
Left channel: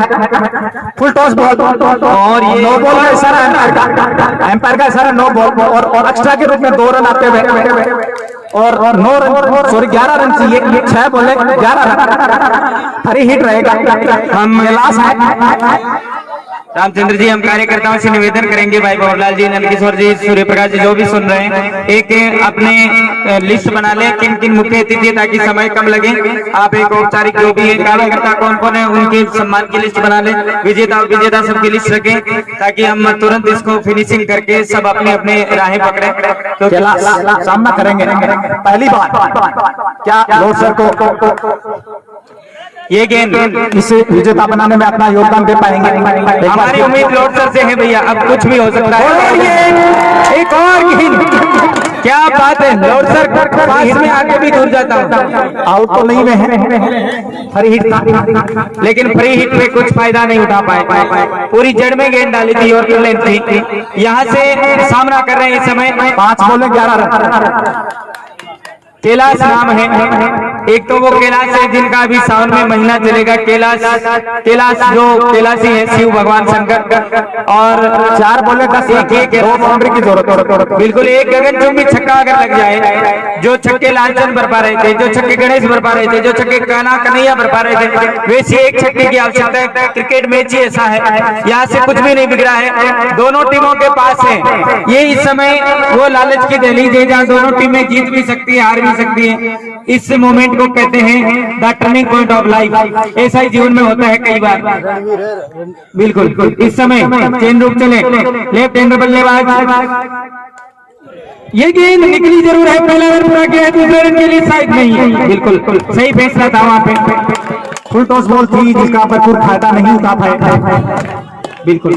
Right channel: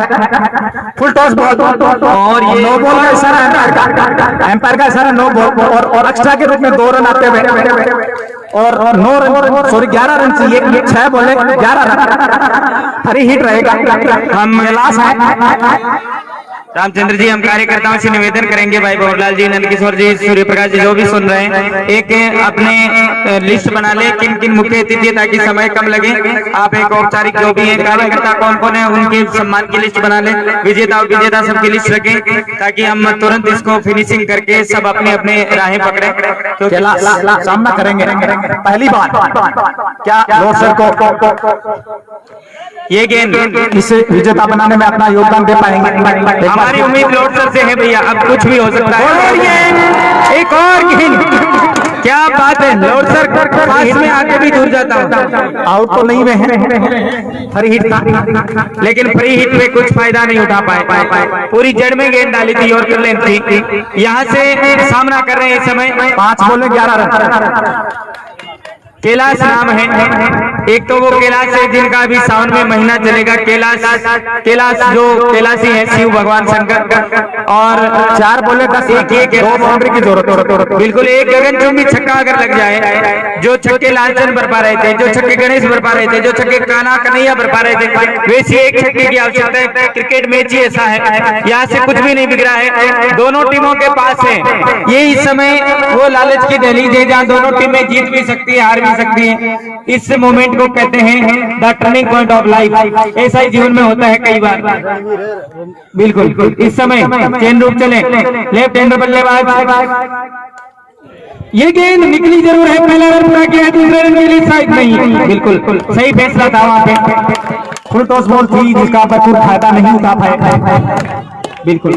फुल टॉस बॉल और ये नो बॉल का इशारा है, एम्पायर का इशारा नो बॉल, और एक्स्ट्रा के रूप में 2 रन आते हुए और 9 रन, सॉरी 11 रन चाहिए, 6 बॉले 11 रन, फ्री हिट रहेगा। हम लास्ट है रामचंद्र जी, हम कार्यकर्ताओं से निवेदन करेंगे, भाई भवरलाल जी, नंदकिशोर जी, सूर्य प्रकाश जी, जो भी सुन रहे हैं, एक अपने लिस्ट बना ले किन किन मुख्य अतिथि, ताकि समय कम लगे। आप एक औपचारिक जो भी है कार्यकर्ता कौन कौन है उनके सम्मान की लिस्ट बना ले, विजेता सबकी लिस्ट रखें, ताकि हम तुरंत इसको फिनिशिंग करके सब अपने अपने राहें पकड़े, क्योंकि सामना करेंगे पहली बार। क्या लॉर्ड सर को ये गेंद इसे विजेता बनाने में अपना योगदान दे पाएंगे? हमारी उम्मीद लॉर्ड सर से है भैया, अब कुछ भी हो सकता है। एक और गेंद, क्या बात है, लॉर्ड सर पास में आगे भी दूर जाता है, आउट तो नहीं में है, फ्री हिट था, लेकिन फ्री हिट में कुछ फायदा नहीं उठा पाए। पूरी जड़ में गेंद डाली थी और लेंथ थी। यहाँ से सामना कर रहे हैं इस समय 5 बॉले 11 रन। कैलाश नाम है, एक तो वो कैलाश है जिनका अभी सावन में महीना चलेगा, कैलाश जो कैलाशी है शिव भगवान शंकर, और 4 बॉले 10 बाउंड्री की जरूरत। बिल्कुल, एक गगनचुंबी छक्का अगर लग जाए, जो छक्के लालचंद बरपा रहे थे, जो छक्के गणेश बरपा रहे थे, जो छक्के काना कन्हैया बरपा रहे थे, वैसे एक छक्के की आवश्यकता है। क्रिकेट मैच ही ऐसा है, यहाँ से कुछ भी नहीं बिगड़ा है, दोनों टीमों के पास है। ये इस समय वो लालच की दहलीज है जहाँ दोनों टीमें जीत भी सकती है, हार भी सकती है। इस मोमेंट को कहते हैं the turning point of life. ऐसा ही जीवन में होता है कई बार। बिल्कुल, इस समय चेन रूप चले, लेफ्ट हैंड बल्लेबाज, ये गेंद निकली जरूर है, पहला रन पूरा किया, दूसरे रन के लिए शायद नहीं है। बिल्कुल सही फैसला था वहां पे। फुल टॉस बॉल थी जिसका भरपूर फायदा नहीं उठा पाए। बिल्कुल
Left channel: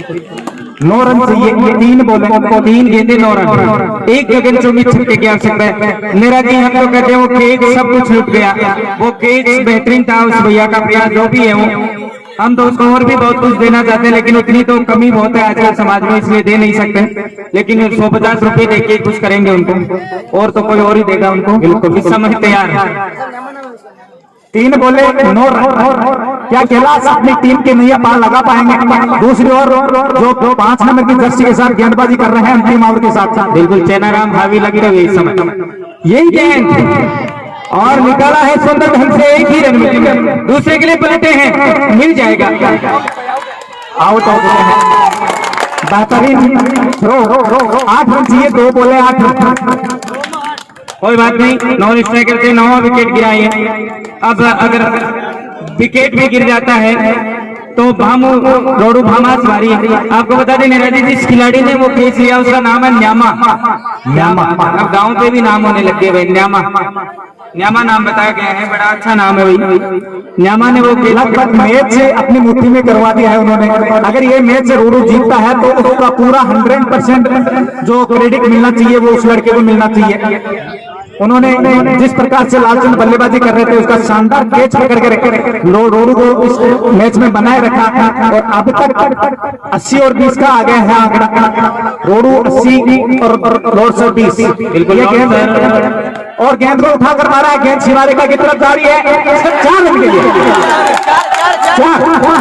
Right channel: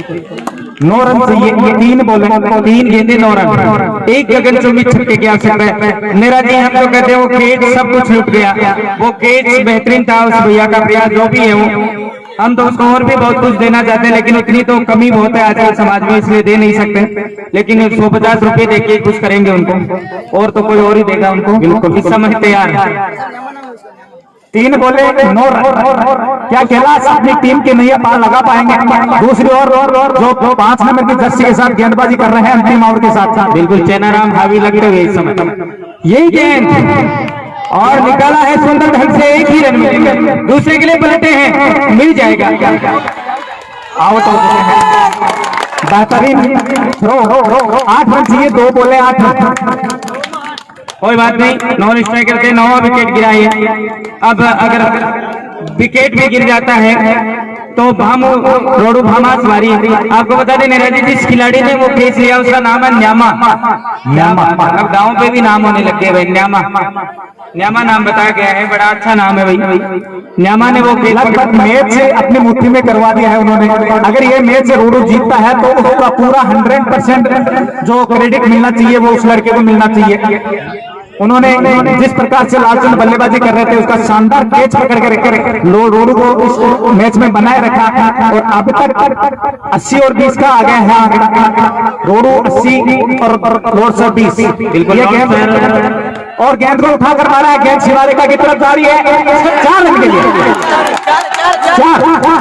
9 रन चाहिए, 3 बॉल 3 गेंदे 9 रन, एक गगनचुंबी छक्के की आवश्यकता है। मेरा जी, हम तो कहते हैं वो केज सब कुछ लुट गया, वो केज बेहतरीन था उस भैया का प्रयास जो भी है वो, हम तो उसको और भी बहुत कुछ देना चाहते हैं, लेकिन उतनी तो कमी बहुत है आजकल समाज में, इसलिए दे नहीं सकते। लेकिन 150 रुपए देके कुछ करेंगे उनको, और तो कोई और ही देगा उनको। इस समय तैयार है 3 बोले 9 रन। क्या कैलाश अपनी टीम की नैया पार लगा पाएंगे? दूसरी ओर जो 5 नंबर की जर्सी के साथ गेंदबाजी कर रहे हैं अंतिम ओवर के साथ साथ, बिल्कुल चेनाराम हावी लगते हुए इस समय यही गेंद और निकाला है सुंदर ढंग से, एक ही रन मिलेगा। दूसरे के लिए पलटे हैं, मिल जाएगा, आउट हो गए हैं। बेहतरीन थ्रो, 8 रन चाहिए, 2 बोले 8 रन। कोई बात नहीं, नॉन स्ट्राइकर थे, 9वां विकेट गिरा है। अब अगर विकेट भी गिर जाता है तो भामू रोडू भामास वारी। आपको बता दें निराजी जिस खिलाड़ी ने वो केस लिया उसका नाम है न्यामा। अब गाँव पे भी नाम होने लग गए भाई, न्यामा नाम बताया गया है, बड़ा अच्छा नाम है भाई। न्यामा ने वो लगभग मैच से अपनी मुट्ठी में करवा दिया है उन्होंने। अगर ये मैच से रोडू जीतता है तो उसका पूरा 100% जो क्रेडिट मिलना चाहिए वो उस लड़के को मिलना चाहिए। उन्होंने जिस प्रकार से लालचंद बल्लेबाजी कर रहे थे उसका शानदार कैच पकड़ के रखे रोडू को उस मैच में बनाए रखा और अब तक 80 और 20 का आ गया है आंकड़ा। रोडू 80 और रोड सर 20। ये गेंद और गेंद को उठाकर मारा है, गेंद शिवालिका की तरफ जा रही है। 4 रन के लिए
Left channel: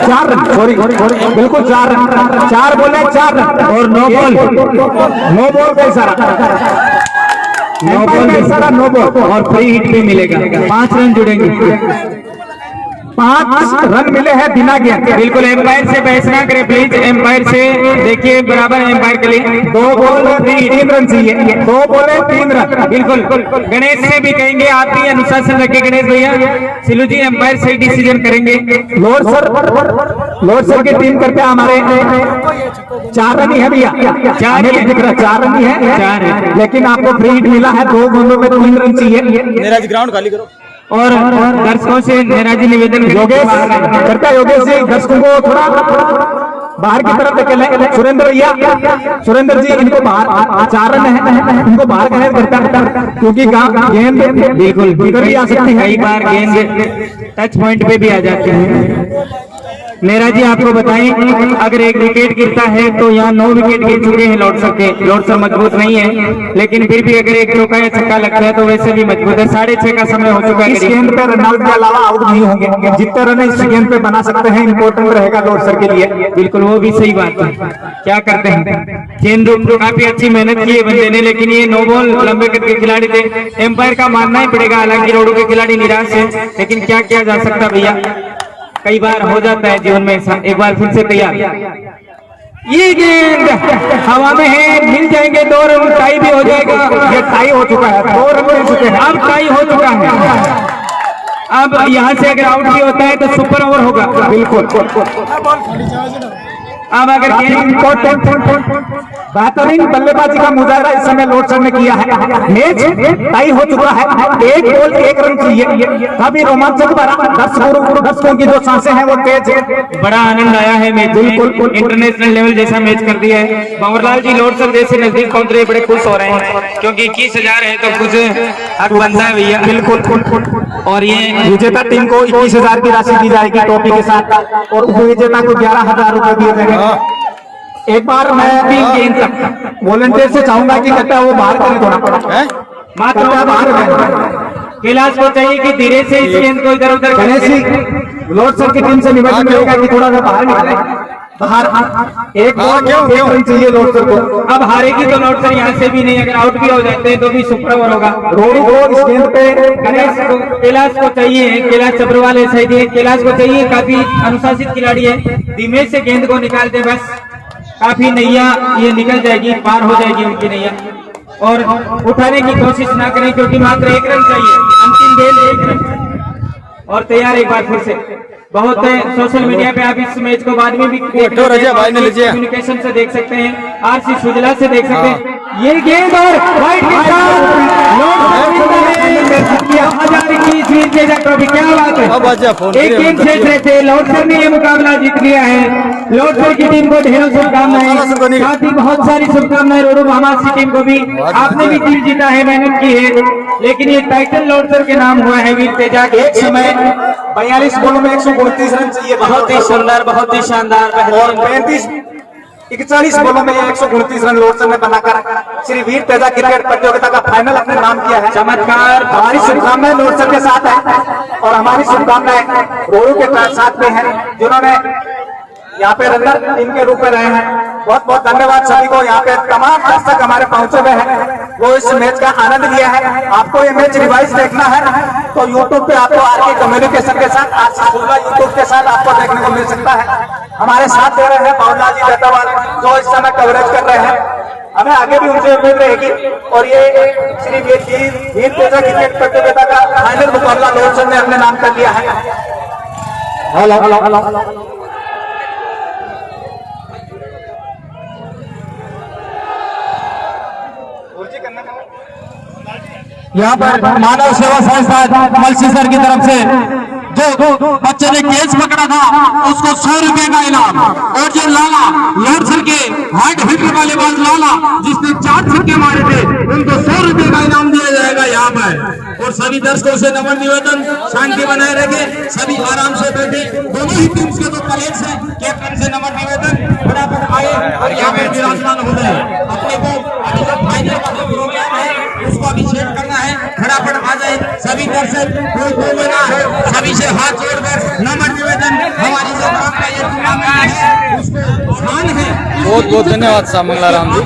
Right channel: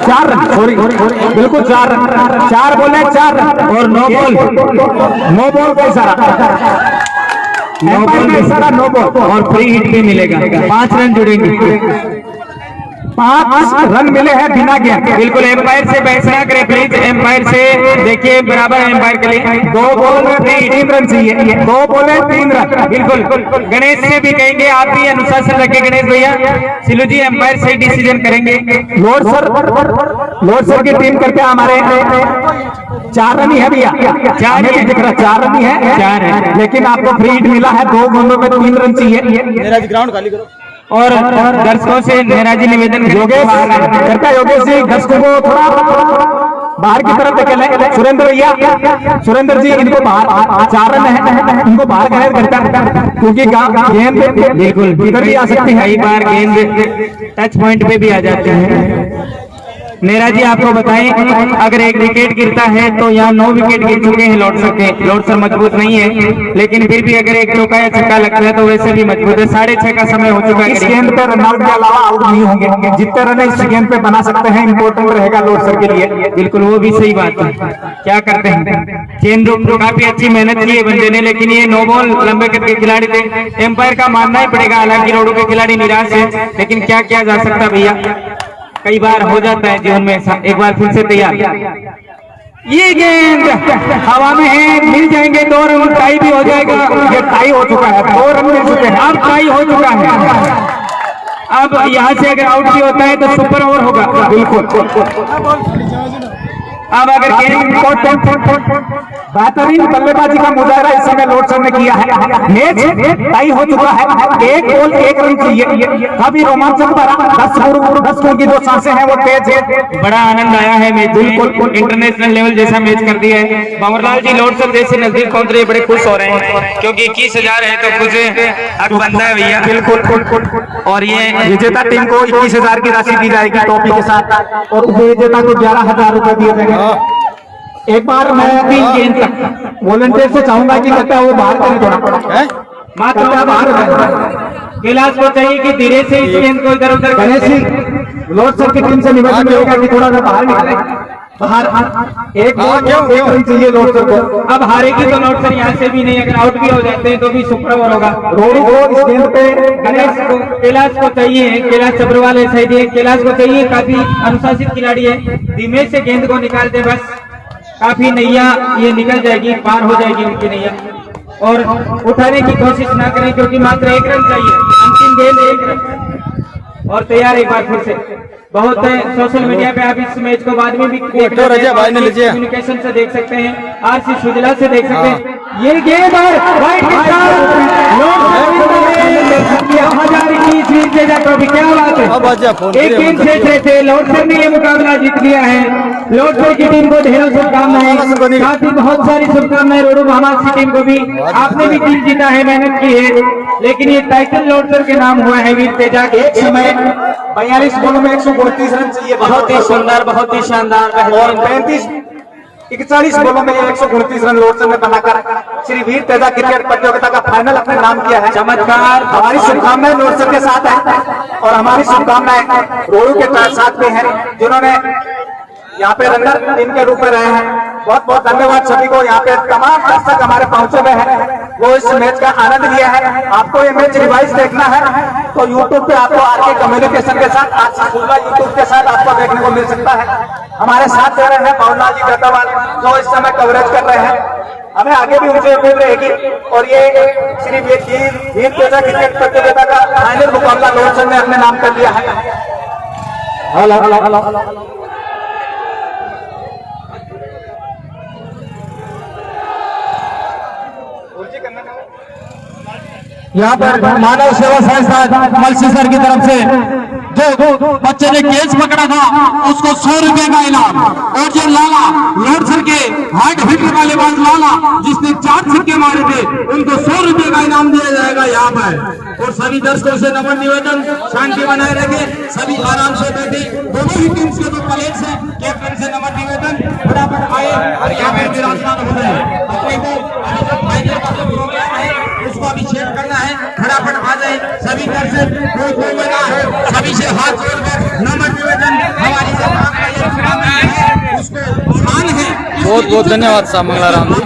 4 रन, सॉरी बिल्कुल 4 रन, 4 बोले 4 रन और नो बॉल का इशारा, नो बॉल और फ्री हिट भी मिलेगा। 5 रन जुड़ेंगे, 5 रन मिले हैं बिना गेंद। बिल्कुल एम्पायर से बहस ना करें प्लीज, एम्पायर से देखिए बराबर एम्पायर के लिए 2 बॉल में 3 रन चाहिए, 2 बॉल 3 रन। बिल्कुल गणेश से भी कहेंगे आप भी अनुशासन रखें गणेश भैया। सिलू जी एम्पायर सही डिसीजन करेंगे। लोर सर की टीम करके हमारे 4 रन ही है भैया, 4 ही दिख रहा, 4 रन ही है, 4 है, लेकिन आपको फ्री हिट मिला है, 2 गेंदों में 3 रन चाहिए। ग्राउंड खाली करो। और दर्शकों से नेराजी निवेदन योगेश करता, योगेश जी दर्शकों को थोड़ा बाहर की तरफ धकेलें। सुरेंद्र भैया, सुरेंद्र जी इनको बाहर, 4 रन है, इनको बाहर का करता क्योंकि गेंद बिल्कुल इधर भी आ सकती है, कई बार गेंद टच पॉइंट पे भी आ जाते हैं। नेरा जी आपको बताएं अगर एक विकेट गिरता है तो यहाँ 9 विकेट गिर चुके हैं लॉर्डसर के। लॉर्डसर मजबूत नहीं है लेकिन फिर भी अगर एक चौका या छक्का लगता है तो वैसे भी मजबूत है। 6:30 का समय हो चुका है। इस गेंद पे रनआउट के अलावा आउट नहीं होंगे, जितने रन इस गेंद पे बना सकते हैं इंपॉर्टेंट रहेगा लॉर्डसर के लिए। बिल्कुल वो भी सही बात है। क्या करते हैं चेन रूप काफी अच्छी मेहनत की है बंदे ने, लेकिन ये नो बॉल लंबे कद के खिलाड़ी थे। एम्पायर का मानना ही पड़ेगा, हालांकि रोडू के खिलाड़ी निराश है लेकिन क्या किया जा सकता भैया, कई बार हो जाता है जीवन में ऐसा। एक बार फिर से तैयार, ये गेंद हवा में है, मिल जाएंगे 2 रन, टाई भी हो जाएगा। ये टाई हो चुका है, 2 रन मिल चुके हैं, अब टाई हो चुका है। अब यहाँ से अगर आउट भी होता है तो सुपर ओवर होगा। बिल्कुल अब अगर बेहतरीन बल्लेबाजी का मुजाहरा इस समय लॉर्डसर ने किया है। मैच टाई हो चुका है, 1 बॉल 1 रन चाहिए। काफी रोमांचक भरा, 10 स्कोर की जो चांसें हैं वो तेज है। बड़ा आनंद आया है मैच, बिल्कुल इंटरनेशनल लेवल जैसा मैच कर दिया है। बाबरलाल जी लॉर्डसर जैसे नजदीक पहुंच रहे, बड़े खुश हो रहे हैं क्योंकि 21,000 है तो कुछ हक बनता है भैया। बिल्कुल, और ये विजेता टीम को 21,000 की राशि दी जाएगी ट्रॉफी के साथ और उपविजेता को 11,000 रुपए दिए जाएंगे। एक बार मैं 3 गेंद तक वॉलंटियर से चाहूंगा कि लगता है वो बाहर करें थोड़ा, मात्र बाहर कैलाश को चाहिए कि धीरे से इस गेंद को इधर उधर। गणेश जी लॉर्डसर की टीम से निवेदन रहेगा कि थोड़ा सा बाहर निकले, बाहर एक बॉल 1 रन चाहिए लॉर्डसर को। अब हारेगी तो लॉर्डसर यहाँ से भी नहीं, अगर आउट भी हो जाते हैं तो भी सुपर ओवर होगा। रोडू को इस गेंद पे गणेश को, कैलाश को चाहिए, कैलाश चब्रवाल है सही, कैलाश को चाहिए, काफी अनुशासित खिलाड़ी है, धीमे से गेंद को निकाल दे बस, काफी नैया ये निकल जाएगी, पार हो जाएगी उनकी नैया। और उठाने की कोशिश ना करें क्योंकि मात्र 1 रन चाहिए, अंतिम गेंद 1 रन। और तैयार एक बार फिर से, बहुत सोशल मीडिया पे आप इस मैच को बाद में भी कम्युनिकेशन से देख सकते हैं, आरसी सुजला से देख सकते हैं। ये गेंद और राइट के साथ 2021 ट्रॉफी, क्या बात है। एक गेंद से थे लॉर्डसर ने ये मुकाबला जीत लिया है। लॉर्डसर की टीम को ढेरों शुभकामनाएं, साथ ही बहुत सारी शुभकामनाएं रोडू भामास की टीम को भी। आपने भी टीम जीता है, मेहनत की है, लेकिन ये टाइटल लॉर्डसर के नाम हुआ है वीर तेजा। एक समय 42 बॉलों में 132 रन चाहिए। बहुत ही सुंदर, बहुत ही शानदार, और 35 41 बॉलों में 129 रन लोडसन ने बनाकर श्री वीर तेजा क्रिकेट प्रतियोगिता का फाइनल अपने नाम किया है। चमत्कार। हमारी शुभकामनाएं लोडसन के साथ है और हमारी शुभकामनाएं रोहू के साथ में है जिन्होंने यहाँ पे रनर इनके रूप में रहे हैं। बहुत बहुत धन्यवाद सभी को। यहाँ पे तमाम दर्शक हमारे पहुंचे हुए हैं वो इस मैच का आनंद लिया है। आपको ये मैच रिवाइज देखना है तो यूट्यूब पे आपको आरके कम्युनिकेशन के साथ आप साहूला यूट्यूब के साथ आपको देखने को मिल सकता है। हमारे साथ दे रहे हैं पवनलाल जी गद्दावाल जो इस समय कवरेज कर रहे हैं। हमें आगे भी उनसे उम्मीद रहेगी और ये श्री वीर तेजा क्रिकेट प्रतियोगिता का फाइनल मुकाबला लोडसन ने अपने नाम कर लिया है। यहाँ पर मानव सेवा संस्था मलसी सर की तरफ से जो बच्चे ने केस पकड़ा था उसको 100 रुपए का इनाम, और जो लाला लोडसन के हाइट हिट वाले बाल लाला जिसने 4 छक्के मारे थे उनको 100 रुपए का इनाम दिया जाएगा यहाँ पर। और सभी दर्शकों से नम्र निवेदन, शांति बनाए रखें, सभी आराम से बैठे। दोनों ही टीम के जो प्लेयर्स हैं कैप्टन से नम्र निवेदन फटाफट आए यहाँ पर विराजमान हो जाए। अपने को अभी जो फाइनल का प्रोग्राम है उसको अभिषेक करना है, फटाफट आ जाए सभी दर्शक। कोई मना है सभी से हाथ जोड़कर नम्र निवेदन, हमारी सरकार का ये टूर्नामेंट है उसको आसान है। बहुत बहुत धन्यवाद साहब मंगलाराम जी।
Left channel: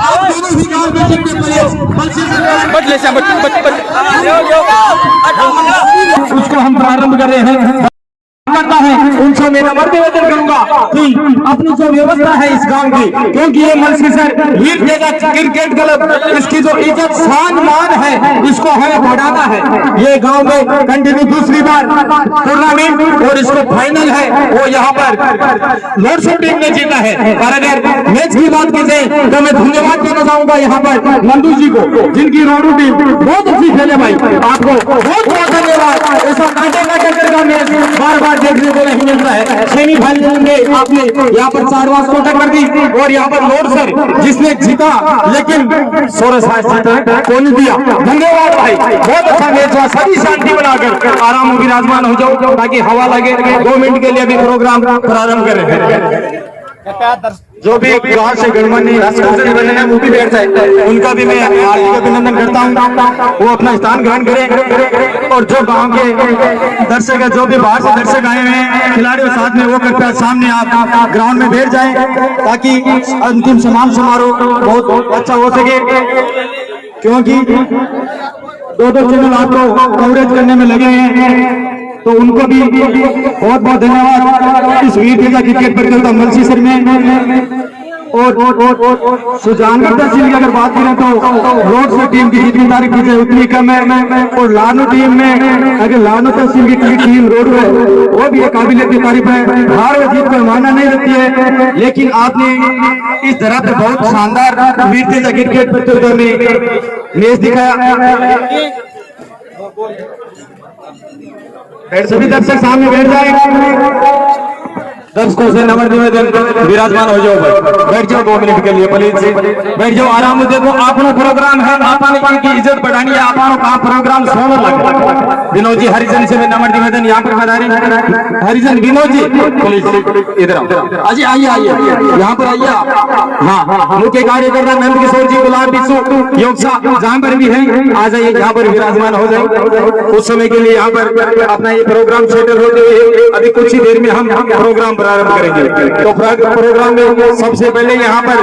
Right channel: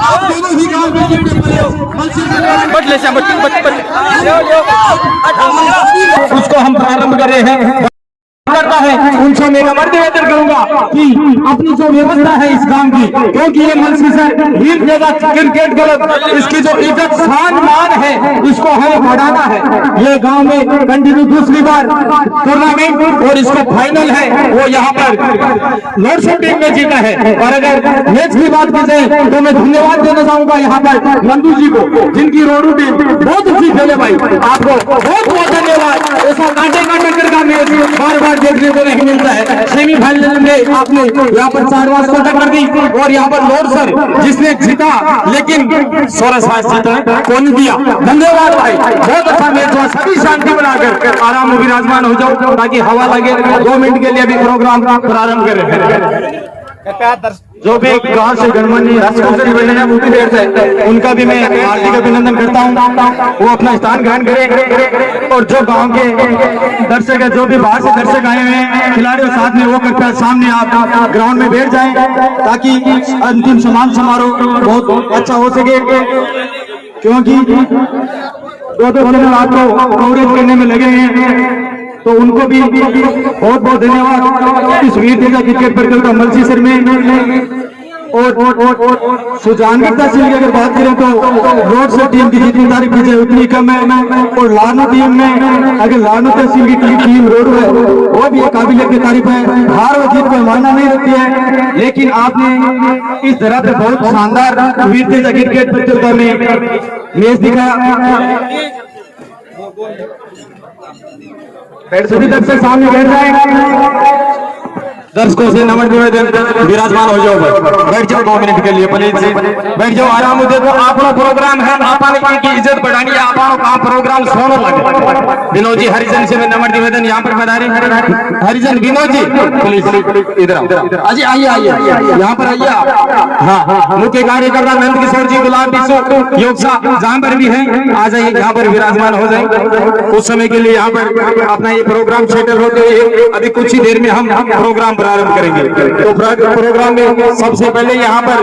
आप दोनों ही गांव में जितने प्लेयर्स बट ले उसको हम प्रारंभ कर रहे हैं करता है उनसे मेरा मर्द निवेदन करूंगा कि अपनी जो व्यवस्था है इस गांव की, क्योंकि ये मलसी सर वीर तेजा क्रिकेट क्लब इसकी जो इज्जत शान मान है इसको हमें बढ़ाना है। ये गांव में कंटिन्यू दूसरी बार टूर्नामेंट और इसको फाइनल है वो यहाँ पर लोडसन टीम ने जीता है। और अगर मैच की बात की जाए तो मैं धन्यवाद देना चाहूंगा यहाँ पर नंदू जी को जिनकी रोडू टीम बहुत अच्छी खेले। भाई आपको बहुत बहुत धन्यवाद। ऐसा कांटे का टक्कर का मैच बार बार देखने को नहीं मिलता है। सेमीफाइनल में आपने यहाँ पर 4 बार को टक्कर दी और यहाँ पर लोडसन जिसने जीता लेकिन 16 जीता कौन दिया। धन्यवाद भाई, बहुत अच्छा मैच हुआ। सभी शांति बनाकर आराम विराजमान हो जाओ ताकि हवा लगे। 2 मिनट के लिए भी प्रोग्राम प्रारंभ करें। जो भी गांव से गणमान्य मुख्य बैठ जाए उनका भी मैं हार्दिक अभिनंदन करता हूं, वो अपना स्थान ग्रहण करें। और जो गांव के दर्शक है, जो भी बाहर से दर्शक आए हुए हैं खिलाड़ियों साथ में वो कृपया सामने आप ग्राउंड में बैठ जाए ताकि अंतिम सम्मान समारोह बहुत अच्छा हो सके। क्योंकि 2-2 चैनल आपको कवरेज करने में लगे हैं तो उनको भी बहुत बहुत धन्यवाद। इस वीर तेजा क्रिकेट प्रतियोगिता मलसी सर में और सुजानगढ़ तहसील की अगर बात करें तो लोडसन टीम की जितनी तारीफ की जाए उतनी कम है। और लानू टीम में अगर लानू तहसील की टीम रोड है वो भी एक काबिलियत की तारीफ है। हार व जीत को माना नहीं रहती है, लेकिन आपने इस तरह पर बहुत शानदार वीर तेजा क्रिकेट प्रतियोगिता में मैच दिखाया। सभी दर्शक सामने बैठ जाए। दर्शकों से नम्र निवेदन, विराजमान हो जाओ, बैठ जाओ 2 मिनट के लिए प्लीज बैठ जाओ। आराम दे दो। आपनो प्रोग्राम है, आपने की इज्जत बढ़ानी है, आपनो का प्रोग्राम सोना लगे। विनोद जी हरिजन से नम्र निवेदन यहाँ पर बना रहे हरिजन विनोद जी प्लीज इधर आओ। अजय आइए यहाँ पर आइए। हाँ, मुख्य कार्यकर्ता नंद किशोर जी, गुलाब बिशु योग जहाँ पर भी है आ जाइए, यहाँ पर विराजमान हो जाए। उस समय के लिए यहाँ पर अपना ये प्रोग्राम सेटल होते हुए अभी कुछ ही देर में हम प्रोग्राम प्रारंभ करेंगे। तो प्रोग्राम में सबसे पहले यहाँ पर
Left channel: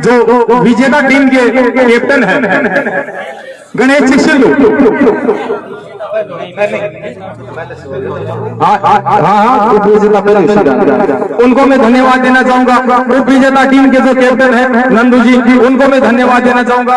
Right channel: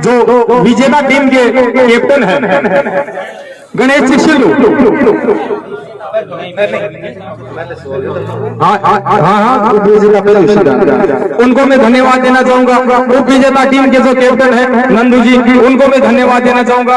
जो विजेता टीम के कैप्टन है गणेश शिशु, उनको मैं धन्यवाद देना चाहूंगा। उप विजेता टीम के जो कैप्टन है नंदू जी, उनको मैं धन्यवाद देना चाहूंगा।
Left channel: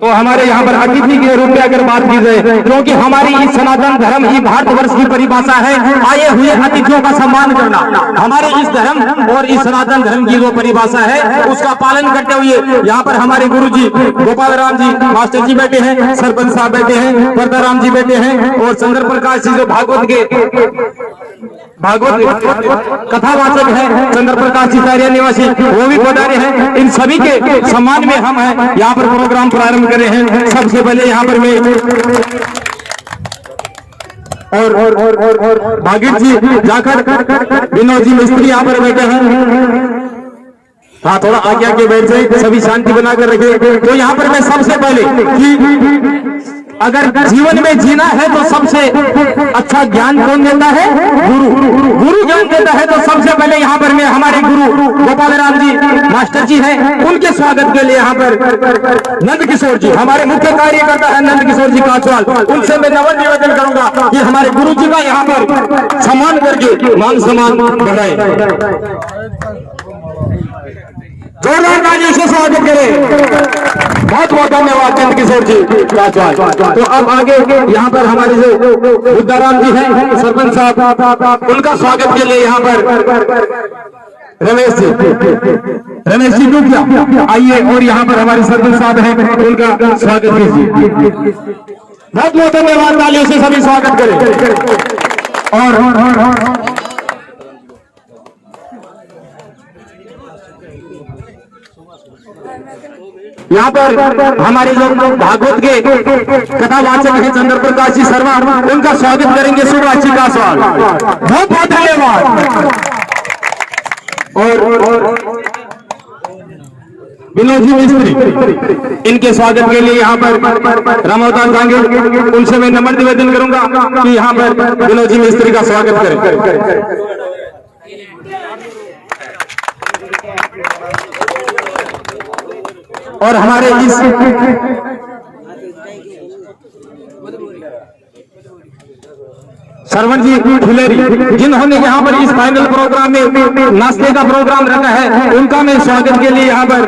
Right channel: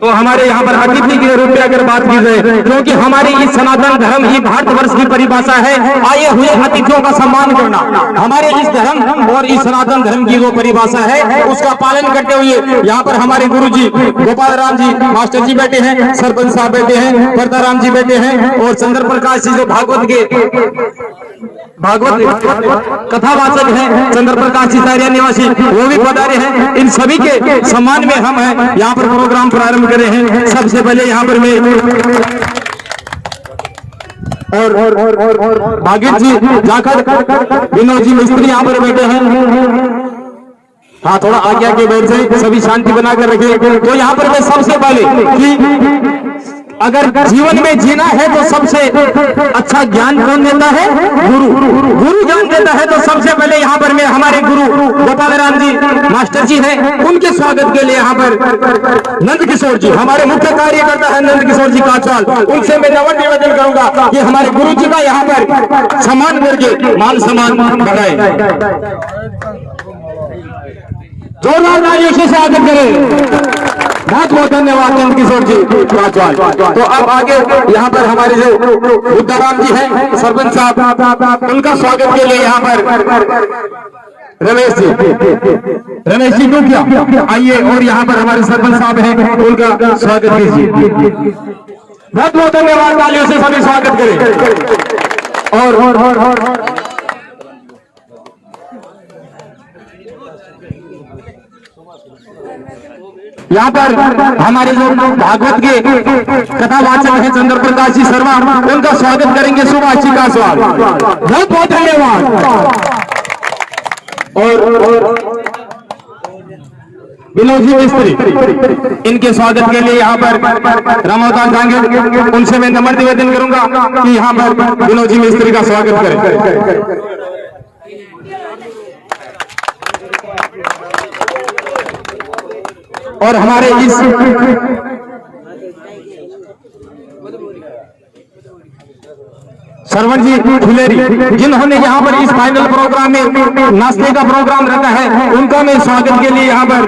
तो हमारे यहाँ पर अतिथि के रूप में अगर बात की जाए, क्योंकि हमारी इस सनातन धर्म ही भारतवर्ष की परिभाषा है आए हुए अतिथियों का सम्मान करना। हमारे इस धर्म और इस सनातन धर्म की जो परिभाषा है उसका पालन करते हुए यहाँ पर हमारे गुरु जी गोपाल राम जी मास्टर जी बैठे हैं, सरपंच साहब बैठे हैं, परदा राम जी बैठे हैं और चंद्र प्रकाश जी जो भागवत कथावाचक है, चंद्र प्रकाश जी सारिया निवासी वो भी पधारे हैं। इन सभी के सम्मान में हम यहाँ पर प्रोग्राम प्रारंभ कर रहे हैं। सबसे पहले यहाँ पर मैं और भागीर जी जाकर विनोद जी मिस्त्री यहाँ पर बैठे हैं। हाँ, थोड़ा आगे बैठ जाए, सभी शांति बनाकर रखे। तो यहाँ पर मैं सबसे पहले कि अगर जीवन में जीना है तो सबसे अच्छा ज्ञान कौन देता है? गुरु ज्ञान देता है। तो सबसे पहले यहाँ पर मैं हमारे गुरु गोपाल राम जी मास्टर जी हैं, उनके स्वागत के लिए यहाँ पर नंद किशोर जी, हमारे मुख्य कार्यकर्ता है नंद किशोर जी काचवाल, उनसे मैं नमन निवेदन करूंगा कि हमारे गुरु जी का यहाँ पर सम्मान करके मान सम्मान बढ़ाए। जोरदार तालियों से स्वागत करें। बहुत बहुत धन्यवाद नंद किशोर जी काचवाल। तो अब आगे यहाँ पर हमारे जो बुद्धाराम जी हैं सरपंच साहब, उनका स्वागत के लिए यहाँ पर रमेश जी डूबिया आइए, और यहाँ पर हमारे सरपंच साहब हैं, उनका स्वागत कीजिए। बहुत बहुत धन्यवाद, तालियों से सभी स्वागत करें। और यहाँ पर हमारे जो भागवत के कथावाचक हैं चंद्र प्रकाश जी शर्मा, उनका स्वागत करेंगे सुभाष जी कासवाल। बहुत बहुत धन्यवाद। और विनोद जी मिस्त्री, इनके स्वागत के लिए यहाँ पर रामोदान जाएंगे, उनसे मैं नम्र निवेदन करूंगा कि यहाँ पर विनोद जी मिस्त्री का स्वागत करें। और हमारे इस सरवण जी ठिलेरी, जिन्होंने यहाँ पर इस फाइनल प्रोग्राम में नाचने का प्रोग्राम रखा है, उनका मैं स्वागत के लिए यहाँ पर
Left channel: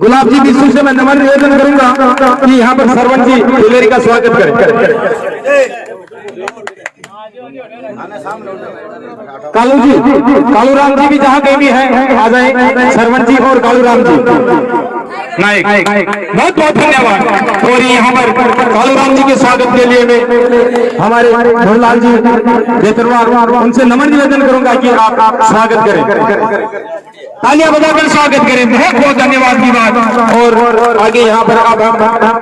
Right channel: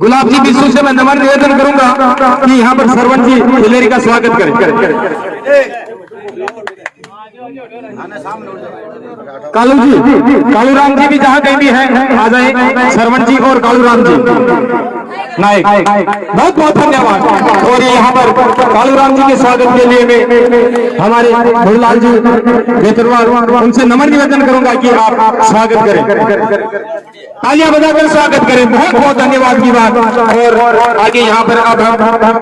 गुलाब जी बिस्सू से मैं नमन निवेदन करूंगा कि यहाँ पर सरवण जी ठिलेरी का स्वागत करें। कालू जी, कालू राम जी भी जहाँ कहीं भी है आ जाए, सरवण जी और कालू राम जी नायक, बहुत बहुत धन्यवाद। और यहाँ पर कालू राम जी के स्वागत के लिए हमारे भोरलाल जी बेतरवार, उनसे नमन निवेदन करूंगा कि आप स्वागत करें, तालियां बजाकर स्वागत करें। बहुत बहुत धन्यवाद की बात। और आगे यहाँ पर अब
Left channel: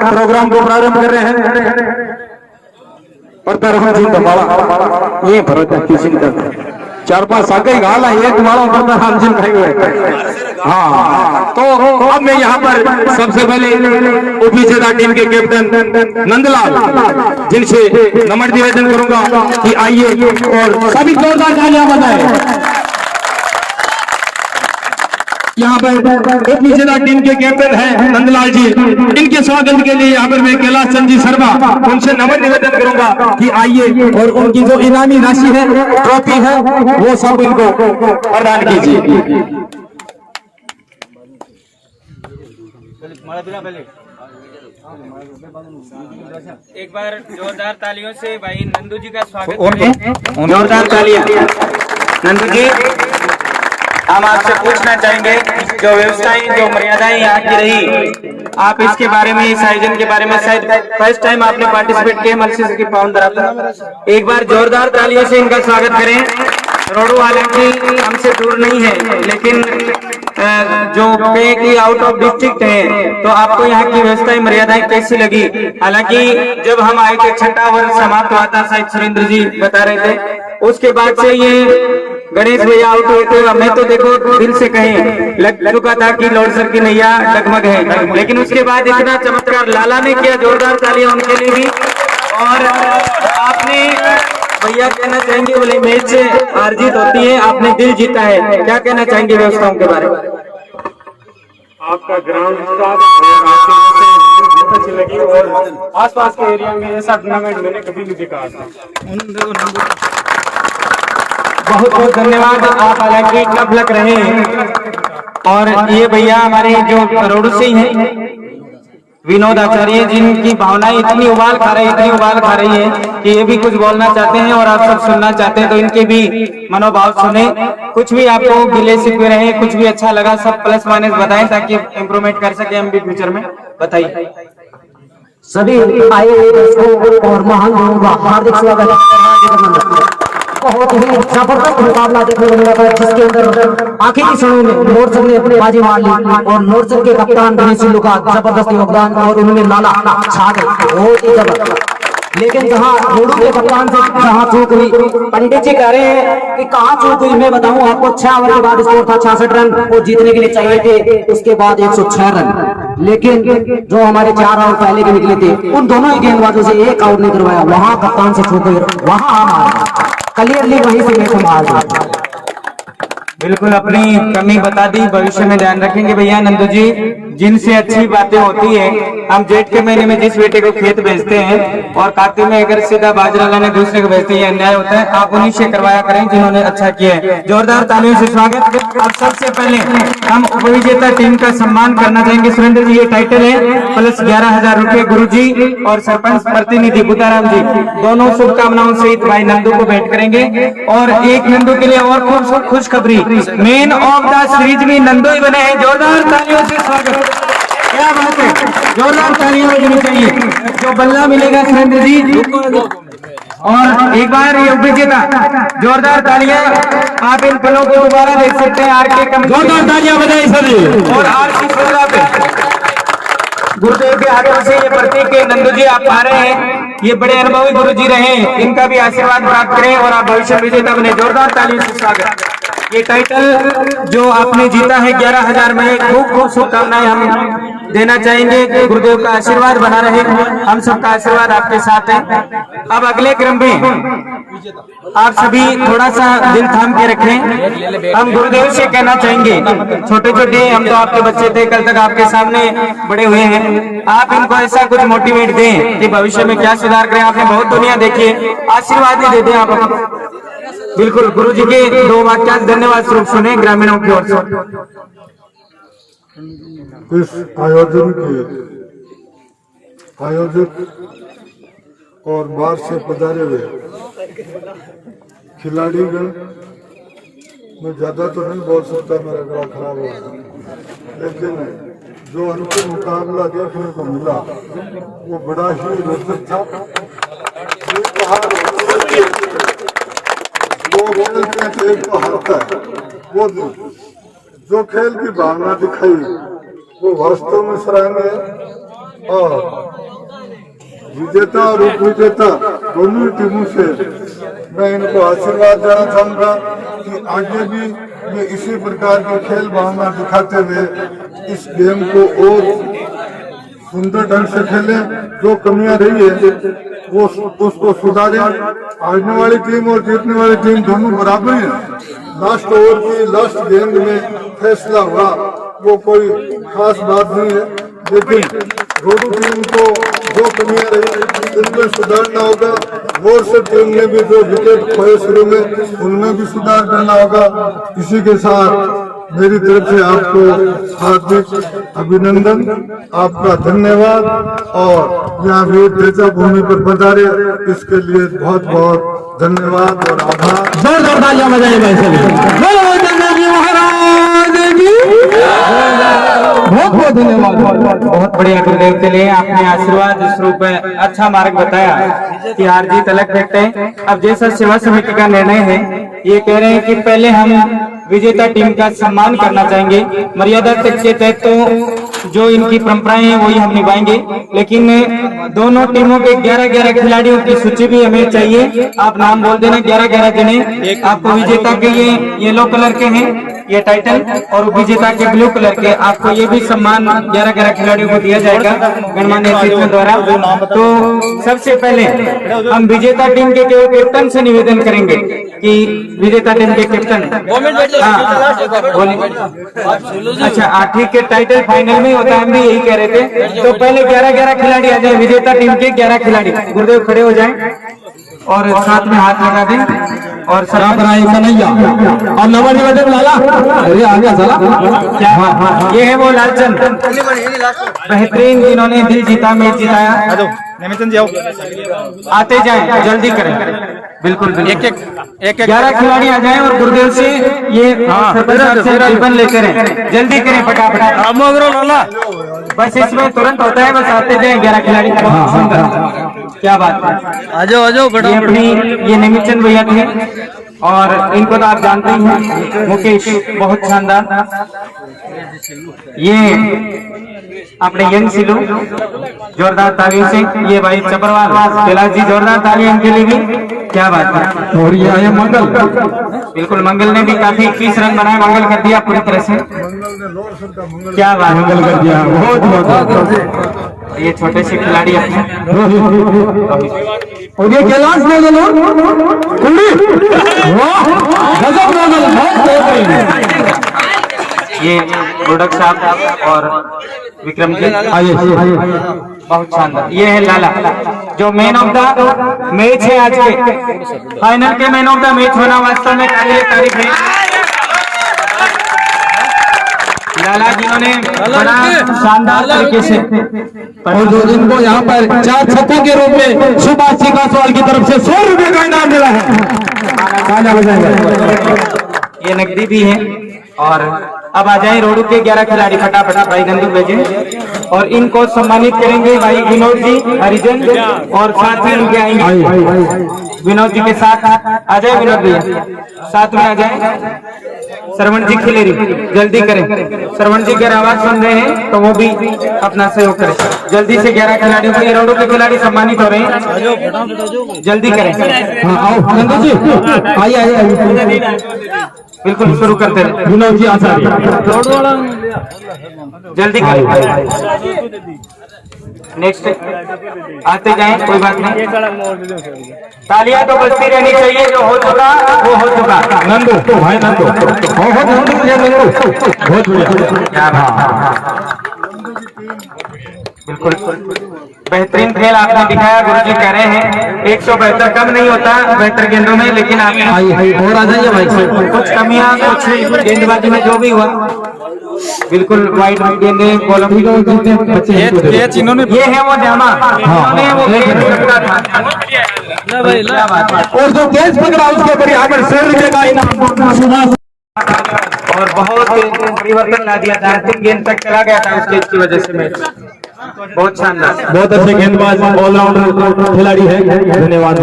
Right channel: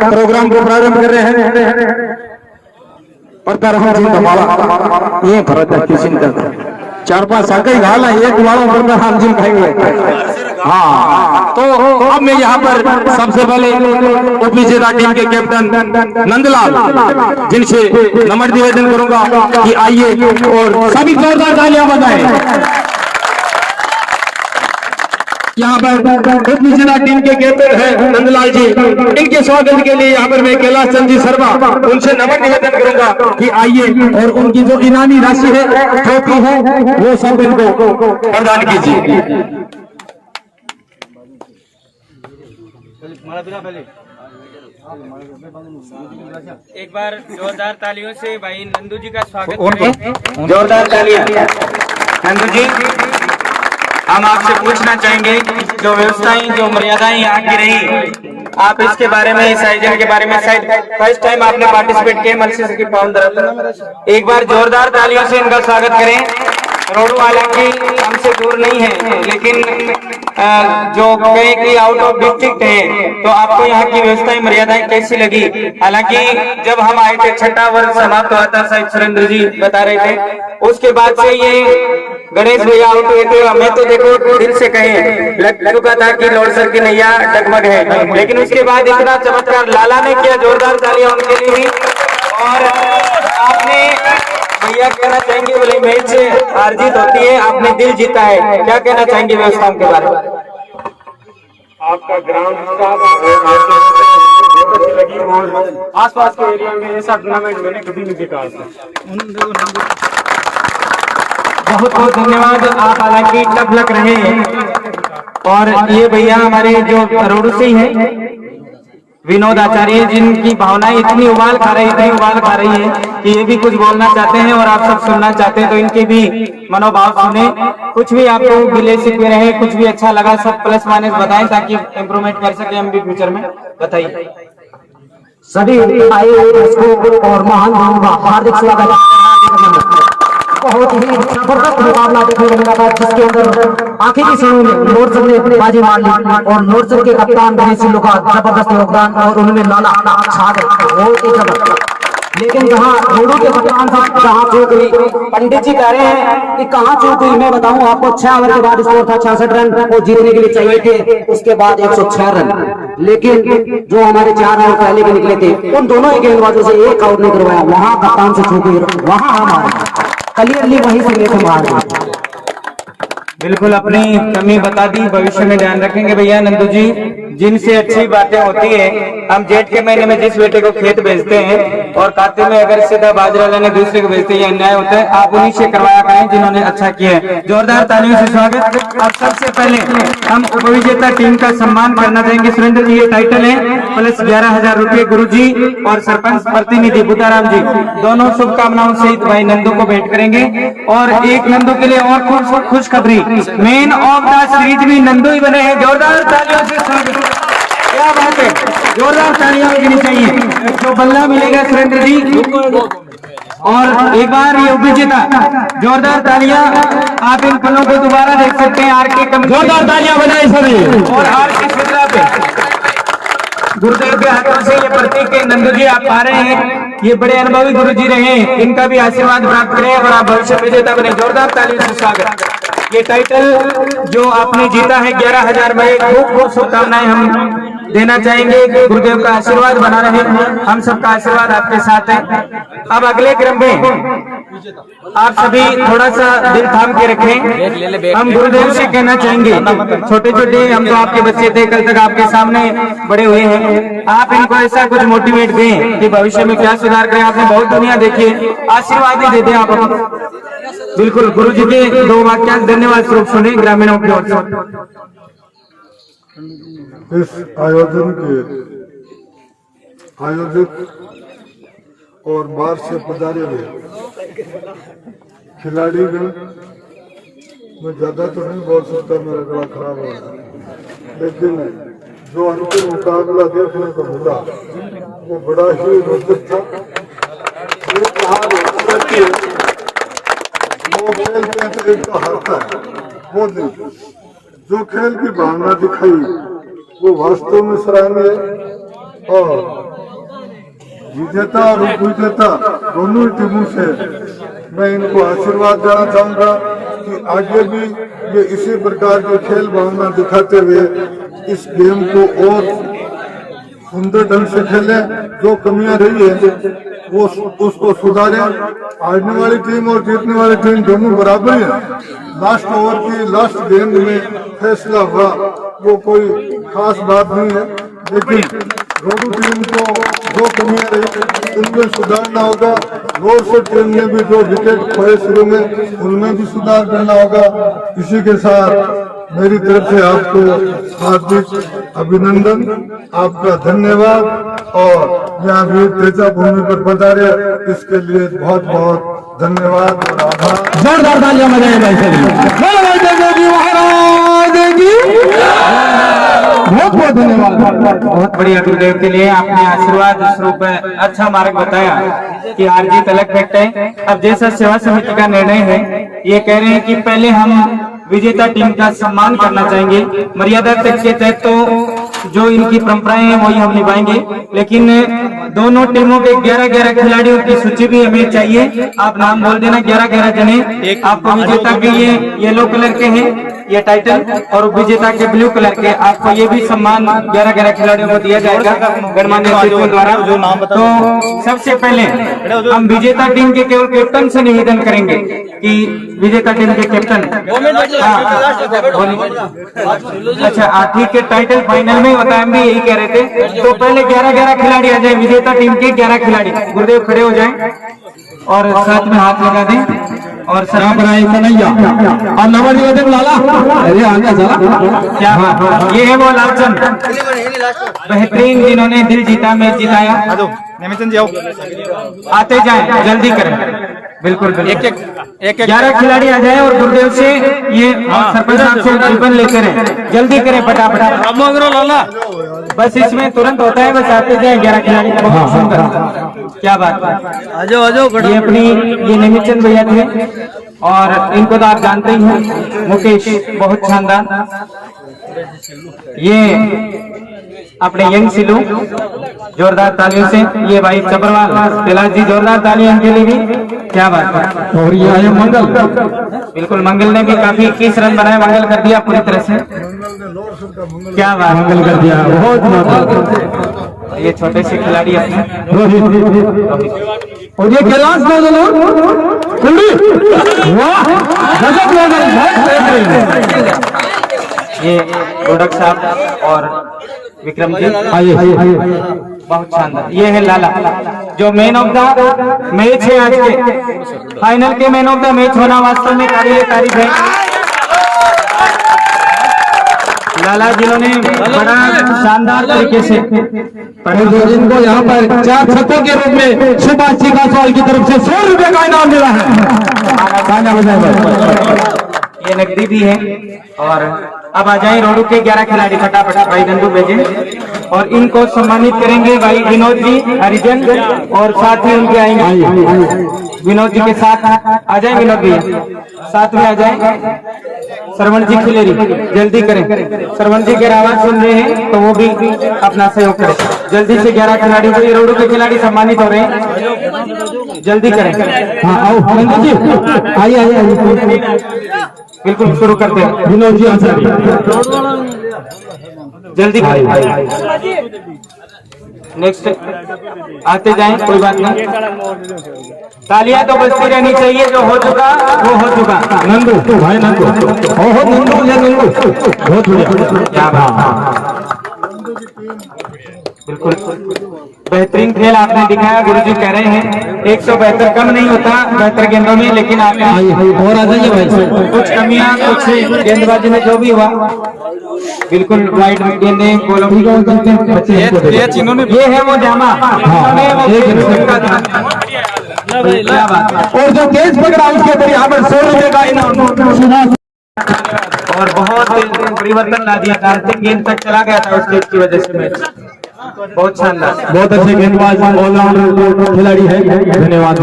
प्रोग्राम को प्रारंभ कर रहे हैं। जी दबाला ये भरत किसी का 4-5 साके घाला है, तुम्हारा प्रधान जी कहेंगे। हाँ, तो अब मैं यहाँ पर सबसे पहले ओपीजेदा टीम के कैप्टन नंदलाल, जिनसे नमन निवेदन करूंगा कि आइए और सभी जोरदार तालियां बजाएं। यहाँ पर ओपीजेदा टीम के कैप्टन है नंदलाल जी, इनके स्वागत के लिए यहाँ पर मैं कैलाश चंद जी शर्मा, उनसे नमन निवेदन करूंगा कि आइए और उनकी जो इनामी राशि है ट्रॉफी है वो सब इनको प्रदान कीजिए। एक बार जोरदार तालियों से भाई नंदू जी का स्वागत करें। जोरदार तालियां नंदू जी। हम आपसे पूछना चाहेंगे जो व्यवस्थाएं, जो मर्यादाएं यहाँ की रही, आप इसके बारे में, इस आयोजन के बारे में शायद फर्स्ट टाइम आपने पार्टिसिपेट किया मलसी की पावन धरा, एक बार जोरदार तालियों से इनका स्वागत करें। रोडू हालांकि हमसे दूर नहीं है, लेकिन जो कहे कि आउट ऑफ डिस्ट्रिक्ट है, तो आपको यहाँ की व्यवस्थाएं मर्यादाएं कैसी लगी? हालांकि जब हम आए थे 6वां वर्ष समाप्त हुआ था, शायद सुरेंद्र जी बता रहे थे, उसके बाद से ये गणेश भैया आउट हुए थे। हमें तो देखो दिल से कहें लग चुका था कि लॉर्डसर की नैया डगमग है, लेकिन उसके बाद इतना चमत्कार लाला ने किया। जोरदार तालियां उनके लिए भी। और आपने भैया कहना चाहेंगे, बोले मैच से हार जीत होती है, आपने दिल जीता है, क्या कहना चाहेंगे व्यवस्थाओं के बारे में? आपका ग्राउंड बहुत अच्छी लगी और आसपास के एरिया में ऐसा टूर्नामेंट मैंने कभी नहीं देखा था। बहुत बहुत धन्यवाद। आप हालांकि कब लग रहे हैं। और ये भैया हमारे जो रोडू से ही हैं, विनोद आचार्य, जिनकी भावनाएं इतनी उबाल खा रही है कि ये भी कुछ बोलना चाहते हैं और आप सब सुनना चाहते हैं, तो इनके भी मनोभाव सुने। कुछ भी आपको गिले शिकवे रहे, कुछ भी अच्छा लगा, सब प्लस माइनस बताएं ताकि इम्प्रूवमेंट कर सके हम भी फ्यूचर में। बताइए। सभी आए दर्शकों और महान लोगों का हार्दिक स्वागत। बहुत ही जबरदस्त मुकाबला देखने को मिला था, जिसके अंदर आखिरी समय में नोरचंद ने अपनी बाजी मार ली और नोरचंद के कप्तान गणेश सिंह का जबरदस्त योगदान और उन्होंने लाला छा गए। बहुत ही जबरदस्त। लेकिन जहाँ रोडू के कप्तान से जहाँ चूक हुई, पंडित जी कह रहे हैं कि कहाँ चूक हुई। मैं बताऊं आपको, 6 ओवर के बाद स्कोर था 66 रन, वो जीतने के लिए चाहिए थे। उसके बाद 106 रन, लेकिन जो हमारे 4 ओवर पहले के निकले थे उन दोनों ही गेंदबाजों से एक आउट नहीं करवाया। वहां कप्तान से चूक हुई, वहां हम हारे, क्लियरली वहीं से मैच हम हार गए। बिल्कुल अपनी कमी बता दी, भविष्य में ध्यान रखेंगे भैया। नंदू जी, जिनसे अच्छी बातें होती है, हम जेठ के महीने में जिस बेटे को खेत बेचते हैं और कार्तिक में अगर सीधा बाजरा लाने दूसरे को बेचते हैं, अन्याय होता है। आप उन्हीं से करवाया करें जिन्होंने अच्छा किया है। जोरदार तालियों से स्वागत। और सबसे पहले हम उपविजेता टीम का सम्मान करना चाहेंगे। सुरेंद्र जी, ये टाइटल है प्लस 11,000 रुपए गुरु जी और सरपंच प्रतिनिधि बुद्धाराम जी, दोनों शुभकामनाओं सहित भाई नंदू को भेंट करेंगे। और एक नंदू के लिए और खूब खुशखबरी, मैन ऑफ द सीरीज भी नंदू ही बने हैं। जोरदार तालियों से स्वागत। क्या बात है, जोरदार तालियां लगनी चाहिए। जो बल्ला मिलेगा सुरेंद्र जी, और एक बार ये उपविजेता, जोरदार तालियां। आप इन फिल्मों को दोबारा देख सकते हैं आर के कम, जोरदार तालियां बजाए सभी। और आर की सुविधा पे गुरुदेव के आगे से ये प्रतीक है। नंदू जी, आप आ रहे हैं, ये बड़े अनुभवी गुरु जी रहे, इनका भी आशीर्वाद प्राप्त करें और आप भविष्य विजेता बने। जोरदार तालियों से स्वागत। ये टाइटल जो आपने जीता है 11,000 में, खूब खूब शुभकामनाएं हम देना चाहेंगे। गुरुदेव का आशीर्वाद बना रहे, हम सबका आशीर्वाद आपके साथ है। अब अगले क्रम में आप सभी थोड़ा सा दिल थाम के रखें। हम गुरुदेव से कहना चाहेंगे, छोटे छोटे हम तो आपके बच्चे थे, कल तक आपके सामने बड़े हुए हैं, आप इनको ऐसा कुछ मोटिवेट दें कि भविष्य में क्या सुधार करें। आपने बहुत दुनिया देखी, आशीर्वाद ही दे दें आप। बिल्कुल, गुरु जी के 2 वाक्य धन्यवाद स्वरूप सुने ग्रामीणों की ओर से। इस आयोजन के आयोजित और बाहर से पधारे हुए खिलाड़ीगण, मैं ज्यादा तो नहीं बोल सकता, मेरा गला खराब हो गया, लेकिन जो अंतिम मुकाबला देखने को मिला वो बड़ा ही रोचक था। वो खेल के एक को हारता है, वो नहीं, जो खेल की भावना दिखाई वो वास्तव में सराहनीय है। और विजेता और उपविजेता दोनों टीमों से मैं इनको आशीर्वाद देना चाहूंगा कि आगे भी वे इसी प्रकार की खेल भावना दिखाते हुए इस गेम को और सुंदर ढंग से खेलें। जो कमियां रही है वो उसको सुधारें। हारने वाली टीम और जीतने वाली टीम दोनों बराबर ही है। लास्ट ओवर की लास्ट गेंद में फैसला हुआ, वो कोई खास बात नहीं है, लेकिन रोडू टीम को जो कमियां रही इनमें सुधारना होगा। रोड से टीम में भी जो विकेट खोए शुरू में, उनमें भी सुधार करना होगा। इसी के साथ मेरी तरफ से आपको हार्दिक अभिनंदन, आपका धन्यवाद। और यहाँ वीर तेजा भूमि पर पधारे, इसके लिए बहुत बहुत धन्यवाद और आभार। जोरदार तालियां बजाइए बहुत बहुत धन्यवाद। बहुत बढ़िया गुरुदेव के लिए आपने आशीर्वाद स्वरूप अच्छा मार्ग बताया कि हार जीत अलग फैक्ट है। अब जैसा सेवा समिति का निर्णय है, ये कह रहे हैं कि पहले हम विजेता टीम का सम्मान करना चाहेंगे। मर्यादा तक के तहत तो जो इनकी परंपराएं हैं वही हम निभाएंगे, लेकिन दोनों टीमों के 11-11 खिलाड़ियों की सूची भी हमें चाहिए। आप नाम बोल देना, 11-11 जने। आपको विजेता के ये येलो कलर के हैं ये टाइटल, और विजेता के ब्लू कलर के। आपको ये भी सम्मान 11-11 खिलाड़ियों को दिया जाएगा गणमान्य अतिथियों द्वारा। तो सबसे पहले हम विजेता टीम के केवल कैप्टन से निवेदन करेंगे कि विजेता टीम के कैप्टन, अच्छा ठीक है, टाइटल फाइनल में होता है, हम भी यही कह रहे थे। तो पहले 11-11 खिलाड़ी आ जाए, विजेता टीम के 11 खिलाड़ी। गुरुदेव खड़े हो जाएं और साथ में हाथ लगा दें। और यहाँ पर आई कन्हैया और नंबर निवेदन लाला, अरे आ गया साला। क्या ये है वो लालचंद बेहतरीन जिन्होंने दिल जीता, मैच जिताया। नेमिचंद जी आओ, आते जाएं, जल्दी करें। बिल्कुल एक 11 खिलाड़ी आ जाएं और गुरुदेव से ये सरपंच साहब से रिबन लेते रहें, जल्दी करें फटाफट। बस इसमें तुरंत होता है, बस आते जाएं 11 खिलाड़ी। बहुत सुंदर, क्या बात है। ये अपनी ये नेमिचंद भैया थे और इनको तो आप जानते ही हैं, मुकेश बहुत शानदार। ये अपने यंग सिलू, जोरदार तालियों से। ये भाई चबरवाल कैलाश जी, जोरदार तालियां इनके लिए भी। क्या बात है। और ये आए मंगल, बिल्कुल मंगल ने भी काफी 21 रन बनाए, मंगल कर दिया पूरी तरह से। क्या बात, मंगल कर दिया, बहुत बहुत। ये छोटे से खिलाड़ी अपने रोहित, और ये कैलाश नौजल, वाह गजब नौजल, बेहतरीन। ये गोडक साहब और विक्रम जी, आइए बहुत शानदार। ये है लाला, जो मैन ऑफ द मैच है आज के फाइनल के मैन ऑफ द मैच होना वास्तव में काबिल तारीफ है। लाला जिन्होंने बड़ा शानदार तरीके से, और जो जिनको यहाँ पर 4 छक्कों के रूप में सुभाष जी गांसवाल की तरफ से 100 रुपए का इनाम मिला है। ये नकदी भी है। और अब आ जाए रोडू के 11 खिलाड़ी, फटाफट भाई नंदू भेजे और इनको सम्मानित करेंगे भाई विनोद जी हरिजन, और साथ में उनके आएंगे विनोद जी के साथ। आ जाए विनोद भी, साथ में आ जाए। श्रवण जी खिलेरी, जल्दी करें, श्रवण जी अगर आवाज सुन रहे हैं तो वो भी अपना सहयोग करें जल्दी से। 11 खिलाड़ी को, ये रोडू के खिलाड़ी सम्मानित हो रहे हैं, जल्दी करें। हाँ आओ नंदू जी, आइए बिल्कुल शुरू करते हैं। विनोद जी आचार्य, जल्दी करें, नेक्स्ट आते जाएं, कोई बात नहीं। तालियां तो बजती रहनी चाहिए, जो हो चुका वो हो चुका। नंदू भाई नंदू, बहुत नंदू, ये नंदू बहुत बढ़िया। बिल्कुल बेहतरीन खेल आपने दिखाया। गुरुजी कह रहे हैं 172 कम नहीं होता बेहतर गेंदों में, लेकिन आपने और आ जाइए भाई, कुछ कमियां, कुछ गेंदबाजी में जो भी हुआ, बिल्कुल वाइड गेंदे गोलों की इन्होंने ये है वो जामा, इन्होंने वो खेल खेला था। क्या बात है। और जो तेज पकड़ा उसके ऊपर यहाँ पर 100 रुपए का इनाम सुभाष, और बहुत परिवर्तन ला दिया था, 3 गेंद तक चला गया था उसके की वजह से मैच। बहुत शानदार, बहुत अच्छे गेंदबाज ऑलराउंडर खिलाड़ी है, धन्यवाद।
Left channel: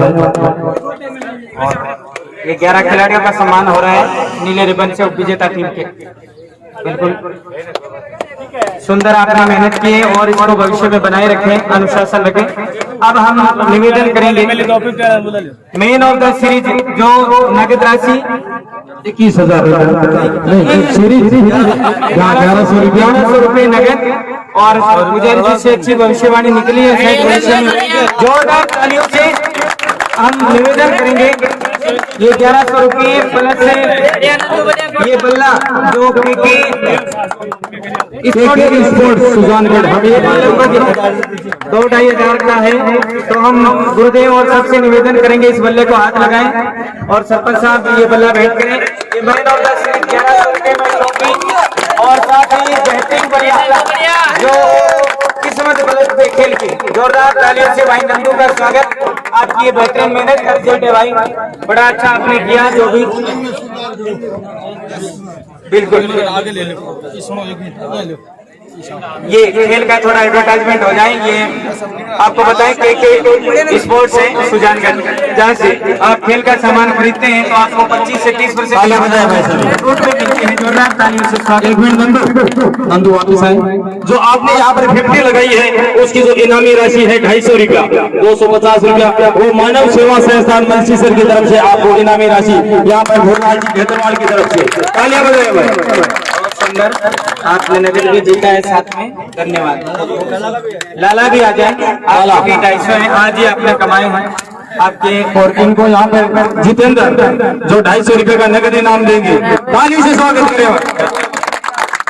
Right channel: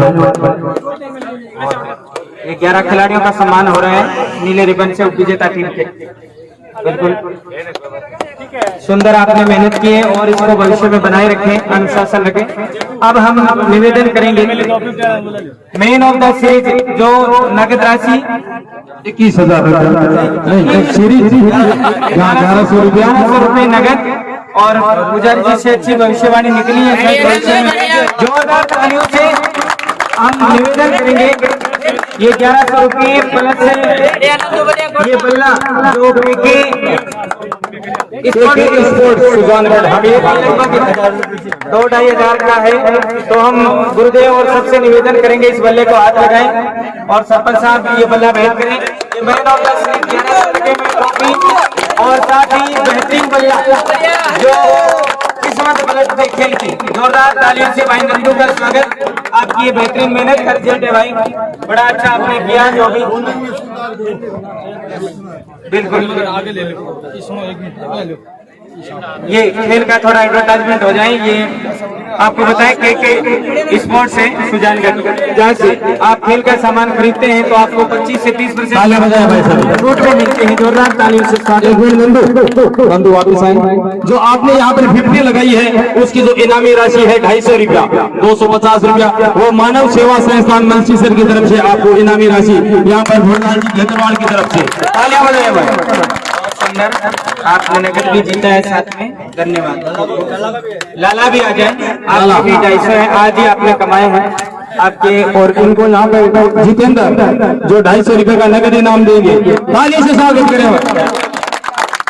ये 11 खिलाड़ियों का सम्मान हो रहा है नीले रिबन से उपविजेता टीम के। बिल्कुल सुंदर आपने मेहनत की है और इसको भविष्य में बनाए रखें, अनुशासन रखें। अब हम निवेदन करेंगे मेन ऑफ द सीरीज, जो नगद राशि 21,000 नहीं सीरीज 1100 रुपए नगद, और पुजारी जी से अच्छी भविष्यवाणी निकली है शायद भविष्य में। जोरदार तालियों से हम निवेदन करेंगे ये 1100 रुपये प्लस ये बल्ला जो स्पोर्ट्स सुजानगढ़ लगभग 2-2.5 का है। तो हम गुरुदेव और सबसे निवेदन करेंगे इस बल्ले को हाथ लगाएं और सरपंच साहब ये बल्ला भेंट करें। ये मैन ऑफ द सीरीज 1100 रुपये में ट्रॉफी और साथ ही बेहतरीन बल्ला जो किस्मत गलत थे खेल की। जोरदार तालियों से भाई नंदू का स्वागत। आपकी ये बेहतरीन मेहनत का रिजल्ट है भाई, बड़ा अच्छा आपने किया। जो भी बिल्कुल ये खेल का थोड़ा एडवर्टाइजमेंट हो जाए। ये आपको बताएं के स्पोर्ट्स है सुजानगढ़, जहाँ से आप खेल का सामान खरीदते हैं तो आपको 25 से 30% छूट में मिलते हैं। जोरदार तालियों से स्वागत। नंदू वापस आए। जो आपने यहाँ पर 50 लगाई है उसकी जो इनामी राशि है 250 रुपया, 250 रुपया वो मानव सेवा संस्थान मंचीसर की तरफ से आपको इनामी राशि यहाँ पर भोरलाल जी घेतरवाड़ की तरफ से तालियां बजाएं। आपने नगद भी जीता है साथ में, धन्यवाद। लाला भी आ जाए, आपकी 250 है आज ही आपने कमाए हैं आपके। और इनको यहाँ पर जितेंद्र जो 250 रुपए का नगद इनाम देंगे, ताली से स्वागत करें।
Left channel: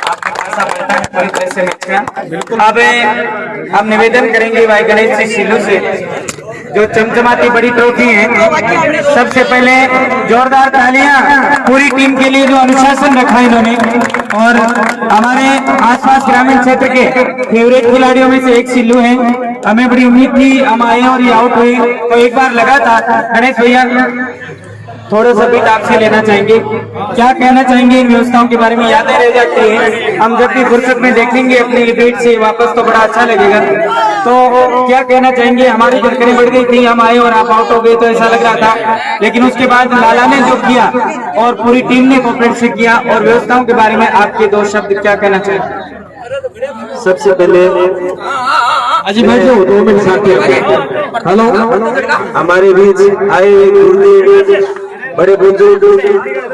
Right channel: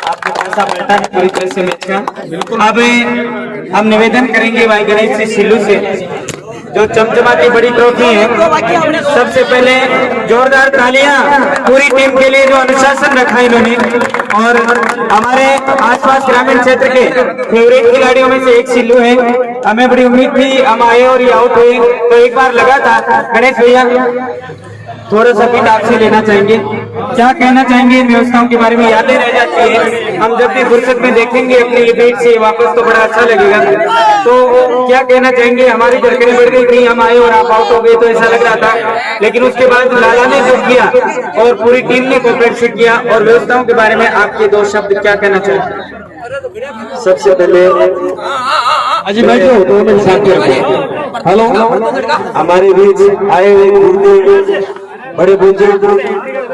आपके पैसा बढ़ता है पूरी तरह से मैच का। बिल्कुल अब हम निवेदन करेंगे भाई गणेश से सिल्लू से जो चमचमाती बड़ी ट्रॉफी है। सबसे पहले जोरदार तालियां पूरी टीम के लिए जो अनुशासन रखा इन्होंने, और हमारे आसपास ग्रामीण क्षेत्र के फेवरेट खिलाड़ियों में से एक सिल्लू है। हमें बड़ी उम्मीद थी हम आए और ये आउट हुए, तो एक बार लगा था। गणेश भैया थोड़ा सा बीट आपसे लेना चाहेंगे, क्या कहना चाहेंगे इन व्यवस्थाओं के बारे में? यादें रह जाती है, हम जब भी फुर्सत में देखेंगे अपनी ये बीट से वापस तो बड़ा अच्छा लगेगा। तो क्या कहना चाहेंगे? हमारी बरकरें बढ़ गई थी, हम आए और आप आउट हो गए तो ऐसा लग रहा था, लेकिन उसके बाद लाला ने जो किया और पूरी टीम ने कोऑपरेट से किया, और व्यवस्थाओं के बारे में आपके 2 शब्द क्या कहना चाहिए? सबसे पहले अजी भाई जो 2 मिनट साथ हेलो हमारे बीच आए गुरुदेव बड़े बुजुर्ग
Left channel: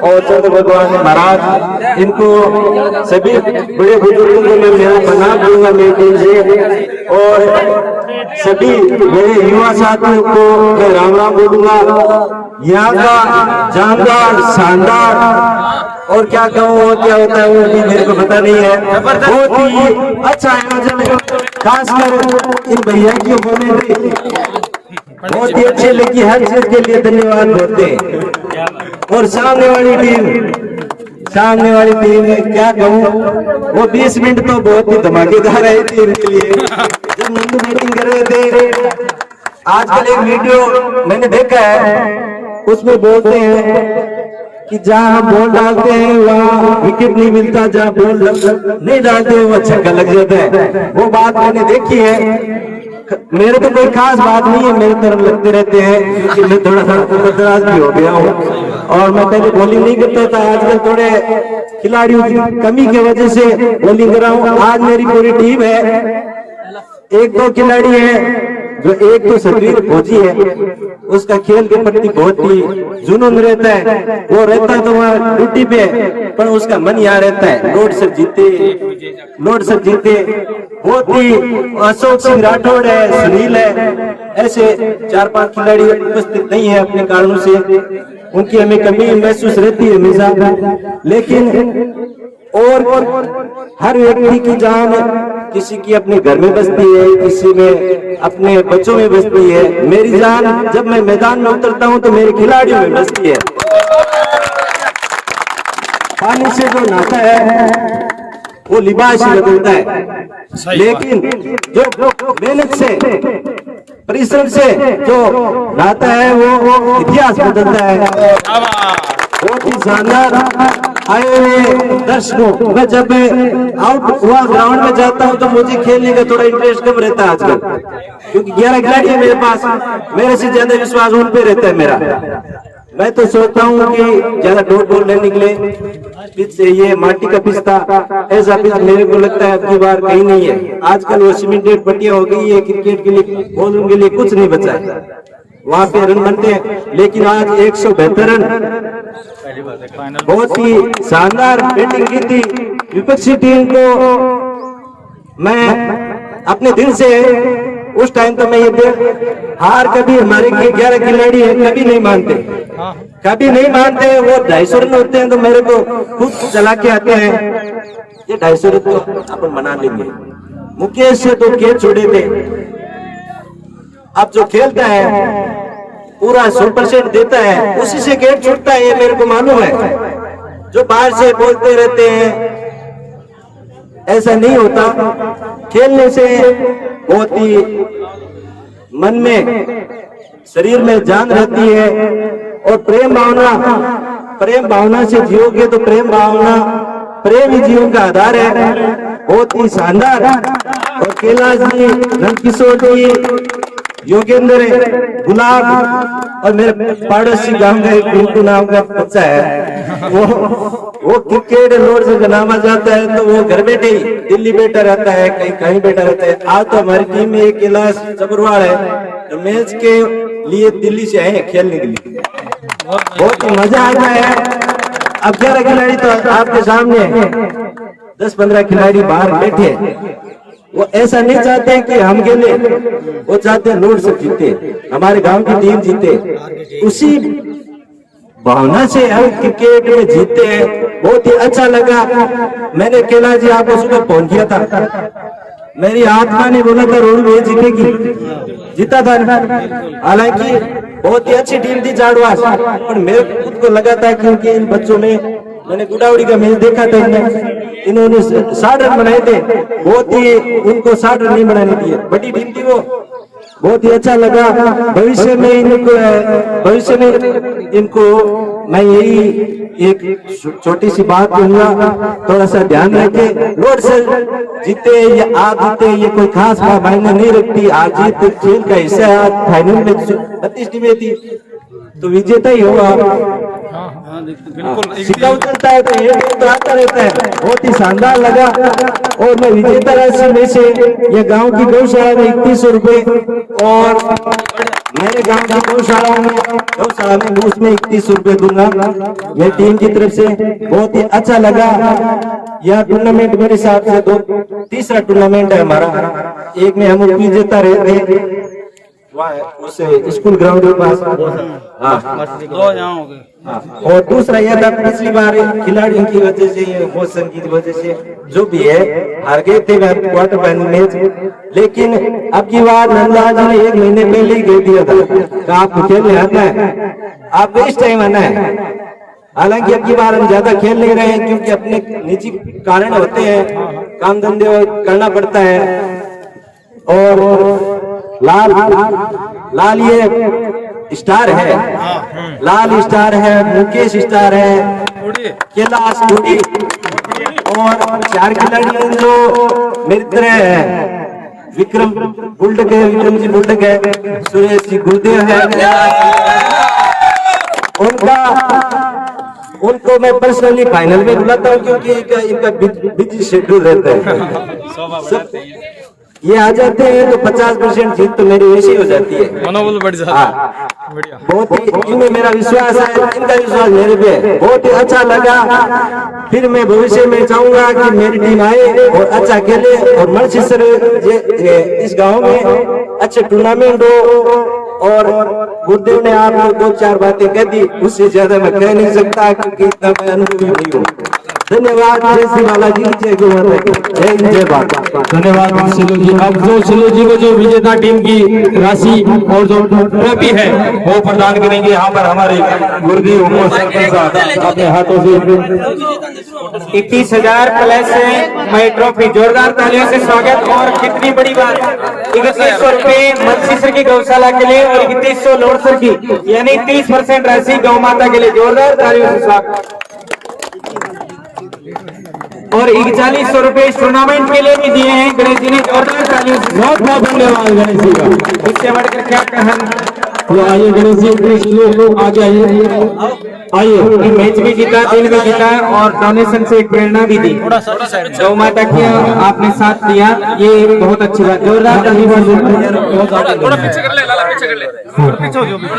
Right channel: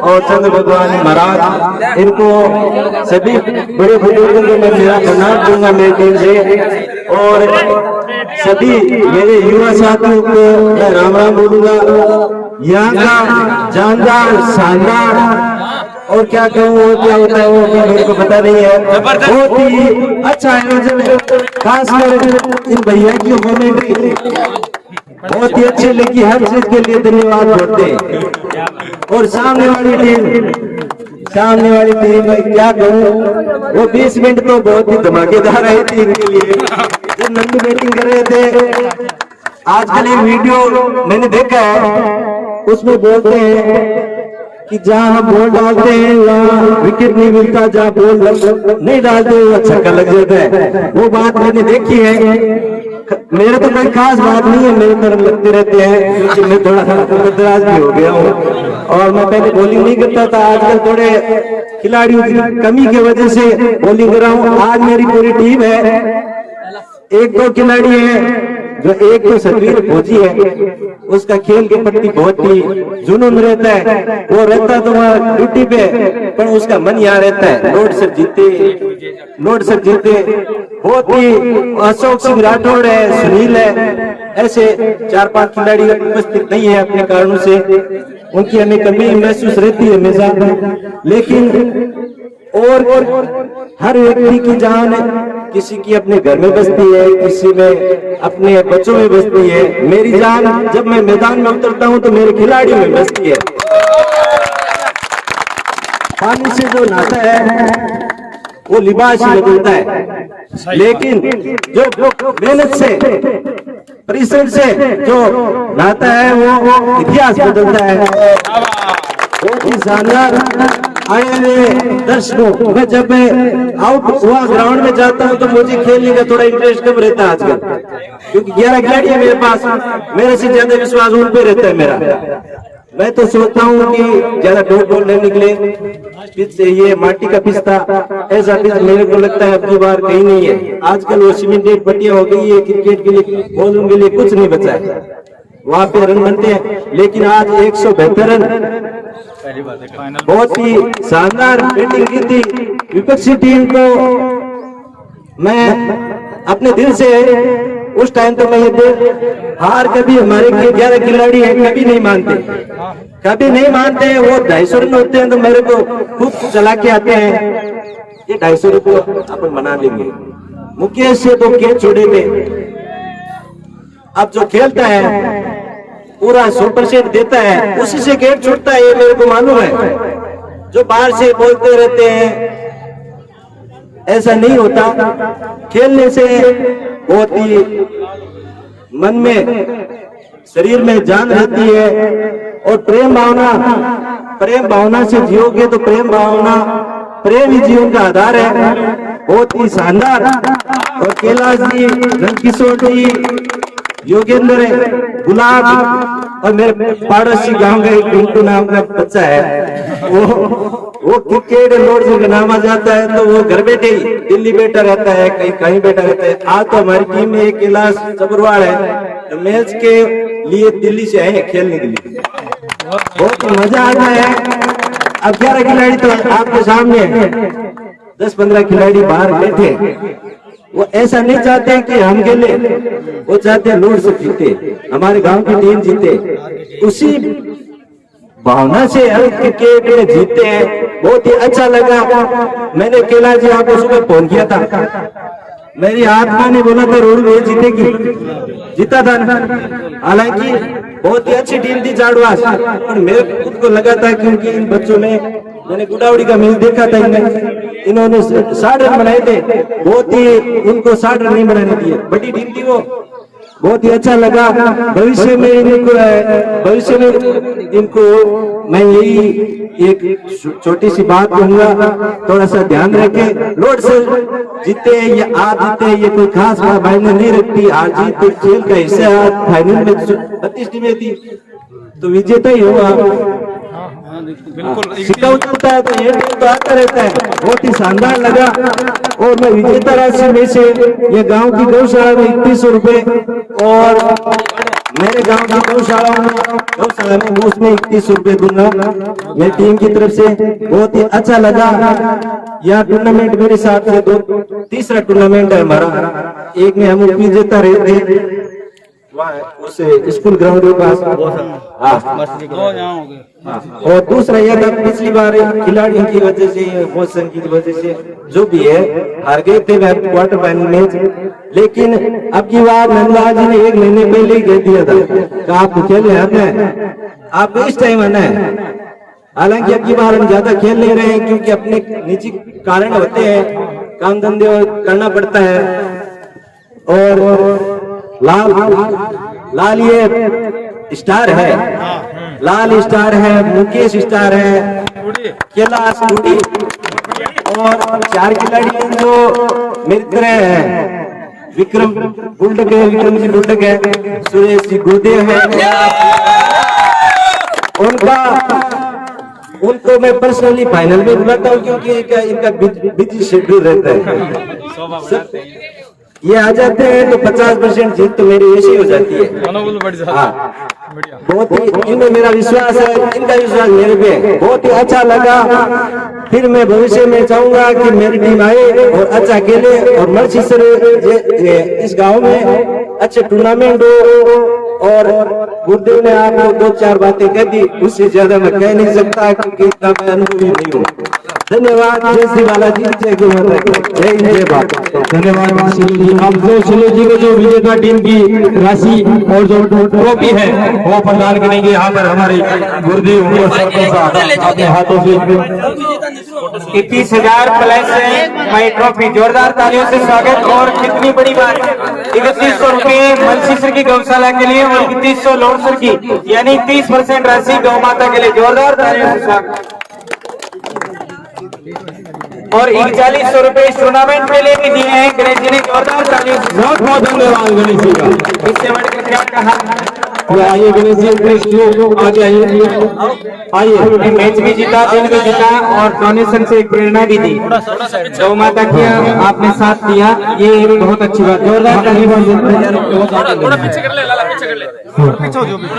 और चंद्र भगवान महाराज, इनको सभी बड़े बुजुर्गों को मैं मेरा प्रणाम दूंगा मेरे दिल से, और सभी मेरे युवा साथियों को मैं राम राम बोलूंगा। यहाँ का जानदार शानदार और क्या कहूँ और क्या होता है वो भी मेरे को पता नहीं है। बहुत ही अच्छा आयोजन है, खासकर इन भैया की कॉमेंट्री बहुत ही अच्छी लगी, हर चीज के लिए धन्यवाद बोलते हैं। और सामने वाली टीम में क्या कहूँ, वो 20 मिनट तो बहुत ही धमाकेदार आई थी इनके लिए। जब नंदू बैटिंग कर रहे थे, आजकल एक वीडियो मैंने देखा है, उसमें बोलते हैं कि जहाँ हम बॉल डालते हैं वहाँ विकेट नहीं मिलता, जहाँ बॉल नहीं डालते वहाँ छक्का लग जाता है। वो बात मैंने देखी है। मेरे तो कोई खास बात नहीं है, मेरी तरफ लगते रहते हैं क्योंकि मैं थोड़ा सा दराज भी हो गया हूँ और मैं पहले बॉलिंग नहीं करता था। आजकल थोड़े खिलाड़ियों की कमी की वजह से बॉलिंग कर रहा हूँ। आज मेरी पूरी टीम है, 1-2 खिलाड़ी हैं जो एक तो सतवीर फौजी है, उसका खेल के प्रति बहुत ही जुनून रहता है। वो रहता है तो वहाँ ड्यूटी पे, पर उसका मन यहाँ रहता है। लोड सब जीते बहुत ही। अशोक सिंह राठौड़ है, सुनील है, ऐसे 4-5 खिलाड़ी उपस्थित नहीं है अपने कारणों से, उनकी हमें कमी महसूस रहती है हमेशा। लेकिन और हर व्यक्ति की जान किसी की अपने घर में बसती है, किसी में अपने बच्चों में बसती है। मेरी जान जब मैं मैदान में उतरता हूं तो मेरे खिलाड़ियों में बसती है। पानी से जो नहाता है वो लिबास ही बदलता है, लेकिन जो मेहनत से परिश्रम से जो नहाता है वो इतिहास बदलता है। बहुत ही शानदार आए हुए दर्शकों, मैं जब आउट हुआ ग्राउंड में जाता हूँ तो मुझे खेलने का थोड़ा इंटरेस्ट कम रहता है आजकल, क्योंकि 11 खिलाड़ी है मेरे पास, मेरे से ज्यादा विश्वास उन पे रहता है मेरा। मैं तो सोचता हूँ कि ज्यादा डॉट बॉल नहीं निकले, पिच से ये माटी का पिच था, ऐसा पिच मेरे को लगता है अब की बार कहीं नहीं है। आजकल वो सीमेंटेड पट्टियां हो गई है, क्रिकेट के लिए बॉलिंग के लिए कुछ नहीं बचा है, वहां पे रन बनते हैं। लेकिन आज 172 रन, बहुत ही शानदार बैटिंग की थी विपक्षी टीम को। मैं अपने दिल से उस टाइम तो मैं ये हार कभी हमारे 11 खिलाड़ी है कभी नहीं मानते, वो 250 रन होते हैं तो मेरे को खुद चला के आते हैं, ये 250 रन तो अपन बना लेंगे। मुकेश से तो कैच छोड़े थे, अब जो खेलता है पूरा 100% देता है, उसी से गेट छूटता है, ये मेरे को मालूम है। जो बाहर से बोलते रहते हैं ऐसा नहीं होता, खेलने से बहुत ही मन में शरीर में जान रहती है। और प्रेम भावना से जियोगे तो प्रेम ही जीवन का आधार है। बहुत ही शानदार। और कैलाश जी, नंदकिशोर जी, योगेंद्र, गुलाब और मेरे पड़ोसी गांव का एक पिंटू नाम का बच्चा है, वो क्रिकेट लोड से बनावा जाता है तो वो घर बैठे ही दिल्ली बैठा रहता है, कहीं बैठा रहता है। आज तो हमारी टीम में एक कैलाश चबरवाड़ है, तो मैच के लिए दिल्ली से आए खेलने के लिए, बहुत मजा आता है। अब 11 खिलाड़ी तो आपके सामने है, 10-15 खिलाड़ी बाहर बैठे, वो ऐसा नहीं चाहते कि हम खेले, वो चाहते हैं लोड से जीते, हमारे गांव की टीम जीते, उसी भावना से हम क्रिकेट में जीते हैं। बहुत ही अच्छा लगा। मैंने कैलाश जी आपको सुबह फोन किया था, मेरी आत्मा ने बोला था रोड में जीतेगी, जीता था। हालांकि बहुत ही अच्छी टीम थी जाड़वास, और मेरे खुद को लगा था क्योंकि इन बच्चों में मैंने गुडावड़ी का मैच देखा था, इन्होंने 60 रन बनाए थे, बहुत ही उनको 60 रन नहीं बनाने दिए, बड़ी टीम थी वो, बहुत ही अच्छा लगा। भविष्य में इनको मैं यही एक छोटी सी बात कहूंगा, थोड़ा सा ध्यान रखे, लोड से जीते या आज जीते ये कोई खास मायने नहीं रखती, आज जीत खेल का हिस्सा। फाइनल में 32 टीमें थी तो विजेता ही होगा, बिल्कुल सिक्का उछलता है तो ये तो आता रहता है, बहुत ही शानदार लगा। और मैं विजेता राशि में से ये गांव की गौशाला में 3100 रुपए और मेरे गांव की गौशाला में उसमें 3100 रुपए दूंगा मेरी टीम की तरफ से। बहुत ही अच्छा लगा। यह टूर्नामेंट मेरे हिसाब से तीसरा टूर्नामेंट है हमारा। एक में हम विजेता रहे थे उस स्कूल ग्राउंड के पास, और दूसरा यह था पिछली बार खिलाड़ियों की वजह से, मौसम की वजह से जो भी है हार गए थे क्वार्टर फाइनल मैच। लेकिन अब की बार नंदलाल जी ने 1 महीने पहले ही कह दिया था कि आपको खेलने आना है, आपको इस टाइम आना है। हालांकि अब की बार हम ज्यादा खेल नहीं रहे हैं क्योंकि अपने निजी कारण होते हैं, काम धंधे करना पड़ता है। और लाल ये स्टार है, लाल स्टार है, मुकेश स्टार है, कैलाश टूटी और 4 खिलाड़ी जो मित्र हैं, विक्रम बुल्डक है, विक्रम जी बुल्डक है, सुरेश जी गुरुदेव है। उनको मैं पर्सनली फाइनल में बुलाता हूँ क्योंकि इनका बिजी शेड्यूल रहता है। ये आ जाते हैं तो 50% जीत तो मेरी ऐसी हो जाती है। हाँ, बहुत ही इनमें मेरा विश्वास है, इनका विश्वास मेरे पे। बहुत ही अच्छा लगा। फिर मैं भविष्य में चाहूंगा कि मेरी टीम आए और अच्छा खेले और मर्सीसर इस गांव में अच्छे टूर्नामेंट हो। और गुरुदेव ने आपको 2-4 बातें कह दी, उससे ज्यादा मैं कह नहीं सकता क्योंकि इतना मैं अनुभवी नहीं हूँ। धन्यवाद। जय श्री बालाजी, जय गौ माता की, जय हिंद, जय भारत। धन्यवाद सिलो जी। अब जो सिलो जी को जो विजेता टीम की राशि और जो ट्रॉफी है वो प्रदान करेंगे यहाँ पर हमारे गुरुदेव अपने हाथों से। 21,000 प्लस है ट्रॉफी, जोरदार तालियों से स्वागत। और कितनी बड़ी बात, 3100 रुपए मर्सीसर की गौशाला के लिए और 3100 लोरसर की, यानी 30% राशि गौ माता के लिए। जोरदार तालियों से स्वागत। और 4100 रुपए इस टूर्नामेंट के लिए भी दिए हैं गणेश जी ने। जोरदार तालियों से बहुत बहुत धन्यवाद गणेश जी का। इससे बढ़कर क्या कहा। आइए गणेश जी, लोग आगे आइए। मैच भी जीता, टीम भी जीता और डोनेशन से एक प्रेरणा भी दी। गौ माता की आपने साथ दिया, ये बहुत अच्छी बात। जोरदार तालियां।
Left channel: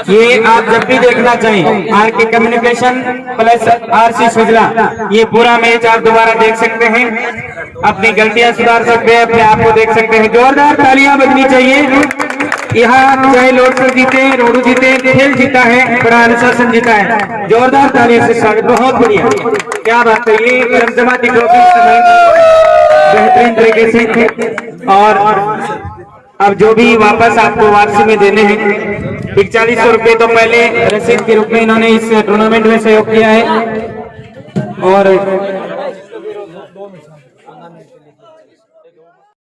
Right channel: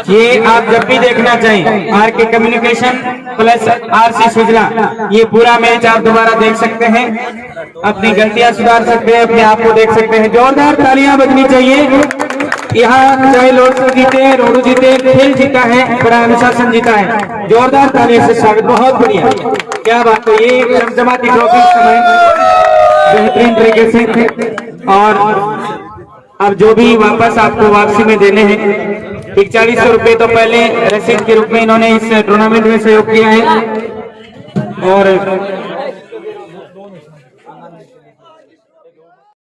ये आप जब भी देखना चाहिए आर के कम्युनिकेशन प्लस RC सुजला, ये पूरा मैच आप दोबारा देख सकते हैं, अपनी गलतियां सुधार सकते हैं, अपने आप को देख सकते हैं। जोरदार तालियां बजनी चाहिए। यहाँ चाहे लोटू जीते, रोडू जीते, खेल जीता है, बड़ा अनुशासन जीता है। जोरदार तालियों से स्वागत। बहुत बढ़िया, क्या बात है। ये करमजमाती ट्रॉफी समय बेहतरीन तरीके से। और अब जो भी वापस आपको वापसी में देने हैं, 4100 रुपए तो पहले रसीद के रूप में इन्होंने इस टूर्नामेंट में सहयोग किया है और